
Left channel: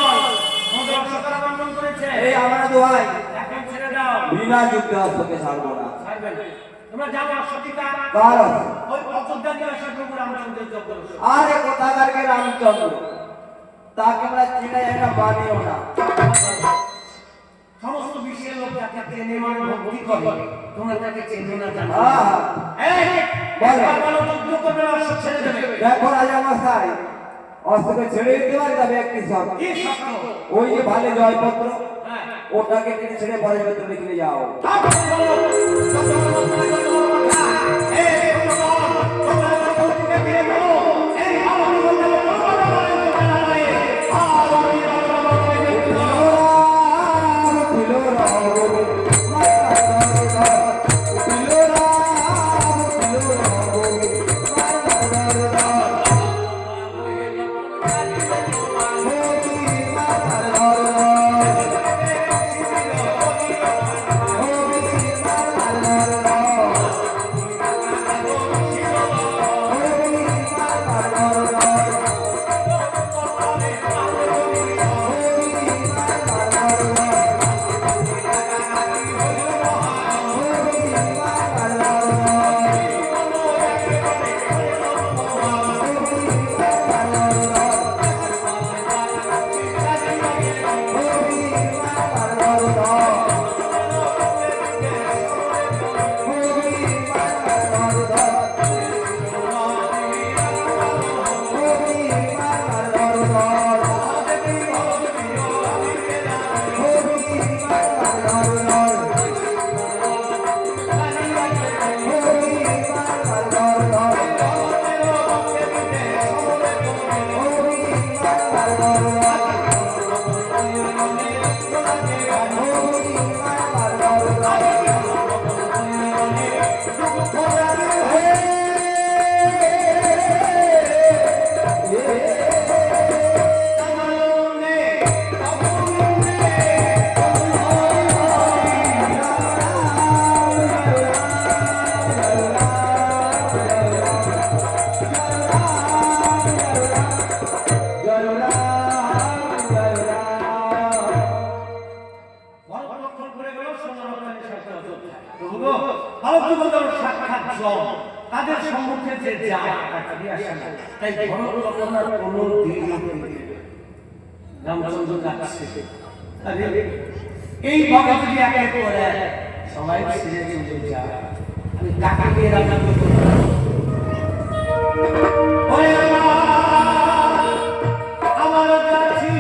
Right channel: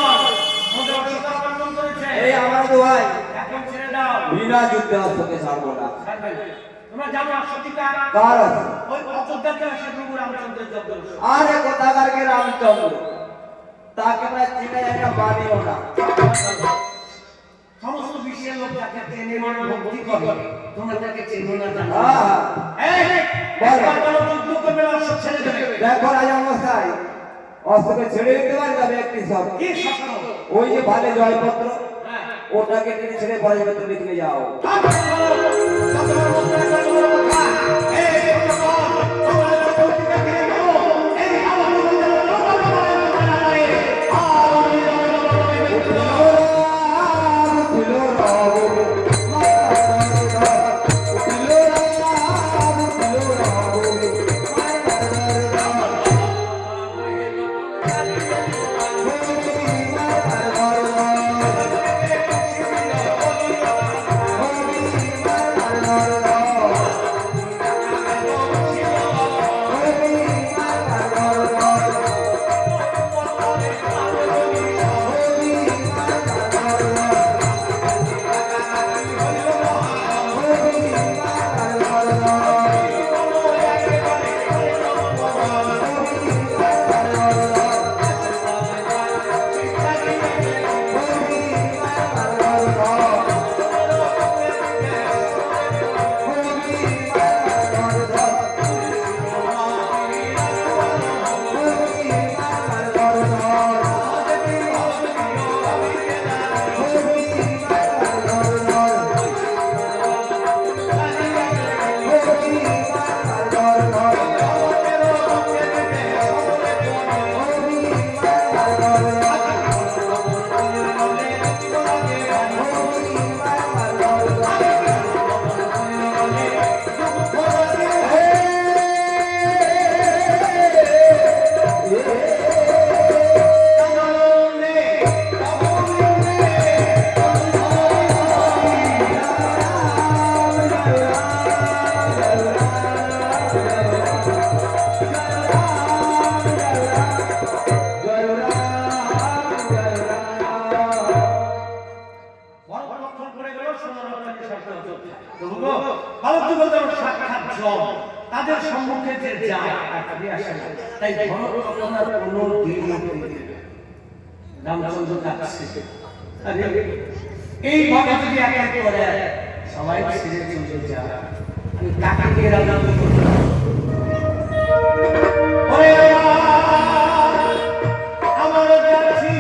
আমাদের সরকার বর্ণনা করেছে, এই আমার দোহাই, এখন ছেড়ে দাও, বিনা যুদ্ধে অস্ত্রকে ছাড়বো না। ছাড়বে না। তোমরা জানো অশ্বতীকা কার আছে? ওই অযোধ্যাতে আসে প্রভু রামচন্দ্রের যজ্ঞ। আরে কোথাকার কে রামচন্দ্র, তাকে আমরা চিনে যাই না, বানিও না। সমস্ত বিশ্বের লোক যাকে চেনে মানে ভক্তি করে, তোমরা তাকে চেনো না, জানো না। হ্যাঁ, এই একবার বলো যুদ্ধ করবে না, অশ্ব ছেড়ে দেবে। দেখো রাজা মশাই, অস্ত্রকে ছেড়ে দিতে পারি, তবে একটি শর্ত, কি শর্ত? ওই যে ভালে জয়পত্র, হ্যাঁ, ওটাকে টেনে ছেড়ে পরে পত্র লিখে যাও। তাদের সম্মুখে যে যায় তাকে আসে না, তাই ভরতনার কোনো দিন রামচন্দ্র কাছে এই ভাবে যদি একের পরে সবাই ছেড়ে চলে যায়, আমি কাকে দিয়ে রামচন্দ্র আমার কাছে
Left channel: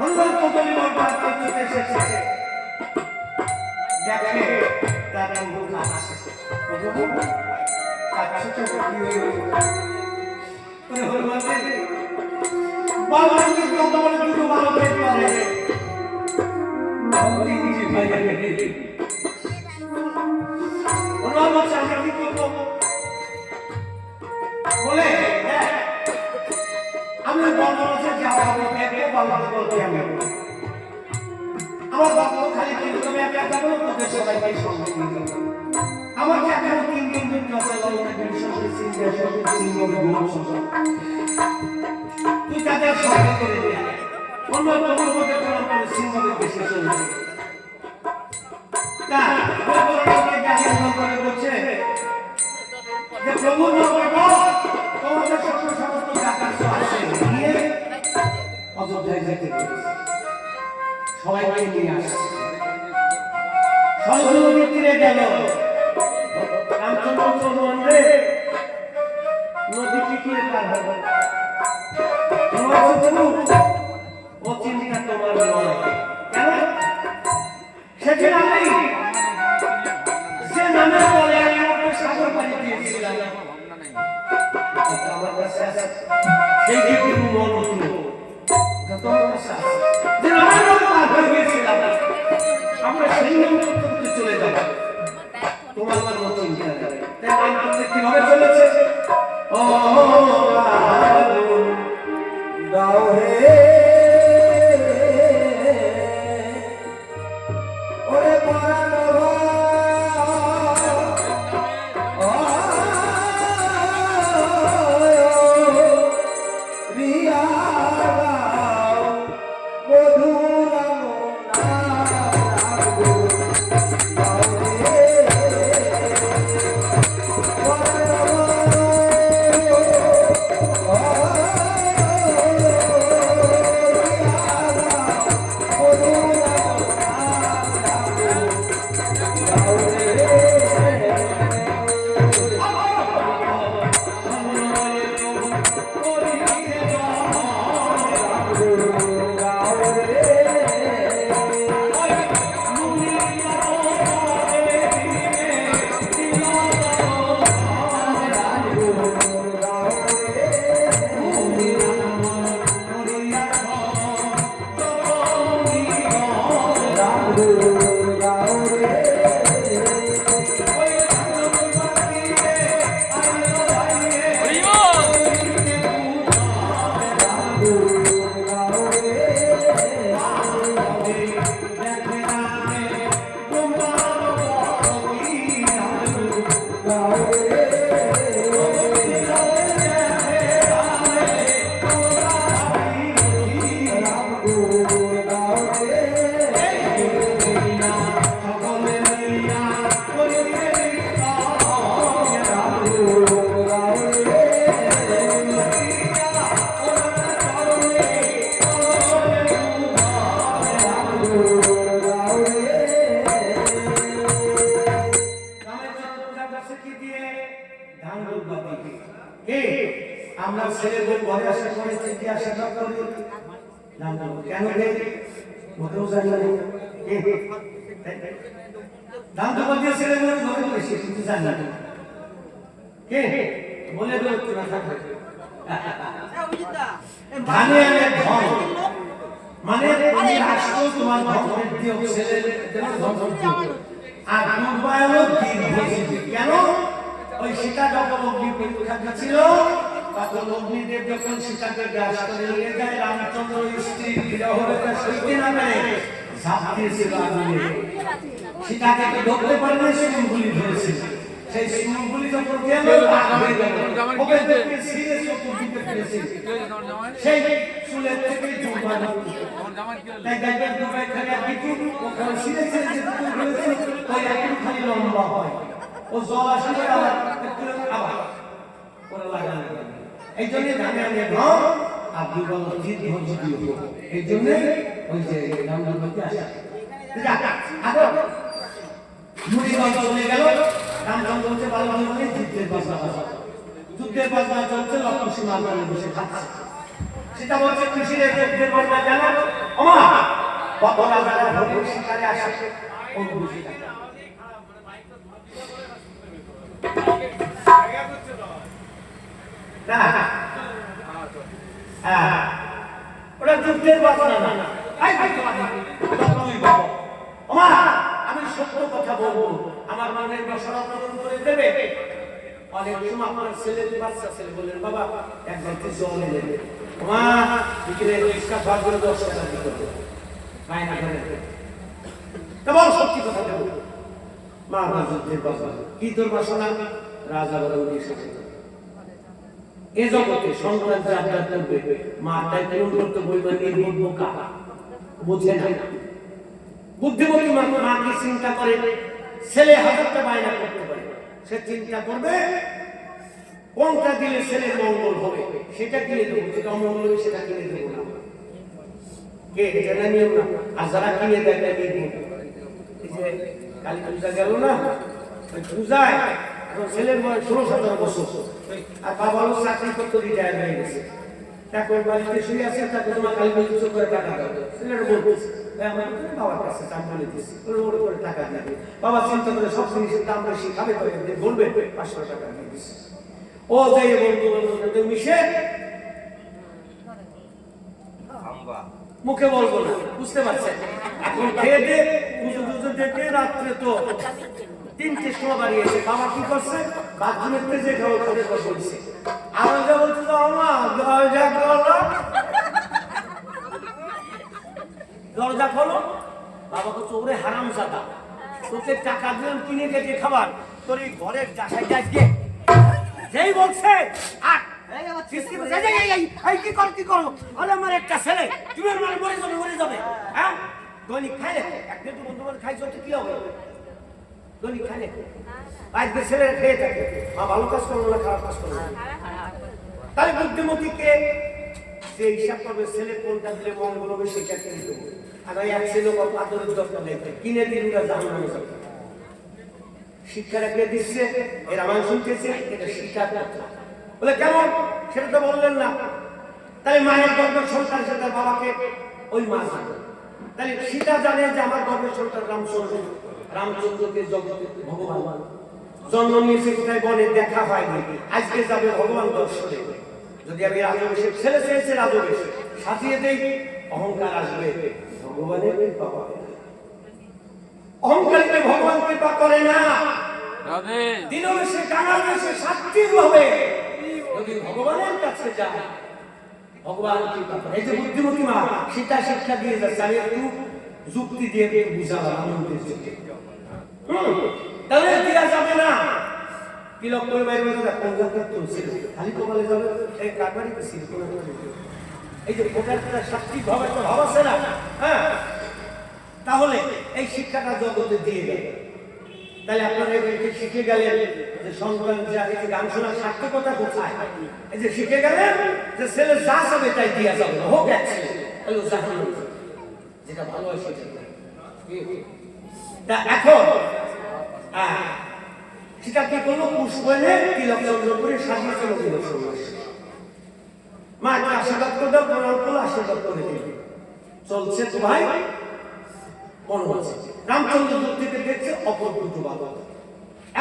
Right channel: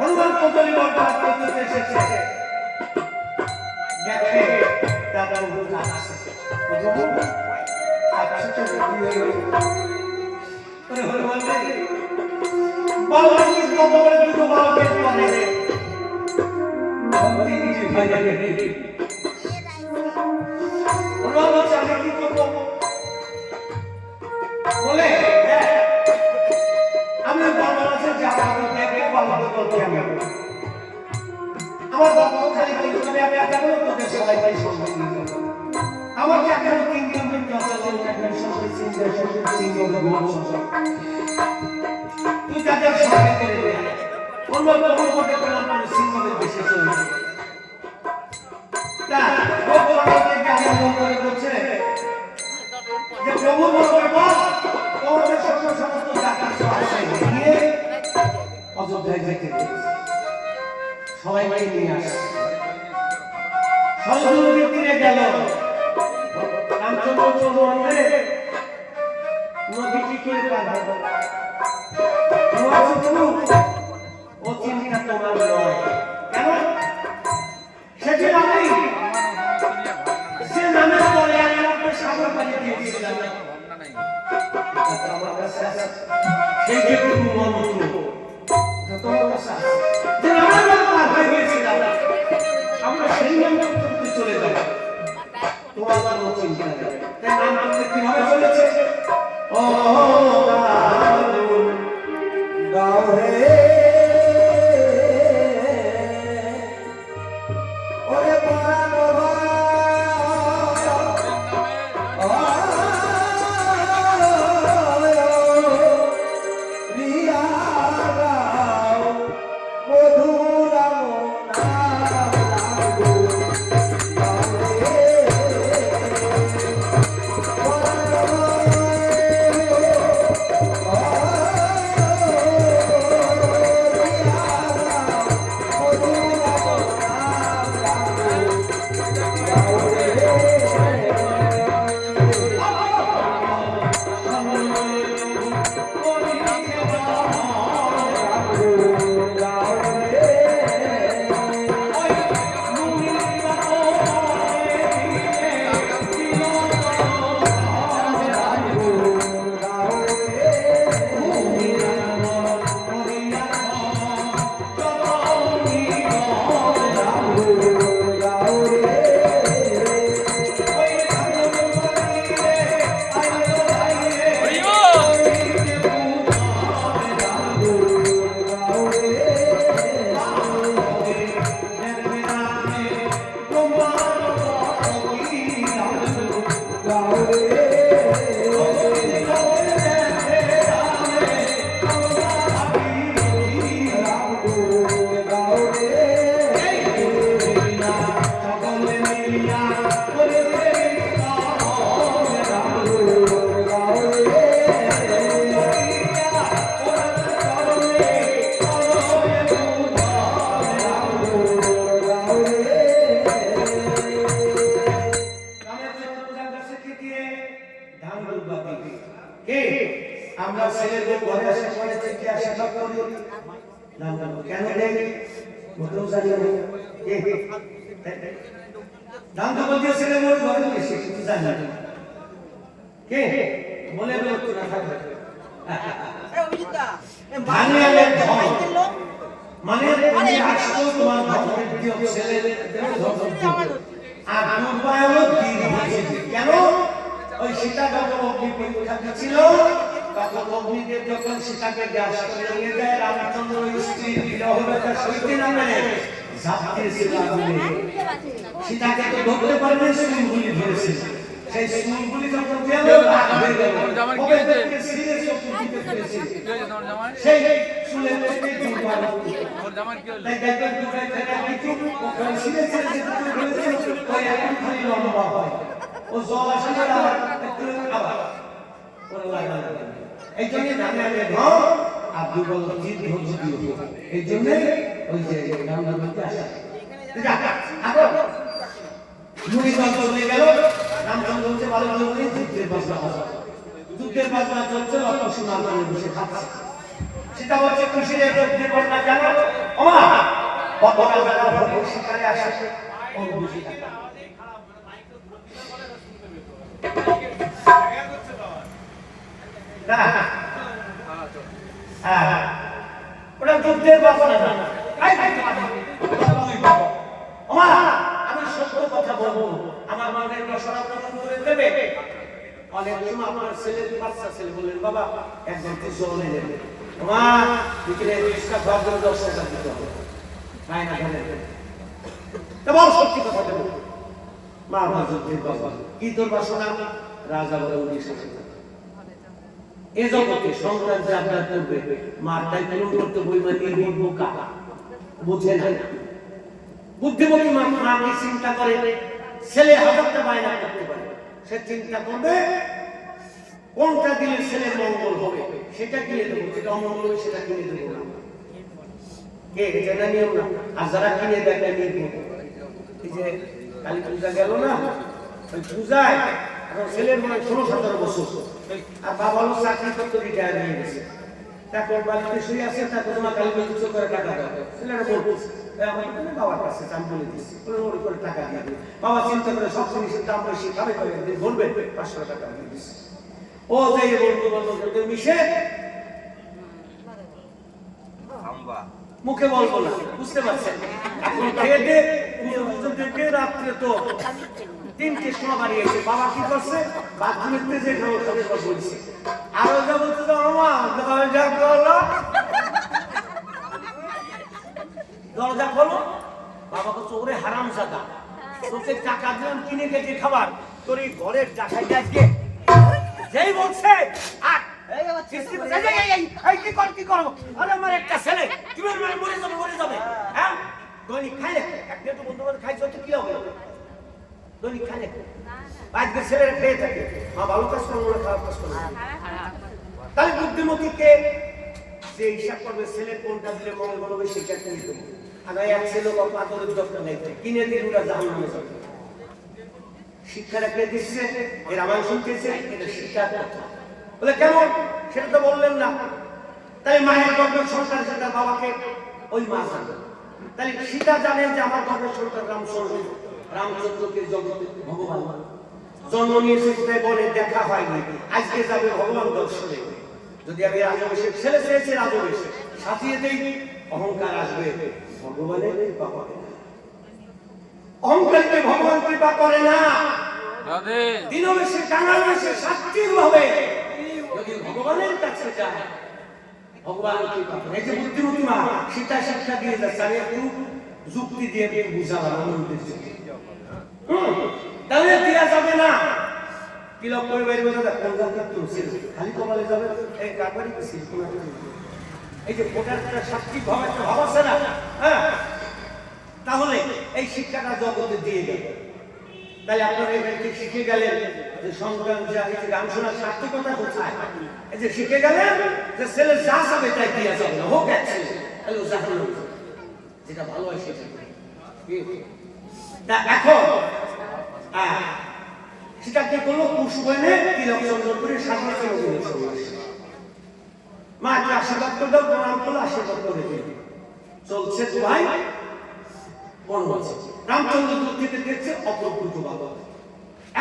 হনুমান কদলী বরপাত করতে এসেছে, দেখে তার প্রভু কাছে প্রভু কাছে হনুমান বালকের কত বড় দুটো বালকের পরে হনুমান বলছে আমি কি করবো বলে আমি বর্ণমাসে যাবো দেখে বালক করতে আমি আমার ভক্ত খালি তুমি আমি একা যাবো তোদের সবাইকে সঙ্গে নিয়ে যাবো আমার যে এখন তিন দিন চলে তুই তাদের সঙ্গে করে দে অন্য তোমার মধ্যে করে আমার সিংহের বেশি চলে তা ভগবানকে গালি করে বলছে যে প্রভু তোমাদের সমস্ত জাতির আছে নিয়ে অযোধ্যায় যেতে সবাইকে নিয়ে আসে সরজনদীর তীরে গেল রামচন্দ্র চৌরমন্ডে নদী কি করে পার হবে ও চিন্তা তোমার নয় কেন সেদিন আমি সে নামের পরে আমি ওকে সাগর পাড়ি দিয়েছিলাম আমার কাছে আছে সেই যে তুমি মন্ত্র তোমার কাছে আছে যে নামের পরে পার হয়ে গিয়েছিলাম আমরা সেই নাম করতে চলে যাব তোমার কোনো চিন্তা নেই তাই নাম করতে কিভাবে চলেছে ও গাও রে ওরে পরাণ রিয়া গাও মধুরাম আমরা ছেলেদের ঘরে আসে পরে থেকে আশীর্বাদ করি কেন দেয় মোটেও জানি না দান তো বলতে ছেলে ঘরে ঘরে এসে কিছু জানি না কে বলে দেবো না থাকবে ধানে আনে ধন মানে তুমি আসছো তোমার ধন দিও ছেলের ধন দিও আর দুর্বায় হলো কেন ওই সীতা যখন অগ্নি পরীক্ষা ছিল তখন অগ্নিদেব যখন সীতাকে গ্রাস করে নিয়ে যায় রামচন্দ্র স্ত্রী বিরহ ব্যথা সইতে না পেরে ঝাঁপ দিয়েছিল আগুনে সীতাকে তো ধরতে পারেনি সুরগুলি ধরেছিল সেই সুরগুলি যখন গেল রাগ হয়ে গেল ওকে দেখতে সিরে চোখ দিতে পেরেছিল সেই চুলের থেকে দুর্বার তাই দেখবেন দুবাই থেকে কিছু ওখানে সিরে ছেড়ে যেতে পেরেছিল ওই একটু খালি লম্বা হয় ও জল আসে করে আবার একটু আবার ওরা লাগানো এই জন্য ধানে আনে ধন আর দুর্বল জিত ধন দিও এই জন্য ওই যে রামদান বলতে আসে আগে মুড়িগঞ্জ চলে গেল রামচন্দ্র বলছে ভালো ভালো করে যুদ্ধের বাজনা চলছে লক্ষ্মণ সীমা বসে খাচ্ছে সেটা বলছে খুশি রেখে বাজনা জানো আমার কতটা যারা ভোটের শিকারে আসে ও বুঝি না। ওটা যুদ্ধের বাসনা না। আমি সত্য কথা বলবো, আমার মনের বাসনা পূরণ করে দেবে। অনেক সময় আপনার ছেলে বাচ্চা ছেলে বললেন বাবা একবার জল এনে দেবে, মা বিকেলে রিক্সা ভাড়া করে 10 টাকা দিতে হবে, মায়না ধরে তোমার সত্যি কথা দেবো। মা আমার যুদ্ধের বাবা কি তোর বাসনা? রাজা বলে এ জগতে সন্তান যে আপনার করবে মার তাই পূরণ করতে বইবা নির্বোধ বোকা বুঝে না। বুদ্ধিমতী মা কি চিন্তা করে? ছেলে হাজারটা বায়না করতে পারে, সে চিন্তা করবে কোনটা দিলে ছেলের মঙ্গল হবে সেটা কিনে দেবো, যেটা অমঙ্গল হবে সেটা কিনে দেবো না। কে জানা নিয়ম না। আর যারা কিনে দেয় নিয়ে দেবো। এই যে কালী পূজা গেল না, ওই পূজায় এখন ছেলের বয়স 16-17 বছর, আর বাবা হলো চাকরি করতে রিটায়ার হয়ে গেছে। তারপর বাড়িতে শুয়ে আছে, তারপর তোমার কালী পুজো করে টাকা দাও। ছেলেরা বলতেছে আমার তুমি বাবার কাছে দাম বলে দিচ্ছি, ওর করে টাকা দিয়ে দিই। বাবা চিন্তা করে সব জিনিসের দাম বেশি, খাবে করে বলবে 500 টাকা দিয়ে দিচ্ছি। ও যাই বন্ধু বান্ধব মিশে মুখে বলবো না, বুঝতে পারছেন? এখন খেয়ে দিয়ে পুজো পুজো দেখে রাত্রে তো 3টের সময় বাড়িয়েছে। বাবা কি করছে? বাথরুমের তেজে খাবে বলছে, আর যা বলতে তো দরজা খোলো, দরজা খোলো। বাবা বলছে ওরে হারাম জাদা, তোকে টাকা দিলাম কিনে গেছে খাবার, তোর এই ঘরের ডাকায় যাচ্ছে। যেই বলছে আর কি করবো? আমার একটা ছেলে, তুমি মানে মরে যাবে। হ্যাঁ দৈনিক খাইলে একদিন তো বন্ধু বান্ধব খাইছো কি হবে? দৈনিক খাইলে আজকে ছেলেরা খেয়ে থাকে, মা ভালো কাজ করলো না খারাপ কাজ করলো না। তাহলে বুদ্ধিমতীকে যে হিসাব করবে ছেলে কোনটা দিলে মঙ্গল হবে সেটা কিনে দেবো। আর ওই এক ছেলে আদরের দরকার নেই, কিনে দিন ওরা জাহান্নামে যাবে। শিক্ষাটা কে দিচ্ছে? এর আমার শুনতেছে এটা শিক্ষার কথা। বলে কেমন? সেটা তো বললেন না। তাহলে মায়ের গর্ভের সন্তান সেটা বাবাকে ওই মা জানে। তাহলে সীতা জানে যে আমার গর্ভের সন্তান রামচন্দ্র, রামচন্দ্রকে জগতে ভগবান জন্ম নিয়েছে কোথায় বনে, দেখা হয়নি, আজকে যাবে ভগবান দর্শনে। যদি আমি রাজবেশে ছেলে চেয়েছে রাজবেশে সাজিয়ে দেই, অহংকার আসবে, ভগবানের কৃপা করে না। অহংকারীকে ভগবান কৃপা করে না। দিনবেশে কাঙাল বেশে সাত্বিক ভাবে যদি ভগবানের কাছে যায় ভগবান কৃপা করে। এই যে বুদ্ধিমতী মা সেটা শিক্ষা দিয়ে যাচ্ছে, আমি একটু যুক্তি দিয়ে বুঝালাম আনন্দের জন্য। তাহলে দেওয়া যাবে না। তিলক করে বাইরে বোঝা কোন কীর্তন ছিল, খালি কপালে যাবে এই কারবারিতে ছিল। এই যে ভোটার সাত্বিক ভাবে একটা ভাব আছে না, হ্যাঁ, তাহলে এই শিক্ষাটা জগতে দিয়ে গেল। তাহলে আপনারা এখান থেকে শিখে গেলেন যে সন্তান যা এই যে গান শোনার সার্থকতা কোথায়। এই যে শিখে গেলেন যে ছেলে যা যাবে তাই দিয়া যাবে না, হোক এক ছেলে তাহলে ও জাহান্নামে যাবে, যেটা ভালো হয় সেটা। তা এখন সেটা কি করলো? পুষ্প এনে তিলক চন্দ্র করে সাজিয়ে চলে গেল সন্ন্যাসী। মা একটা আশীর্বাদ করে দাও, প্রণাম করলো, আশীর্বাদ করে দিল। চলছে তো ভাই বনবাসে। রামচন্দ্র দূর থেকে দেখছে অপরূপ বাবা,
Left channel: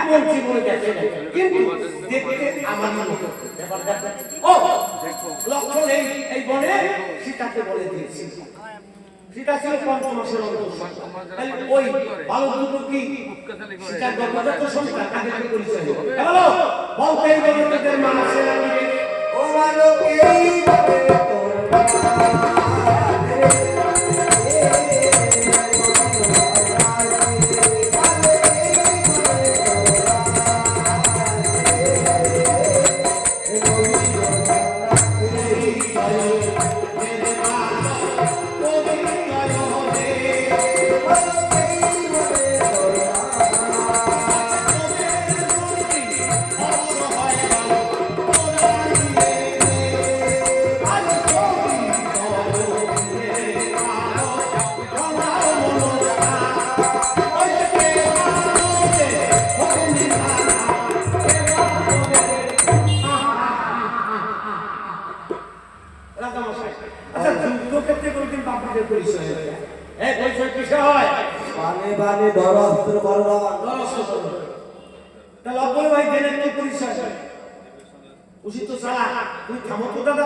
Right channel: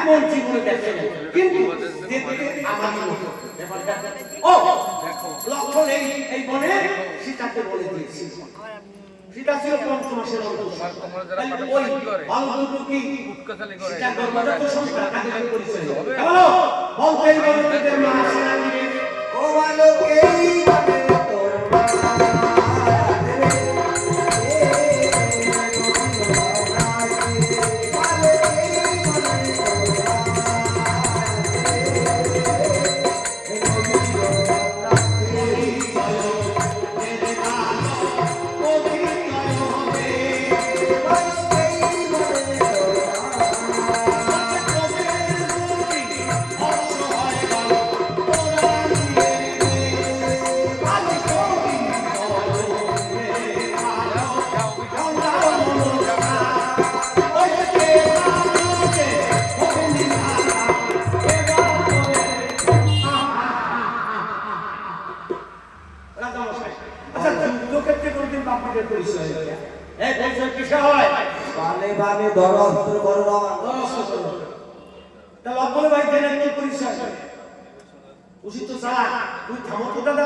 এমন জীবনে দেখে নাই, কিন্তু দেখতে আমারই মতো ব্যাপারটা। ও লক্ষণ এই বনে সীতাকে বলে দিয়েছিল। সীতা ছিল 5 মাসের অন্তঃসত্ত্বা। তাহলে ওই বালক দুটো কি সীতার গর্ভজাত সন্তান, তাকে পরিচয় দিল। বলো বলতেই বলে তাদের মা আছে না কি? ও বালক এই ভাবে তোর মা আচ্ছা যুদ্ধক্ষেত্রে কোনদিন বাপরে পরিচয় এটা। এই পরিচয় কিসে হয়? বালে বালে ধর অস্ত্র করো তাহলে অপরে ভাই জেনে কি পরিচয়? উচিত তো সালা তুই থামো তো দাদা,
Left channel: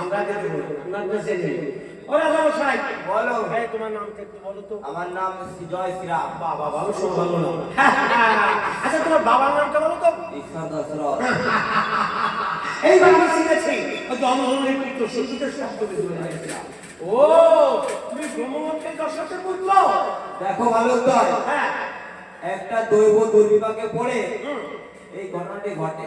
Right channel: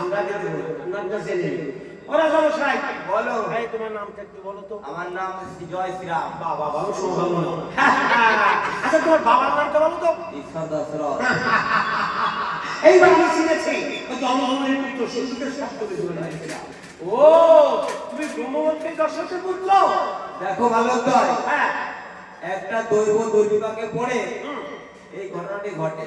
আমরা আগে দেবো নামটা জেনে নিই। ওরা সমস্যাই বলো। এই তোমার নামটা একটু বলো তো। আমার নাম জয় শ্রীরাম। বাবা বাবা সম্ভাবনা। আচ্ছা তোমার বাবার নামটা বলো তো। ঈশ্বর দশরথ। এইবার আমি চিনেছি ওই জন্মভূমির পুত্র সত্যকে শব্দকে ধরে নিয়েছিলাম। ও তুমি ব্রহ্মবন্তের দর্শকের পুত্র। দেখো মালতয়, হ্যাঁ একটা দৈব দুর্বিপাকে পড়ে এই ঘটনাটি ঘটে।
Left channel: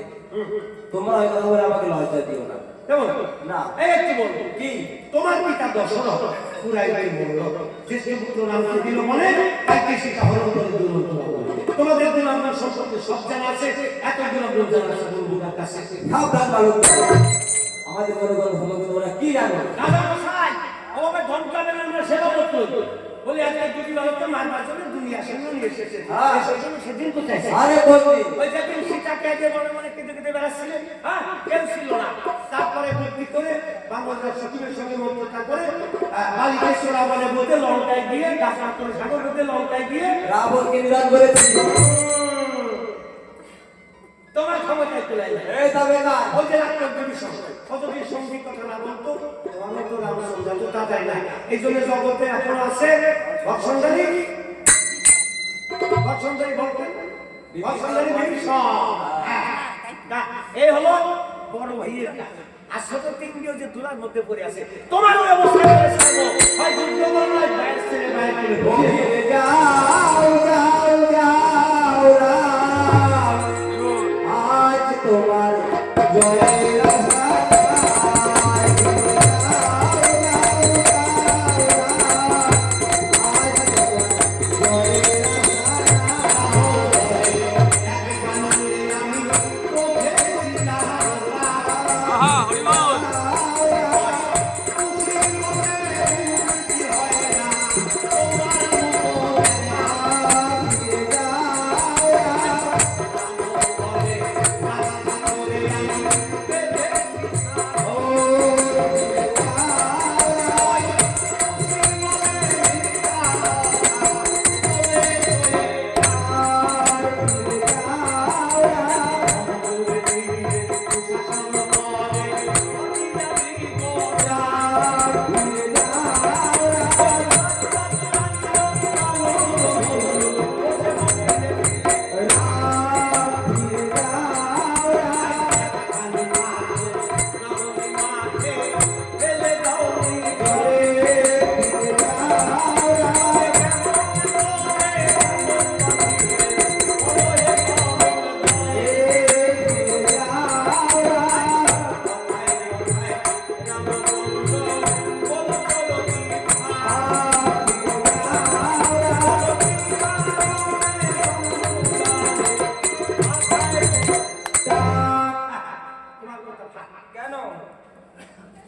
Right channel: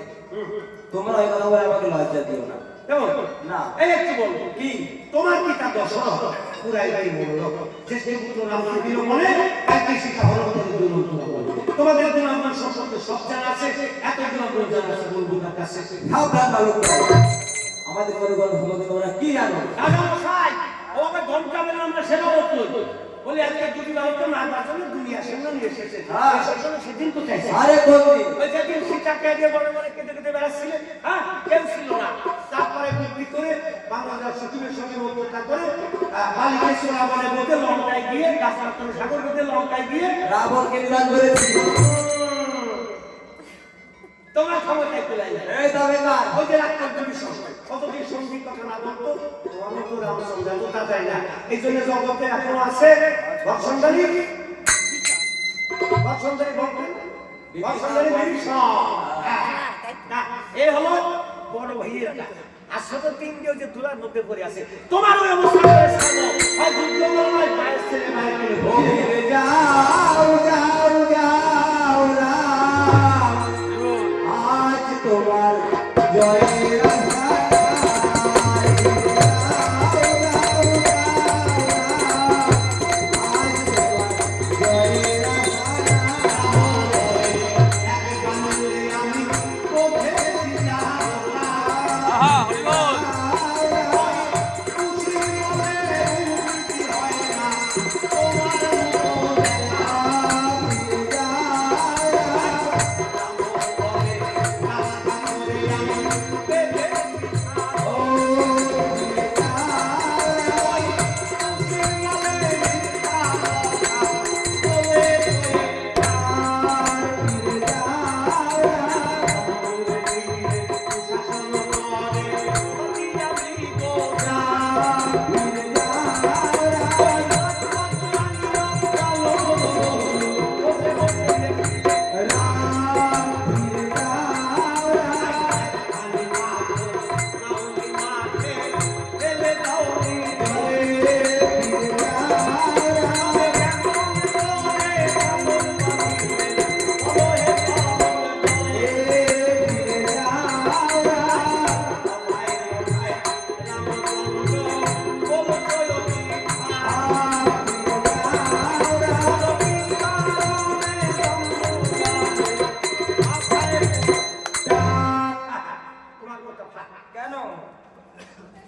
তোমরা ওই কথা বলে আমাকে লজ্জা দিও না। কেমন না। এই একটু বলবো কি তোমার পিতা দশরথ পুরাই তাই বলল জ্যেষ্ঠ পুত্র রামকে দিল মনে তাই সেটা হলো দুর্মন্ত্র বলে। তোমাদের গুণাগুণ সম্পর্কে সব জানা আছে, এত গুণাগুণ জানা আছে বলবো তার কাছে। সাবধান মালতয়, আমাদের কোনো কোনো সম্পর্কে তোমরা কি জানো? দাদা মশাই ও আমাকে ধমকাবেন না, আমরা সেবা করতে বলি আজকে দুটি বালককে মারবার জন্য দুনিয়া সামনে নিয়ে এসেছে। হ্যাঁ। এই জন্য সেদিন কোথায় ছিল? আরে বন্দি, ওই যেদিন সীতাকে আগে মনে মনে কেঁদে কেঁদে বেড়াচ্ছিলেন, হ্যাঁ কেউ ছিল না। তারপরে বুদ্ধি করে বাংলাদেশ সচিবের সঙ্গে মধ্যতা করে বালিকেশ্বর বলে বলতে লঙ্কায় গিয়ে গাছ করে সাগর বেঁধে লঙ্কায় গিয়ে রাবণকে নিধন করেছি। তোমার ক্ষমতায় চলে যায়। এই তবে না, ওই যে রাক্ষস দেবীর সঙ্গে কতদিন সঙ্গীত কথা না বলতো তোমার তো রামচন্দ্র তো তা যায় না। এই জন্য জগতে এখনো আছে বর্ষণধারী বলতেন বর্ষণধারী বিভীষণ। এই হলো বড় ভাইয়ের ডাক। আর ছোট তিনটিও যে তুলার মধ্যে পড়ে আছে, তোমার ওই অবস্থা করে ছাড়বো হয় যুদ্ধ করো বাইরে ছেলে বাইরে করে ফিরে যাও যাও যাও রাম, আজ তোমার জয়ের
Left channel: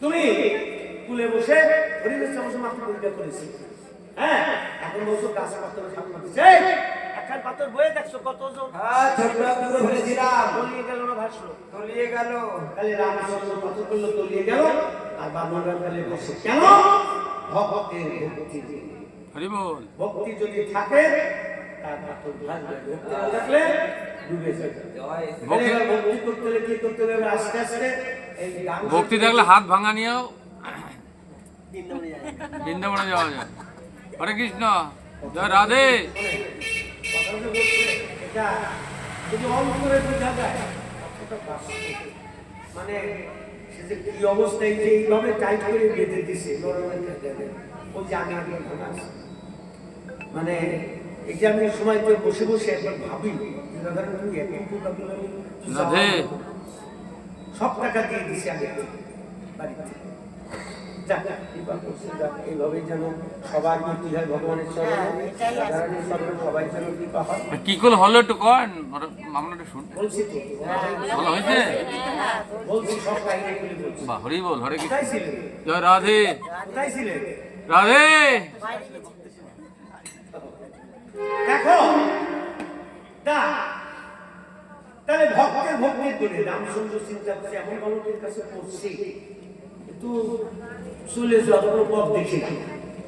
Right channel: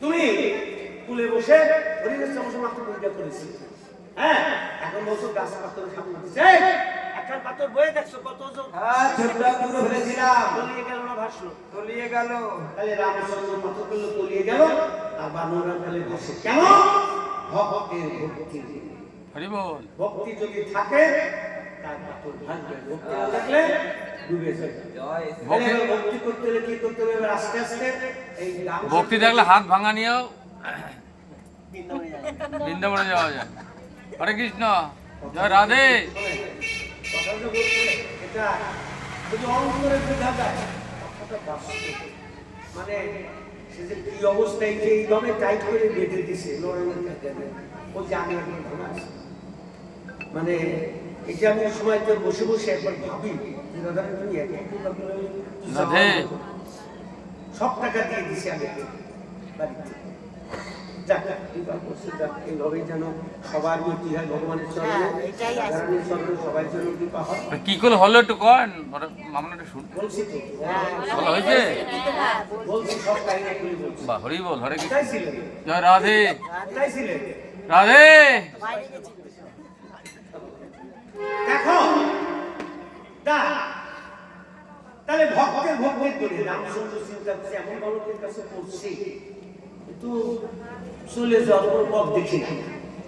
তুমি কুলে বসে হরিবেশ চামচে মাত্র পরিচয় করেছি। হ্যাঁ এখন বলছো গাছ পাথরে সামনে দিচ্ছে একখান পাথর বয়ে দেখছো কত ওজন? ছোটরা পুরো ফেলেছিলাম, তলিয়ে গেল না ভাসলো? তলিয়ে গেল। তাহলে রামচন্দ্র পাথর করলো তলিয়ে গেল, আর বানররা তাহলে ভাসে কেন? ভক্তের ভক্তি। হরি বল। ভক্তি যদি থাকে তার পাথর ভাসবে, ভক্তি না থাকলে ডুবে যাবে। জয় তাহলে এবার ভক্তি করতে হলে কি করতে হবে? এবার আস্তে আস্তে এই গান ভক্তি থাকলে হাত ভাঙা নিয়েও বৃন্দাবনে যাওয়া যায়। হরে কৃষ্ণ, জয় রাধে। কথাটা বলছে এটা যদি অন্তরে বোঝা যায় কথাটা বাস্তব। মানে সে যে কি অবস্থায় যে এইভাবে টাইট করে বেঁধে দিছে লড়াইয়ের কাছে ওই যে আগে একবার ভাঙা আছে। মানে এই যে আমি সময় তো বসে বসে একবার ভাবি যে দাদা তুমি এত রাধে। সব টাকা দিয়ে দিছি আগে বাড়িতে। যাক এবার বলছে যাক এইভাবেই যেন সবার মৃত্যু হয় ভগবানের চরণে, রাধারানীর চরণে সবাই যেন কৃপা হয়। কি করে হলো একটু কন, আমরা একটু শুন। বলছি তো বলা হয়েছে? বলছি সব কাহিনী খুলে বলছি। বা হরি বল। হরে কৃষ্ণ, কোথায় ছিলেন? জয় রাধে। কোথায় ছিলেন? রাধে। দেখো তা তাহলে ভক্তের ভক্তির করে রামচন্দ্র চিন্তা করছে এমন বালকের কাছে পড়ছি একটু চলে যাওয়ার কোনো পথ দেখি না।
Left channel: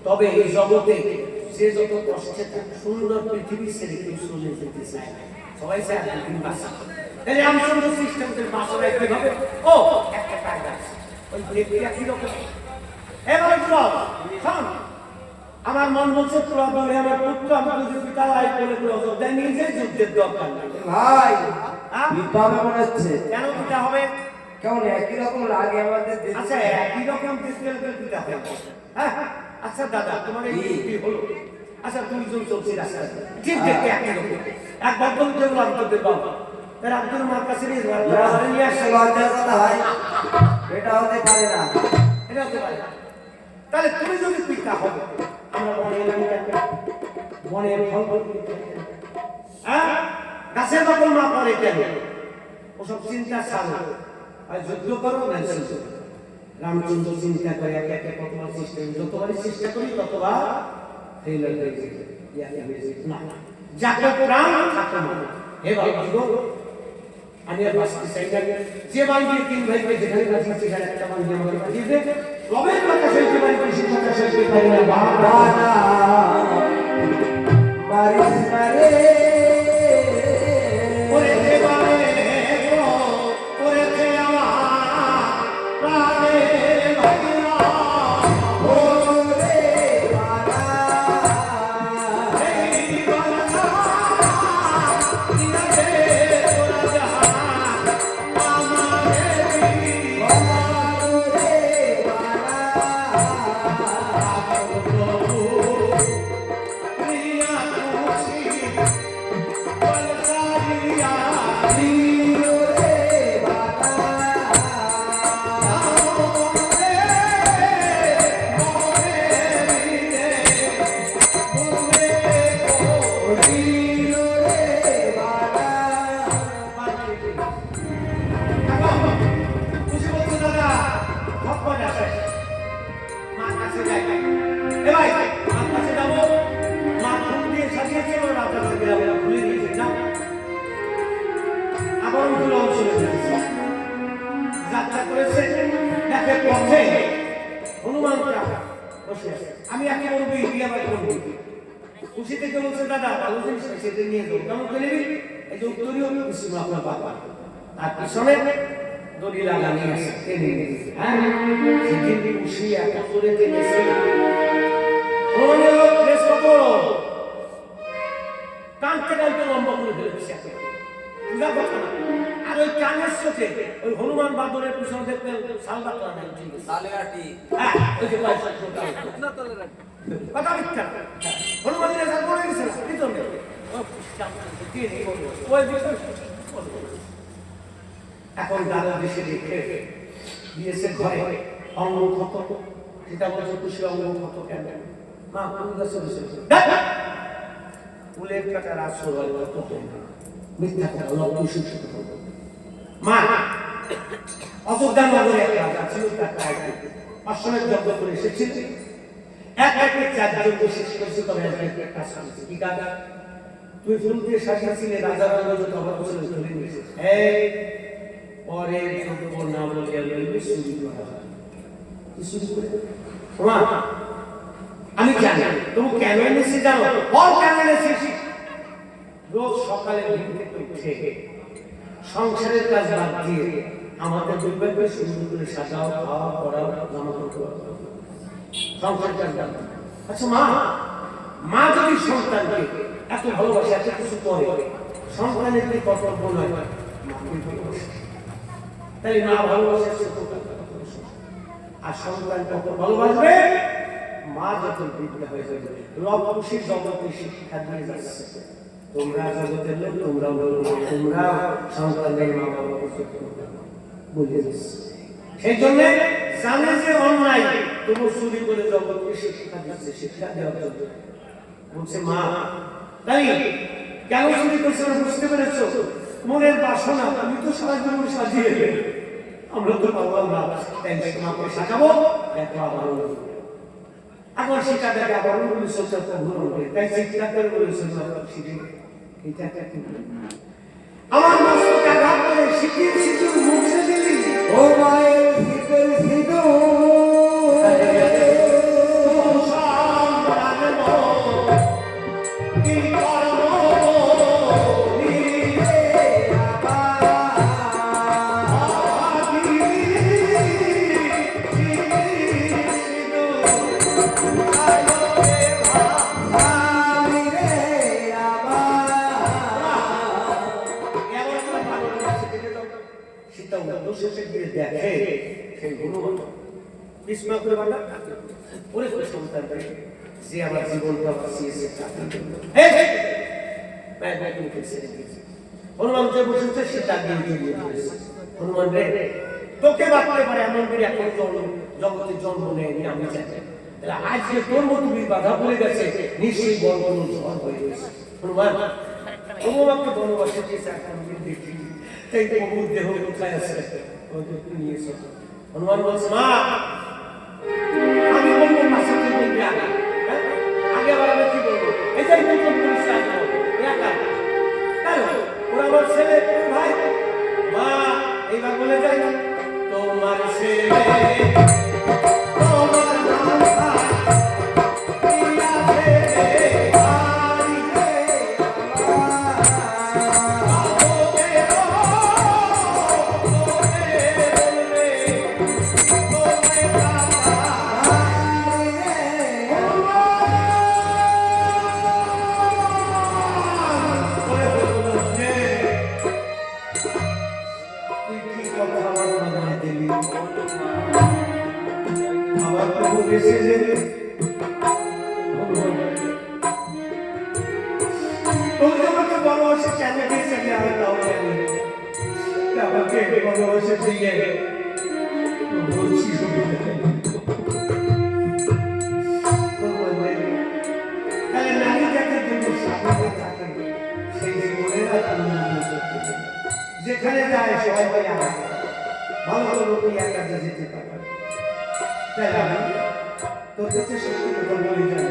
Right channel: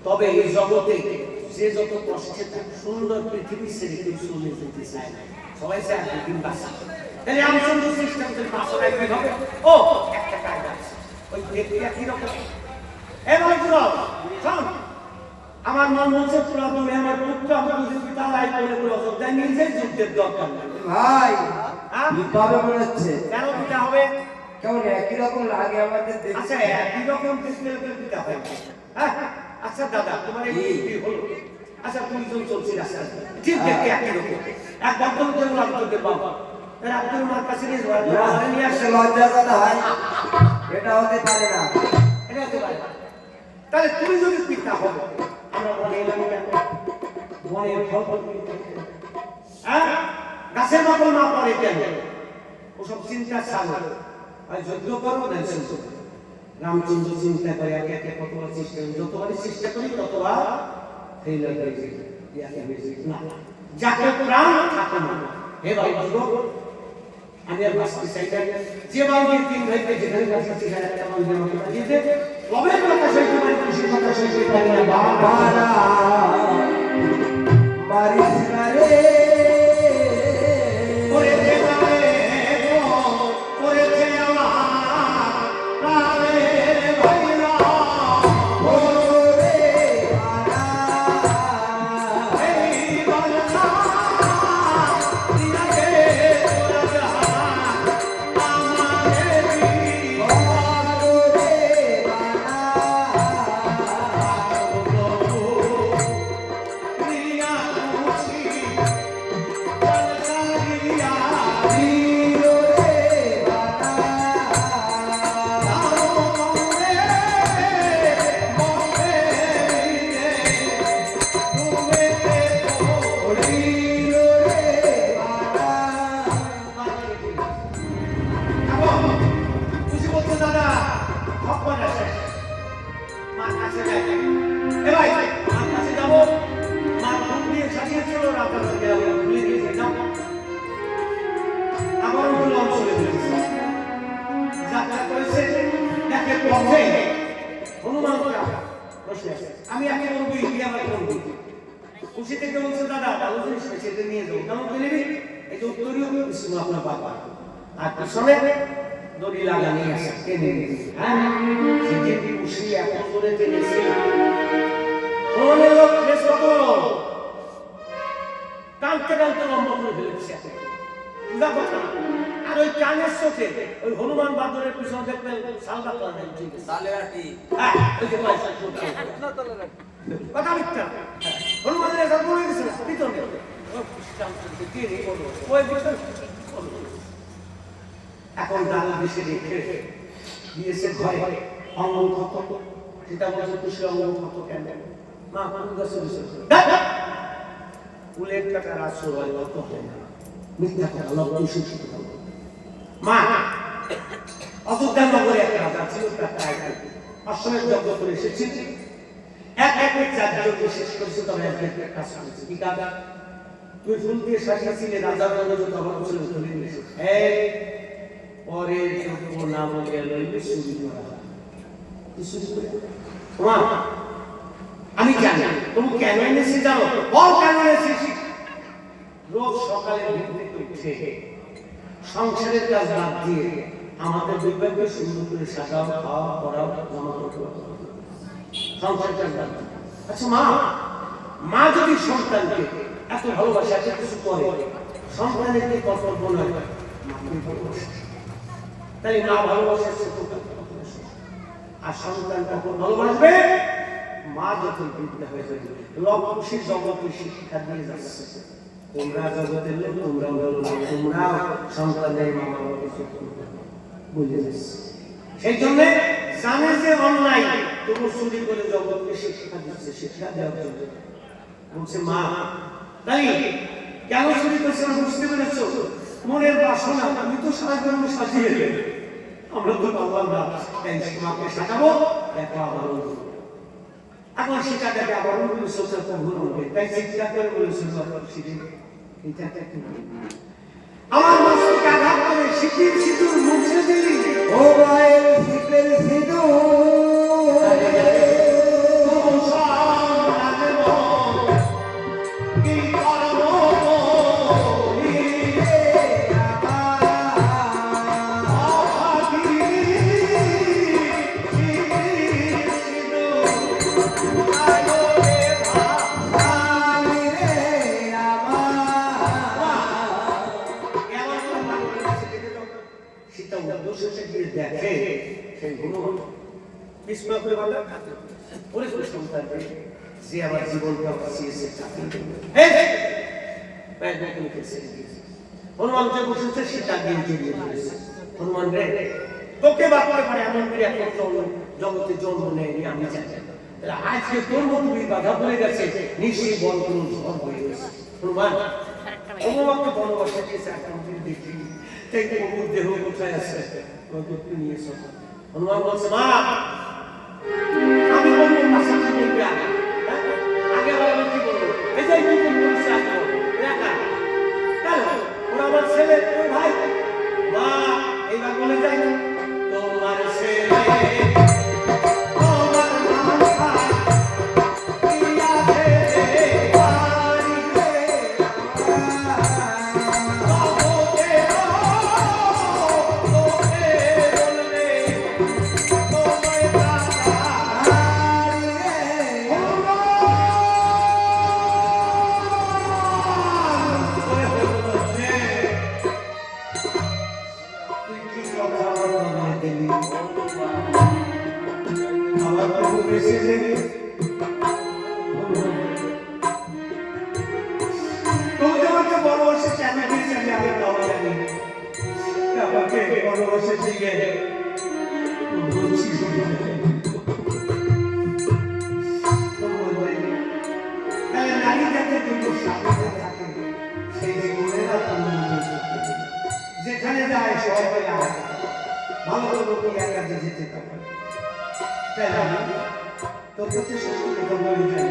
তবে এই জগতে যে যত কষ্টে থাকে সুন্দর পৃথিবী ছেড়ে কেউ চলে যেতে চায় না। সবাই চায় দুদিন বাঁচা। তাহলে রামচন্দ্র সিস্টেমদের বাঁচানো কিভাবে? ও একটা কায়দা আছে, ওই দেখতে একই রকম। এবার শোন, আমার মন বলছে তোরা দূরে আমার পুত্র আমার যদি তালাই করে করে অযোধ্যায় নিয়ে যাই, যুদ্ধের দরকার নাই। ভাই হ্যাঁ? বিপাবে মনে হচ্ছে কেন পিতা হবে? কেমন একই রকম লাগে আমাদের দেখতে। আচ্ছা একই রকম দেখতে লোকের পিতা হয়। হ্যাঁ আচ্ছা দাদা, তোমার এই বুদ্ধি হলো। আচ্ছা দুইজন চলছি রাস্তায়, ঠিক দেখতে একই রকম। এক ভদ্রলোক যেমন আব্দুলের বাবা, এর আব্দুল মার কাছে নিয়ে যাওয়ার নিয়ে আসছে। লজ্জা কথা ভাই, এটা হতে পারে না। এটা হতে পারে না। তাহলে তুমি যদি পিতা হবে, আমরা বনে এলাম কেন? বনের ফল ফল হ্যাঁ গাছের মতন না পড়ে কেন? ওসব চিন্তা ছাড়ো, আর যুদ্ধ করবো না যুদ্ধ। রামচন্দ্র চিন্তা করে একে একে কতবার চেষ্টা করি, যতবারই চেষ্টা করি ততবার ফেইলার হয়ে যায়। না, যাকে প্রাণ থাকে না। হে বাবা, আমি আর বাঁচতে চাই না। যে বাড়ির তিন ভাইকে যেখানে বাঁচিয়েছি সেখানে একটা বাড়ি আমাকে বাঁচিয়ে দে। রবের কথা সইতে পারি, খুশির কথা সইতে পারি না। বাবা মারিস না রে, ওরে দেবারে গো, ওরে দে আমার প্রাণের ভাইরা, ওরে বাবা এই বালনা ইনাকে তোরা যা আমাদের ওরে প্রভু প্রিয়া খুশি বলসারিয়া বাবা আমি একে বলবো আমার করবো খুশি থেকে বলছে দাদা ভালো জিনিস সেটা নিয়ে যাবো কেমন করে নিবি? এই যে উত্তরীয় আপনার বাবা আর পিছনে দড়ি লাগানি আছে টেনে নিয়েছে। হ্যাঁ সেদিন খুশি এত করে টেনেছে টানতে টানতে লম্বা করে ফেলেছে। বুঝা কথা না। আর ওই কানের চোখে ওই হনুমান বাদরের পিছনে দেখবেন শাল বাকলা নাই, ঠিক আছে? হ্যাঁ ওই যে কথা মিথ্যা না। হনুমানের এসব বলে গেছে না পিছনে ওই পিছনে এখন দাদা দেশে রেখে দিয়েছে ঘরে অঙ্গ ক্ষত। সেটা বলছে খুশি অঙ্গ ক্ষত কেন? মা ফুল গাছে বসে ফুলের কাটার আসর হয় কত হয় না, মিথ্যা কথা লব্ধ শিক্ষিত হবে। মা অযোধ্যা নগরে একটা রাজা ছিল, তার কায়দা অশ্বমেধ যজ্ঞ করে এসেছিল। এক একে চারজন শেষ করেছে, তবে একটা কাজ করেছে। কি কাজ? তুই ফুল দিয়ে সাজিয়েছিলে রাজা রাজা যত অভাব ছিল তুলে নিয়েছিস। এই পরের যোগ্য না বলিয়া লইলে চুরি করা হয়। কি চুরি করে? মা আমি জানি তুমি কেন এনেছি জানো? বল কেন এনেছিস? রোজ সকালে ঘুম থেকে উঠে সংসারের কাজ বাদ দিয়ে আমাদের দুর্ভাগ্য সুন্দর করে সাজাও, খাওয়া, পড়াও, জামা কাপড়, সংসারের কাজ বাদ দিয়ে। আচ্ছা মা, মা যদি সন্তানকে এত ভালোবাসে, এত কিছু করে, সন্তানের কি কর্তব্য নয় মাকে ভালোবাসে? তাহলে মা ভালোবাসে আর সন্তান কখন ভালোবাসবে? মা যখন বৃদ্ধ হয়ে যাবে। রব খুশির জগতে শিক্ষা দিয়ে যাচ্ছে, তোমরা জগতের লোক, তোমরা বলো না, তোমরা সন্তানের মা বাবাকে বলে দিচ্ছে। সেই জন্য জানে যে অন্যায়, তবু চুরি করে জগৎকে শিক্ষা দিচ্ছে। শিক্ষা দেওয়ার জন্য বলছে মা, তাই কেন চুরি করছে না বুঝতে পেরেছো? মনের বাসনা, আমি তো সারা জীবন সাজিয়ে আমরা তো পারলাম না, তাই মাকে সাজাবো, দেখো আবার এখন সেটা দেখে আবার তাই চিন্তা করে বলেছিল আমার মস্তকে আঘাত করে সিঁথির সিঁদুর মুছে দিলি। ও মায়ের শীতের সিঁদুর বিস্মা করে বাবা কাঁদে ওরে সন্তান যে আমার জীবনটা বাঁচিয়েছে হনুমান যে বসেছে সেটা দিয়ে জড়িয়ে ধরেছে হনুমান রে তোকে বাঁচতে পারে এমন করে এখন জগতে জন্ম নেয়নি আমি জানি তাহলে আজকে তোর মতো বাধা পড়ে গেছে নিশ্চয়ই বল কোনো ঝড় হয়ে গেছে হনুমান অনুমাকে বনবাসে দিয়েছে এখন দেখি তাই প্রভুর দেহ কোথায় আছে নিয়ে এসো হনুমান বলছে মা আমি বলবো মাসা তুই বলবি আগে আগে আবার আমি কি বলবো এটাই তুই বলিস আসবো একা তাহলে ওরা আমার ছেলে তোর ভাই মা এইবার বলে যাই তোমার ছেলে তোমার নাম ভাই প্রিয়া ছেলে বাড়িতে বাবুকে বলবে তোকে বনবাসে কেন গেছে আমি তাও জানি আমাকে বনবাসে দিয়ে বলছি নারী জাতির জন্য সামনে থাকে সেই জীবনের যেখানে যায় সবাই ভালো লোকই একা যেতে পারে তাই আমি তোর কাছে সত্যি কথা বলে যাই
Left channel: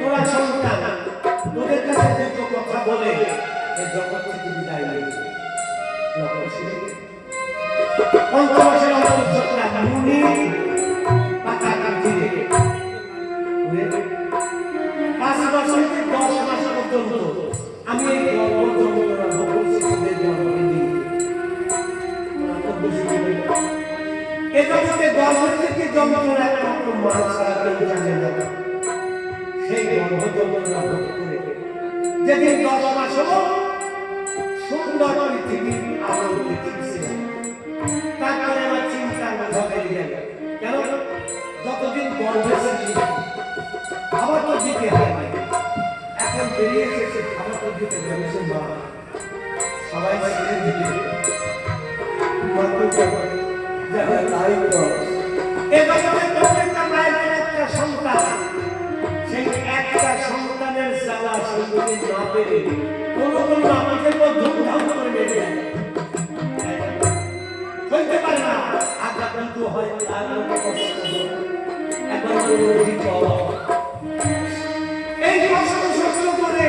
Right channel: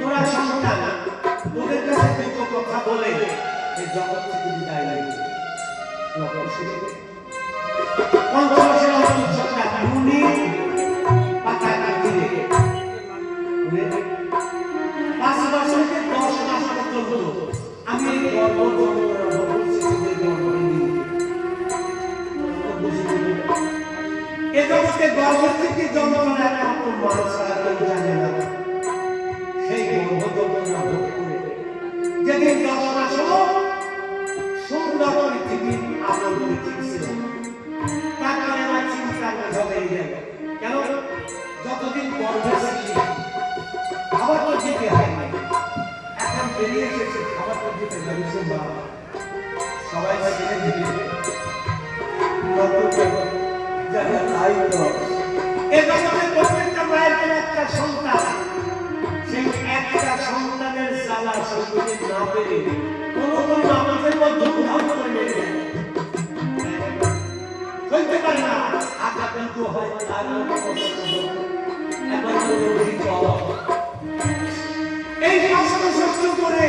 তোরা সন্তান তোদের কাছে দুটো কথা বলে এই জগৎ থেকে বিদায় নেবে পঞ্চমাসের অন্তর্চক্রা মুনি পাতা কাটিয়ে 5 মাস থেকে 10 মাস পর্যন্ত আমি এই গর্ভ যন্ত্রণা ভোগ করছি তোদের জন্মদিন এ জগতে গর্ভ থেকে যন্ত্রণা একমাত্র মা ছাড়া কেউ জানে না সেই গর্ভ যন্ত্রণা ভোগ করে যেদিন 10 মাস হলো সুন্দর পৃথিবীর আলো দেখিয়েছিলাম তারপরে আমার চিন্তার মাঝে বেরিয়ে গেল কেন যতদিন গর্ভে ছিলি খাবার তো দিতে হয় না এখন বেরিয়ে এসেছে খাবার তো দিতে গেছে মা সবাই ছেড়ে দিবে প্রত্যেকটা মায়ের একটা সন্তান সেই একটা সন্তানের জ্বালা সইতে না পেরে কোনো আমাদের ধুমধাম করে বেড়ে যায় হইতে পারে না আঘাত কিন্তু হয় এই শাসন সহ্য করে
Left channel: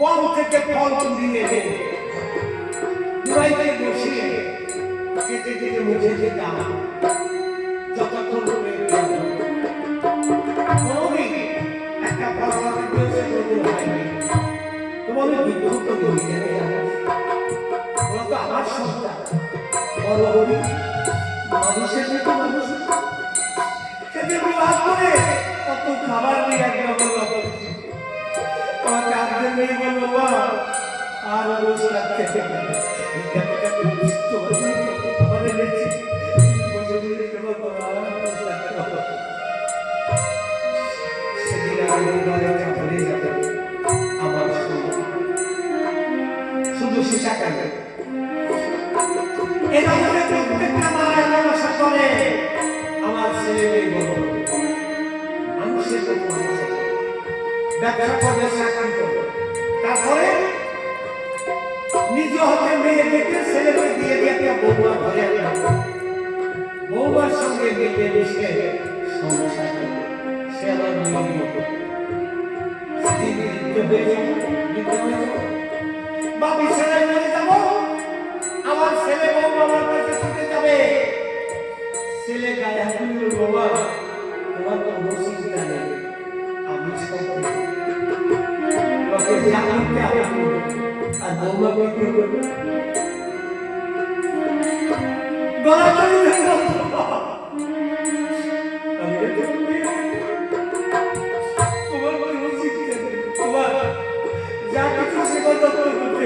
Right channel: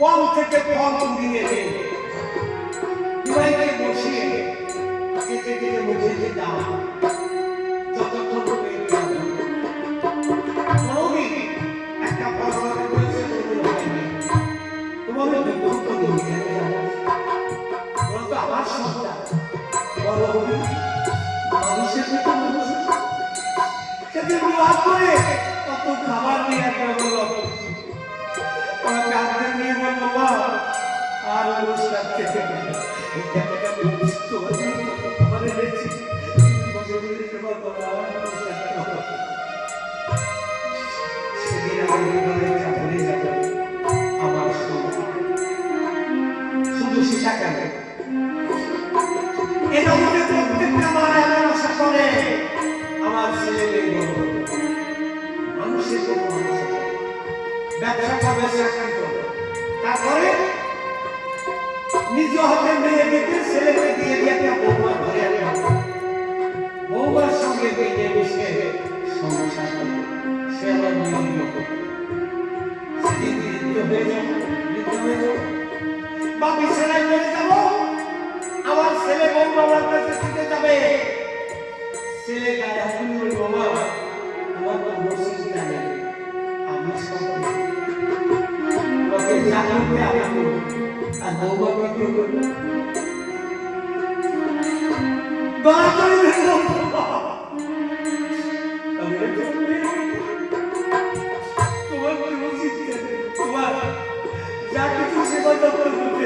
বল থেকে ফল তুলিয়ে দেয় বসিয়ে কেটে কেটে মুখে যেতাম যতক্ষণ কোনোদিন একটা ফলনের দিয়েছে হয়নি তোমাদের দুঃখ তো আমার সন্তান বড় হবি মানুষের মতো মানুষ সেদিন বিবাদ করে কত খাবার নিয়ে একটা বলল আমার কাঁদতে নিয়ে বলবো মা আর অনুষ্ঠান খেতে গেল সেদিন আমার শুধু শিশা কেন প্রত্যেকটা মা এমন আশা করে আমার ছেলে মানুষের ব্যবসা করবে চাকরি করবে তারপরে নিজ হাতে মেয়ে দেখে ছেলেকে দিয়ে দিয়ে একটা বৌমা ঘরে আনবে বৌমার সঙ্গে মিলে মিশে সংসার করবে সে আমার মেয়ের মতো বা বিছানায় পড়ে যাবো আমার ছেলে বৌমা আমার কাছে ছুটে যাবে ছেলে গায়ে হাত তুলে বাবা তোমার কোনো চিন্তা নেই আমি সবাই জানতে আমি আর বৌমাকে কি করবো গলা ধরে তোমার কি উচিত তোমার যা কিছু সেবা যত্ন করতে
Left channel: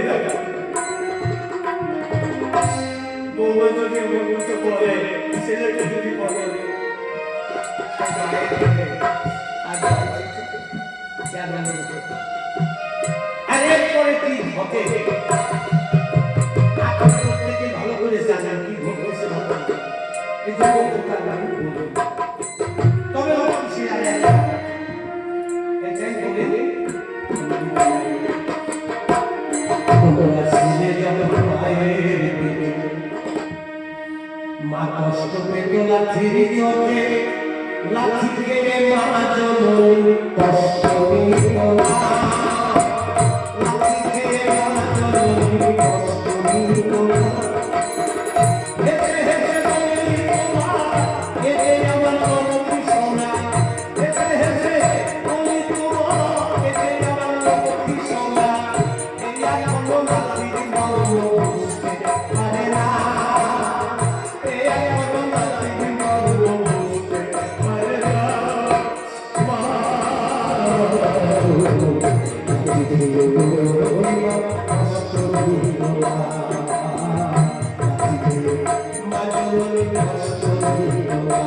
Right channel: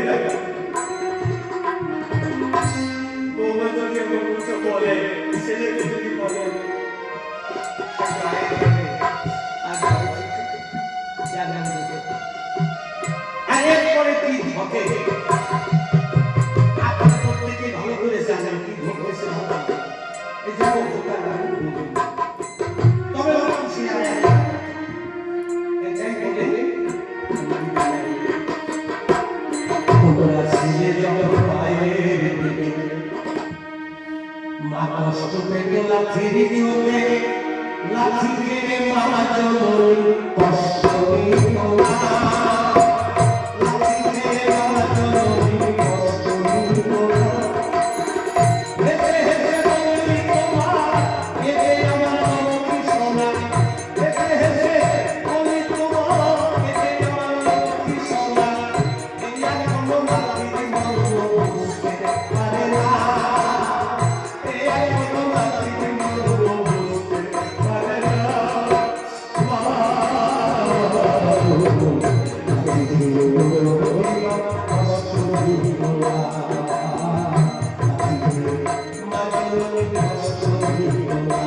বলে ছেলেকে যদি বলে মায়ের বলে আর জানা নেই। আর এরপরে কি ঘটে আপনারা প্রত্যেকেই ভালো করে জানেন কি ঘটেছে ঘটনা। এই যে ঘটনার নাম বলুন। তবে অবশ্যই জানেন এটাই বলে তোমরা ছিলে যখন মায়ের পেটে, মা কষ্ট পেত লাঠির চোটে, লাঠি খেয়ে মা জননী কষ্ট পেত না। লাঠি খেয়ে মা জননী কষ্ট পেত না। হেসে হেসে বলি তোমার এ যে আমার লক্ষ্মী সোনা। হেসে হেসে বলি তোমার এ যে আমার লক্ষ্মী সোনা। এই এখনো লাঠির মর্ম বুঝতে পারে না। এই এখনো লাঠির মর্ম বুঝতে পারে না। মা কষ্ট দিও না। মা জননী কষ্ট দিও না।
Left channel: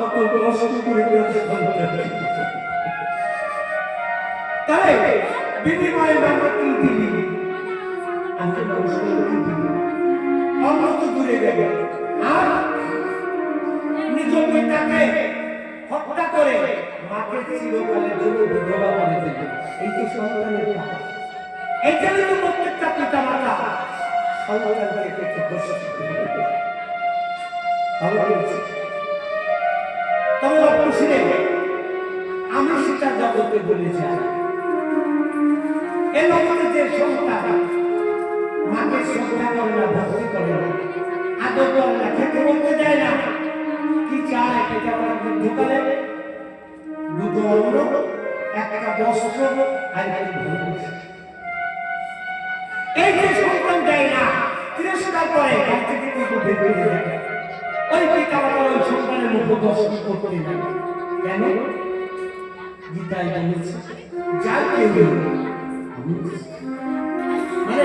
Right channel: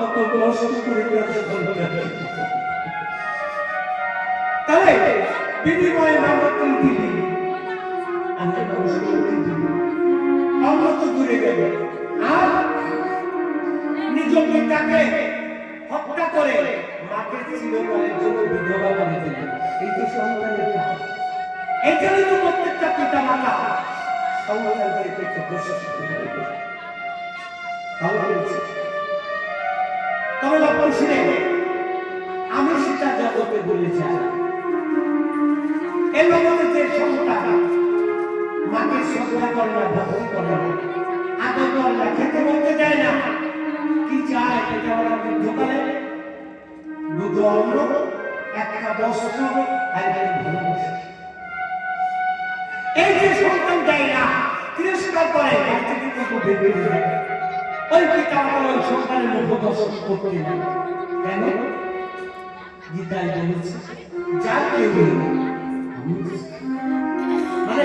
কত কষ্ট করে তাহলে বিনিময়ে মানে তুমি দিবি, আমি তো মানুষের দিবি, অন্য তো দূরে গেবে, আর নিজ পিতাকে হত্যা করে মাকে চিরকালের জন্য বিধবা করে দিবে। এই তো সন্তানের কাজ। এই জন্য তো প্রত্যেকটা পিতা মাতা সন্তানকে করতে বসে ভালো করেছে। তবে লক্ষ্য শুনে আমি সেটা জগতে বলেছি, এর মধ্যে যে সন্তান মাকে শ্রদ্ধা করে না, ভক্তি করে না, আদর করে না, খেতে বলতে দেয় না, কি চায় এটা আমাদের দোকানে দুধ অন্ন, একটা বস্ত্র আর একটি ভালোবাসা। এই যে সন্তান দেয় না, তিরস্কার করে, বাড়ি থেকে কিন্তু বের করে দেয়, ওই পিতা মাতা ওই সন্তানের মুখ দর্শন করতে না। কেন? গীতায় বলেছে যার কেউ মানে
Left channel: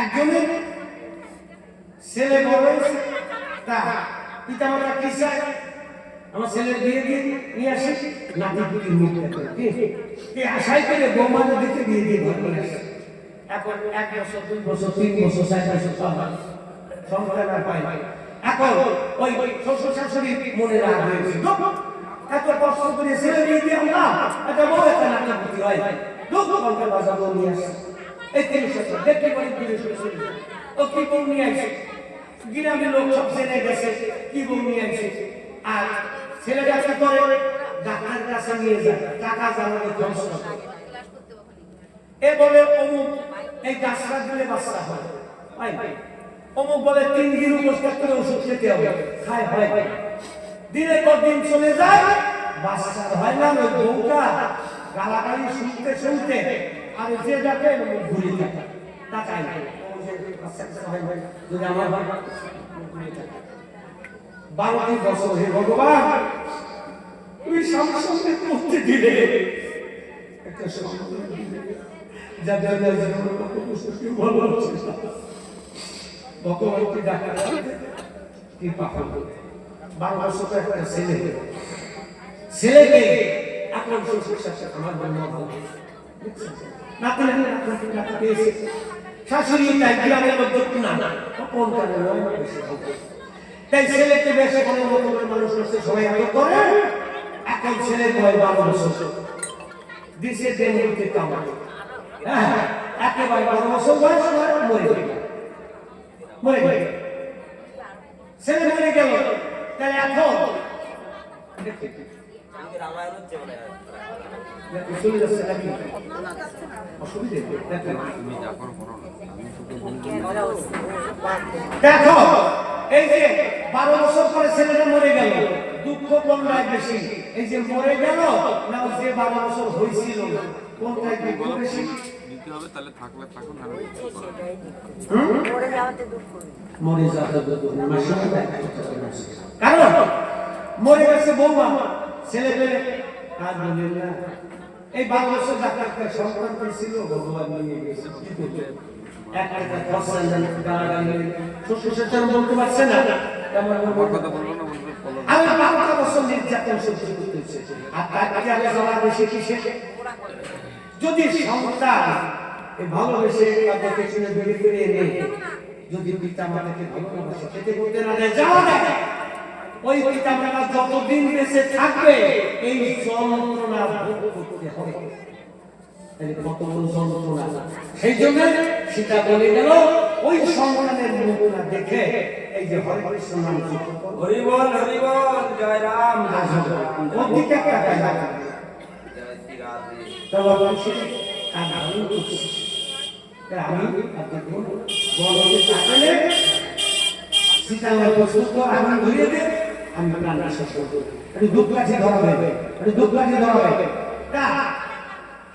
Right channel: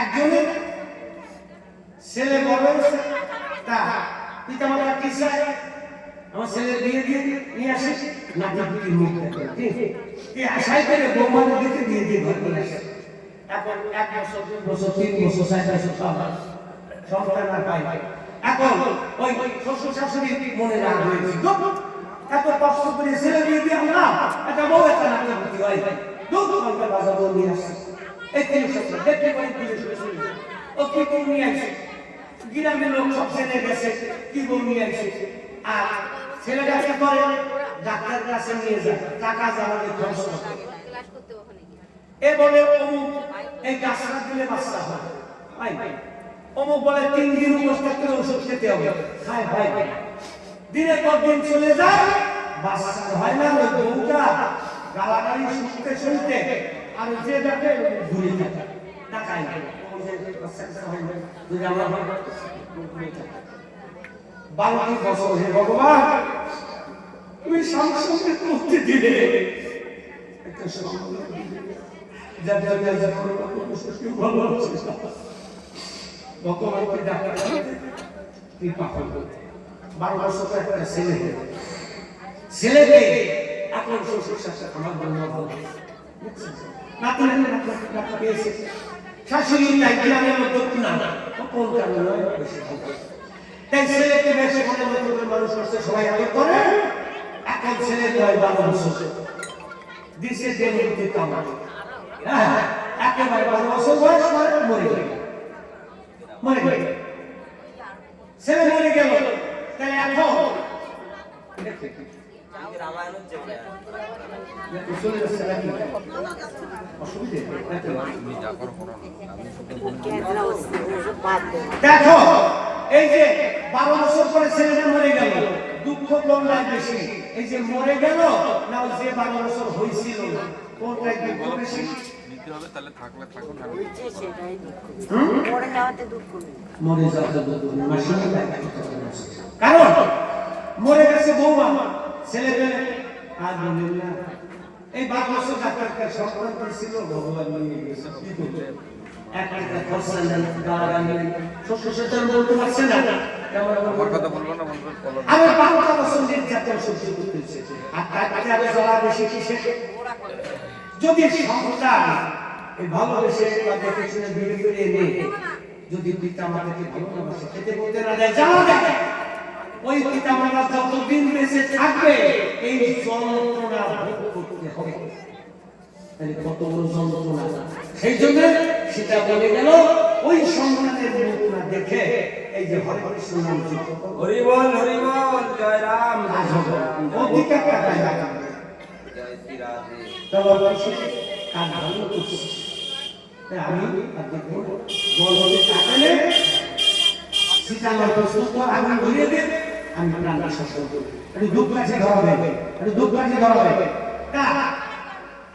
একজনের ছেলে বড় হয়েছে, তা পিতা মাতা কি চায়? আমার ছেলের বিয়ে দিয়ে নিয়ে আসে, নাতি মুখ দেখে আশাই করে বৌমাদের দিতে বিয়ে দিয়ে ঘর নিয়ে আসে। এখন 1 বছর 2 বছর 3 বছর 4 বছর সংসার আর পায় না। এখন ওই শ্বশুর শাশুড়ি মনে রাগ হয়েছে, এত কষ্ট করে ছেলে বিয়ে দিয়ে আমরা একটা বউ একটা নাতি হয়, দুধ সংসার বাজার বউ নিয়ে আসে। এই 3 বছর দেখতে পারি দূরে সরে ও কি বউ নিয়ে আসে, গ্রামের লোক সব জেনে গেছে কি বউ নিয়ে আসে। আর ছেলেটা কি করে? ডাক্তারের কাছে নিয়ে যায়, টাকা জ্বালানি খরচ করে। এ বলে অমুক এই গাছটা দিলে বাচ্চা হয়, অমুক বলে 3 দিন উপোস থাকতে ওষুধ খেতে হবে, খায় ভাই দিনের পর দিন চলে যায়, বাচ্চা হয় না। ওই বউটা গালাগালি শুনতে শুনতে আর যে ডাকে ঘুরে থাকে, টাকায় যদি আমার 12 বছর, হে ভগবান তুমি সামনে করতে দিলে একটা যার জন্য ভালো হচ্ছে ভগবানকে ডাক্তার কৃপা করবে। 12 বছর একটা ছেলেকে এখন শ্বশুর শাশুড়ি আমার জন্য ভালো নাতি নাতি পেয়েছে, শাশুড়ি তাই গ্রামের মধ্যে না কোন কারণে বেশি ভালো, তাই ছেলেকে বেশ অনেক রকমের মানুষ করছে, সবাই এত করে। এখন ছেলে বয়স 12 বছর দিছে দেন হইতে কামাই, হ্যাঁ একেবারে 12 বছর বয়স মরে গেল, ছেলে মরে গেল। তাহলে এখন চলে যাচ্ছে নাকি অসুবিধে? দেখো এই যে 12 বছর পরে ছেলেটা মরে গেল, দুঃখ কোনটাই বেশি? এই যে মরে গেল না যে 12 বছর হয়েছিল, কোনটাই দুঃখ বেশি? তাহলে থাকলে থাকুন, মরে যাওয়াতে দুঃখ কারণ মরে গেছে বৌমা, ছেলে পেলে আর বলেন না। এই 12 বছর ডাক্তারকে সংক্রান্ত ছিল, ভগবান নিয়ে গেছে, একটা খরচা নেন, গালাগালি শ্বশুর শাশুড়ি বলতে পারছে না, আমার কথা বলবো না, আমি 12টা বছর নির্যাতন সহ্য করতেছি, আর তার কাছে জ্বালা বেশি কিসে? যদি সন্তান এই ভালোবেসে বা দেখে শুনে বিয়ে করে এনে যদি পিতা মাতাকে ভালোবাসে, খেতে বলতে না দেয়, জ্বালা দেয়, ওই পিতা মাতা যতদিন বেঁচে থাকবে এই যন্ত্রণা ভোগ করতে হবে। কত বড় যন্ত্রণা! সেই জন্য সেটা বলে গেল ওই সন্তানের মুখটা দেখে এই যে হরে কৃষ্ণ নাম জপ, হরি বল জয় রাম ওদিকে কাটায় না, জয় শ্রী রাধে। তবে অবশ্যই কাজ ভালো করছে। তাই আমি বলতে কাটালে সেটা আমার প্রস্তুত আগুন ধরিয়ে দেব, আমি প্রাণ বিশ্বাস করবো, একটু দুঃখ কাছে ধরা হবে, একটু দুঃখ কাছে ধরা হবে। তা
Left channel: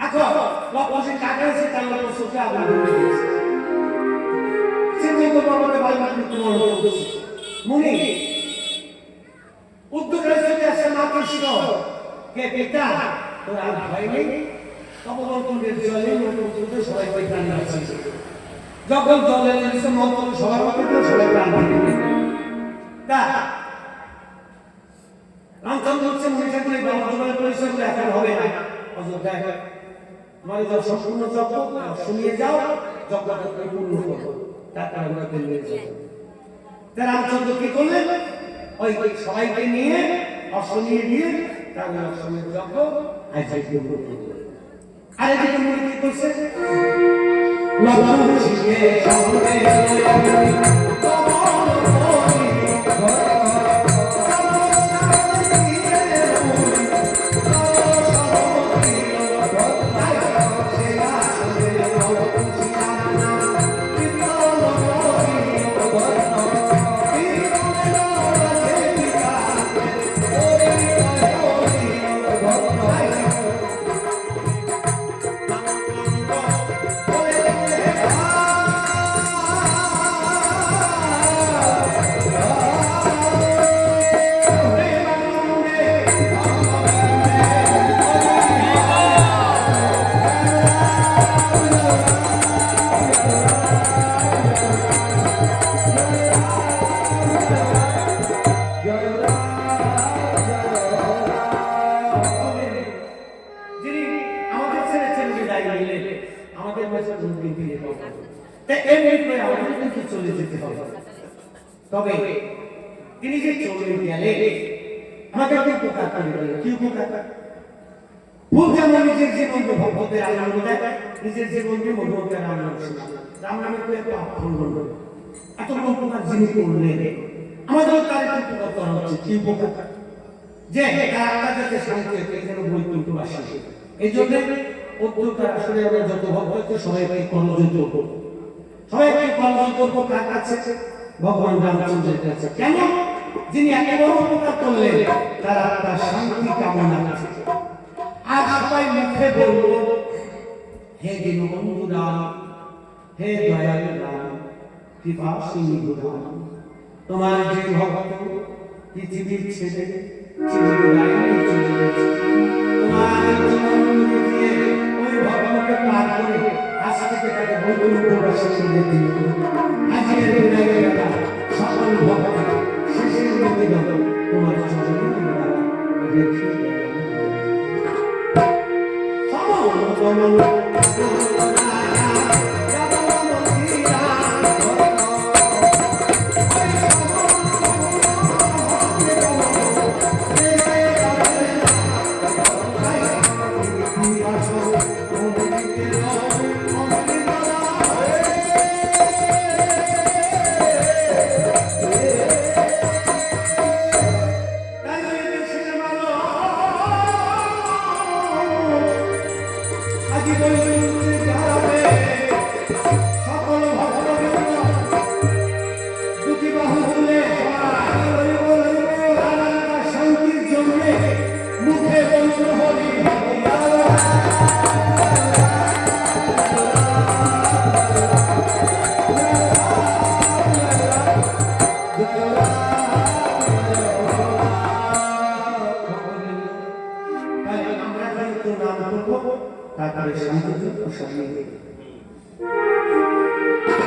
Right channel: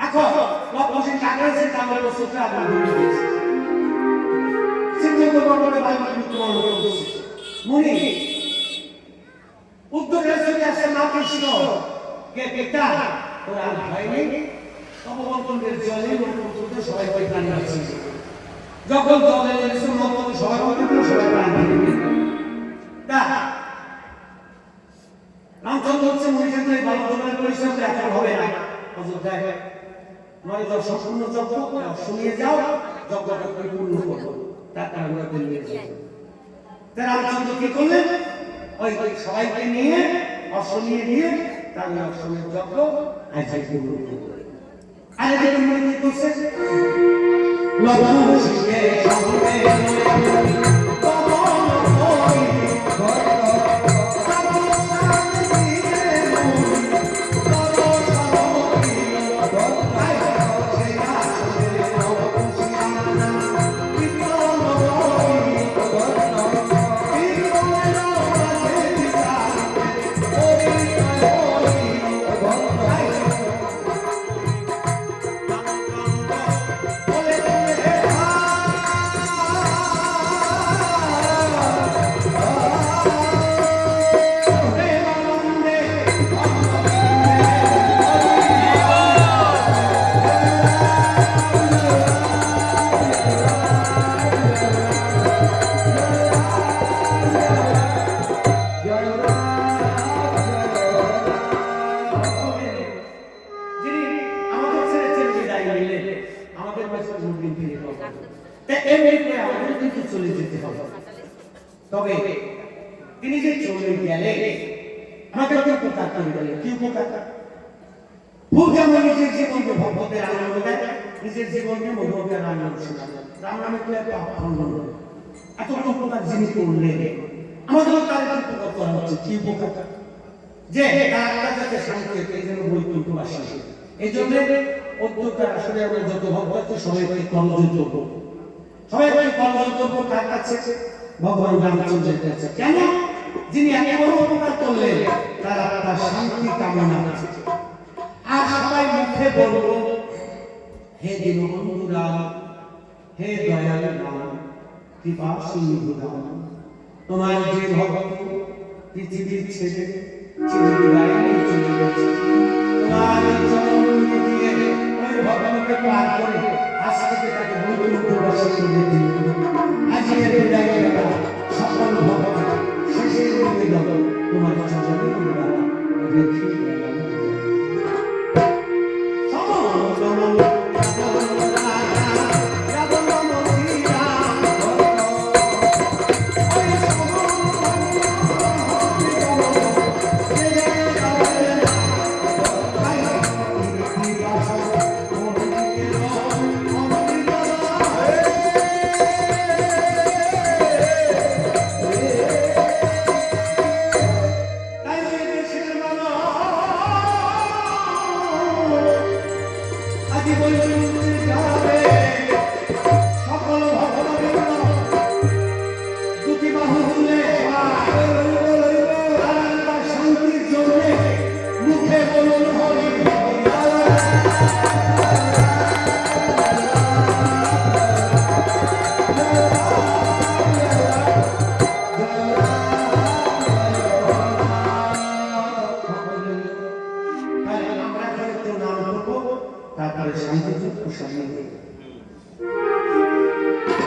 এখন লক্ষ্য কাটাইছে, তার প্রস্তুত আগুন ধরিয়ে দিয়েছে। চিন্তা করবো আমাকে বারবার মৃত্যুবরণ করতেছে। মুনি উদ্যোগের চলে আসছে মা কৃষ্ণ কে পিতা, তোর আর ভয় নেই, তপবন্তনের জলে মন্ত্রপুত্রকে সবাই প্রাণ বাঁচিয়েছে। যখন জলে নেমেছে মন্ত্র সবার মধ্যে সবাই প্রাণ বাঁচিয়ে তোমার যে সম্পূর্ণ যজ্ঞ শুনিয়ে যাও, যজ্ঞটা পূর্ণ করো, তারপর আমরা নিয়ে যাবো। তা রামচন্দ্র কি করলেন? ওই সবাইকে নিয়ে অশ্বনিয়ে দিয়ে তার অশ্বমের যজ্ঞ আজকে পূর্ণ করলেন। আর এদিকে মনে কি করছে? লবণে সঙ্গে তবে তিনি যে চলে গেলে আমাকে উপকার করলেন। কি উপকার? ভূত যেমন নিজের জীবনকে ভক্তদের আনন্দ দেয়, নিজের জীবনকে ভগবানের আনন্দ শোনায়। রাম নামে তো এত আনন্দ, এত উপকার যিনি করলেন, আমাদেরও তার উপকার করা উচিত। কি উপকার? যে তার আত্মাকে শান্তি এই যেন বৈকুণ্ঠবাসী। এই জন্য অত্যকার আসলে আমরা যত ভক্ত আছে সবাইকে কর্মযোগ্য করবো, সবাইকে কর্মযোগ্য করবো। কার কাছে? ভগবান রামচন্দ্রের কাছে। কেন? যিনি এত বড় উপকার করলেন, তার আত্মার শান্তি কামনা করছে। আর সবাই মুখে বলল, হে দীনবন্ধু রাম, হে দয়ালু রাম, কৃপা সিন্ধু রাম, তোমার যে ভক্ত পৃথিবীর ছেড়ে চিরবিদায় চলে গেছে, তোমার জীবন দিয়ে ওই ভক্তকে পার করে আজ থেকে তাকে বৈকুণ্ঠবাসী করে দিল। আজকের বিদায় বেলা সকল ভক্ত শেষের নিবেদন তোমার চরণে আমরা রেখে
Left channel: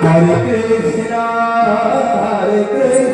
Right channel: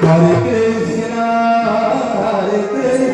Hare Krishna, Hare Krishna.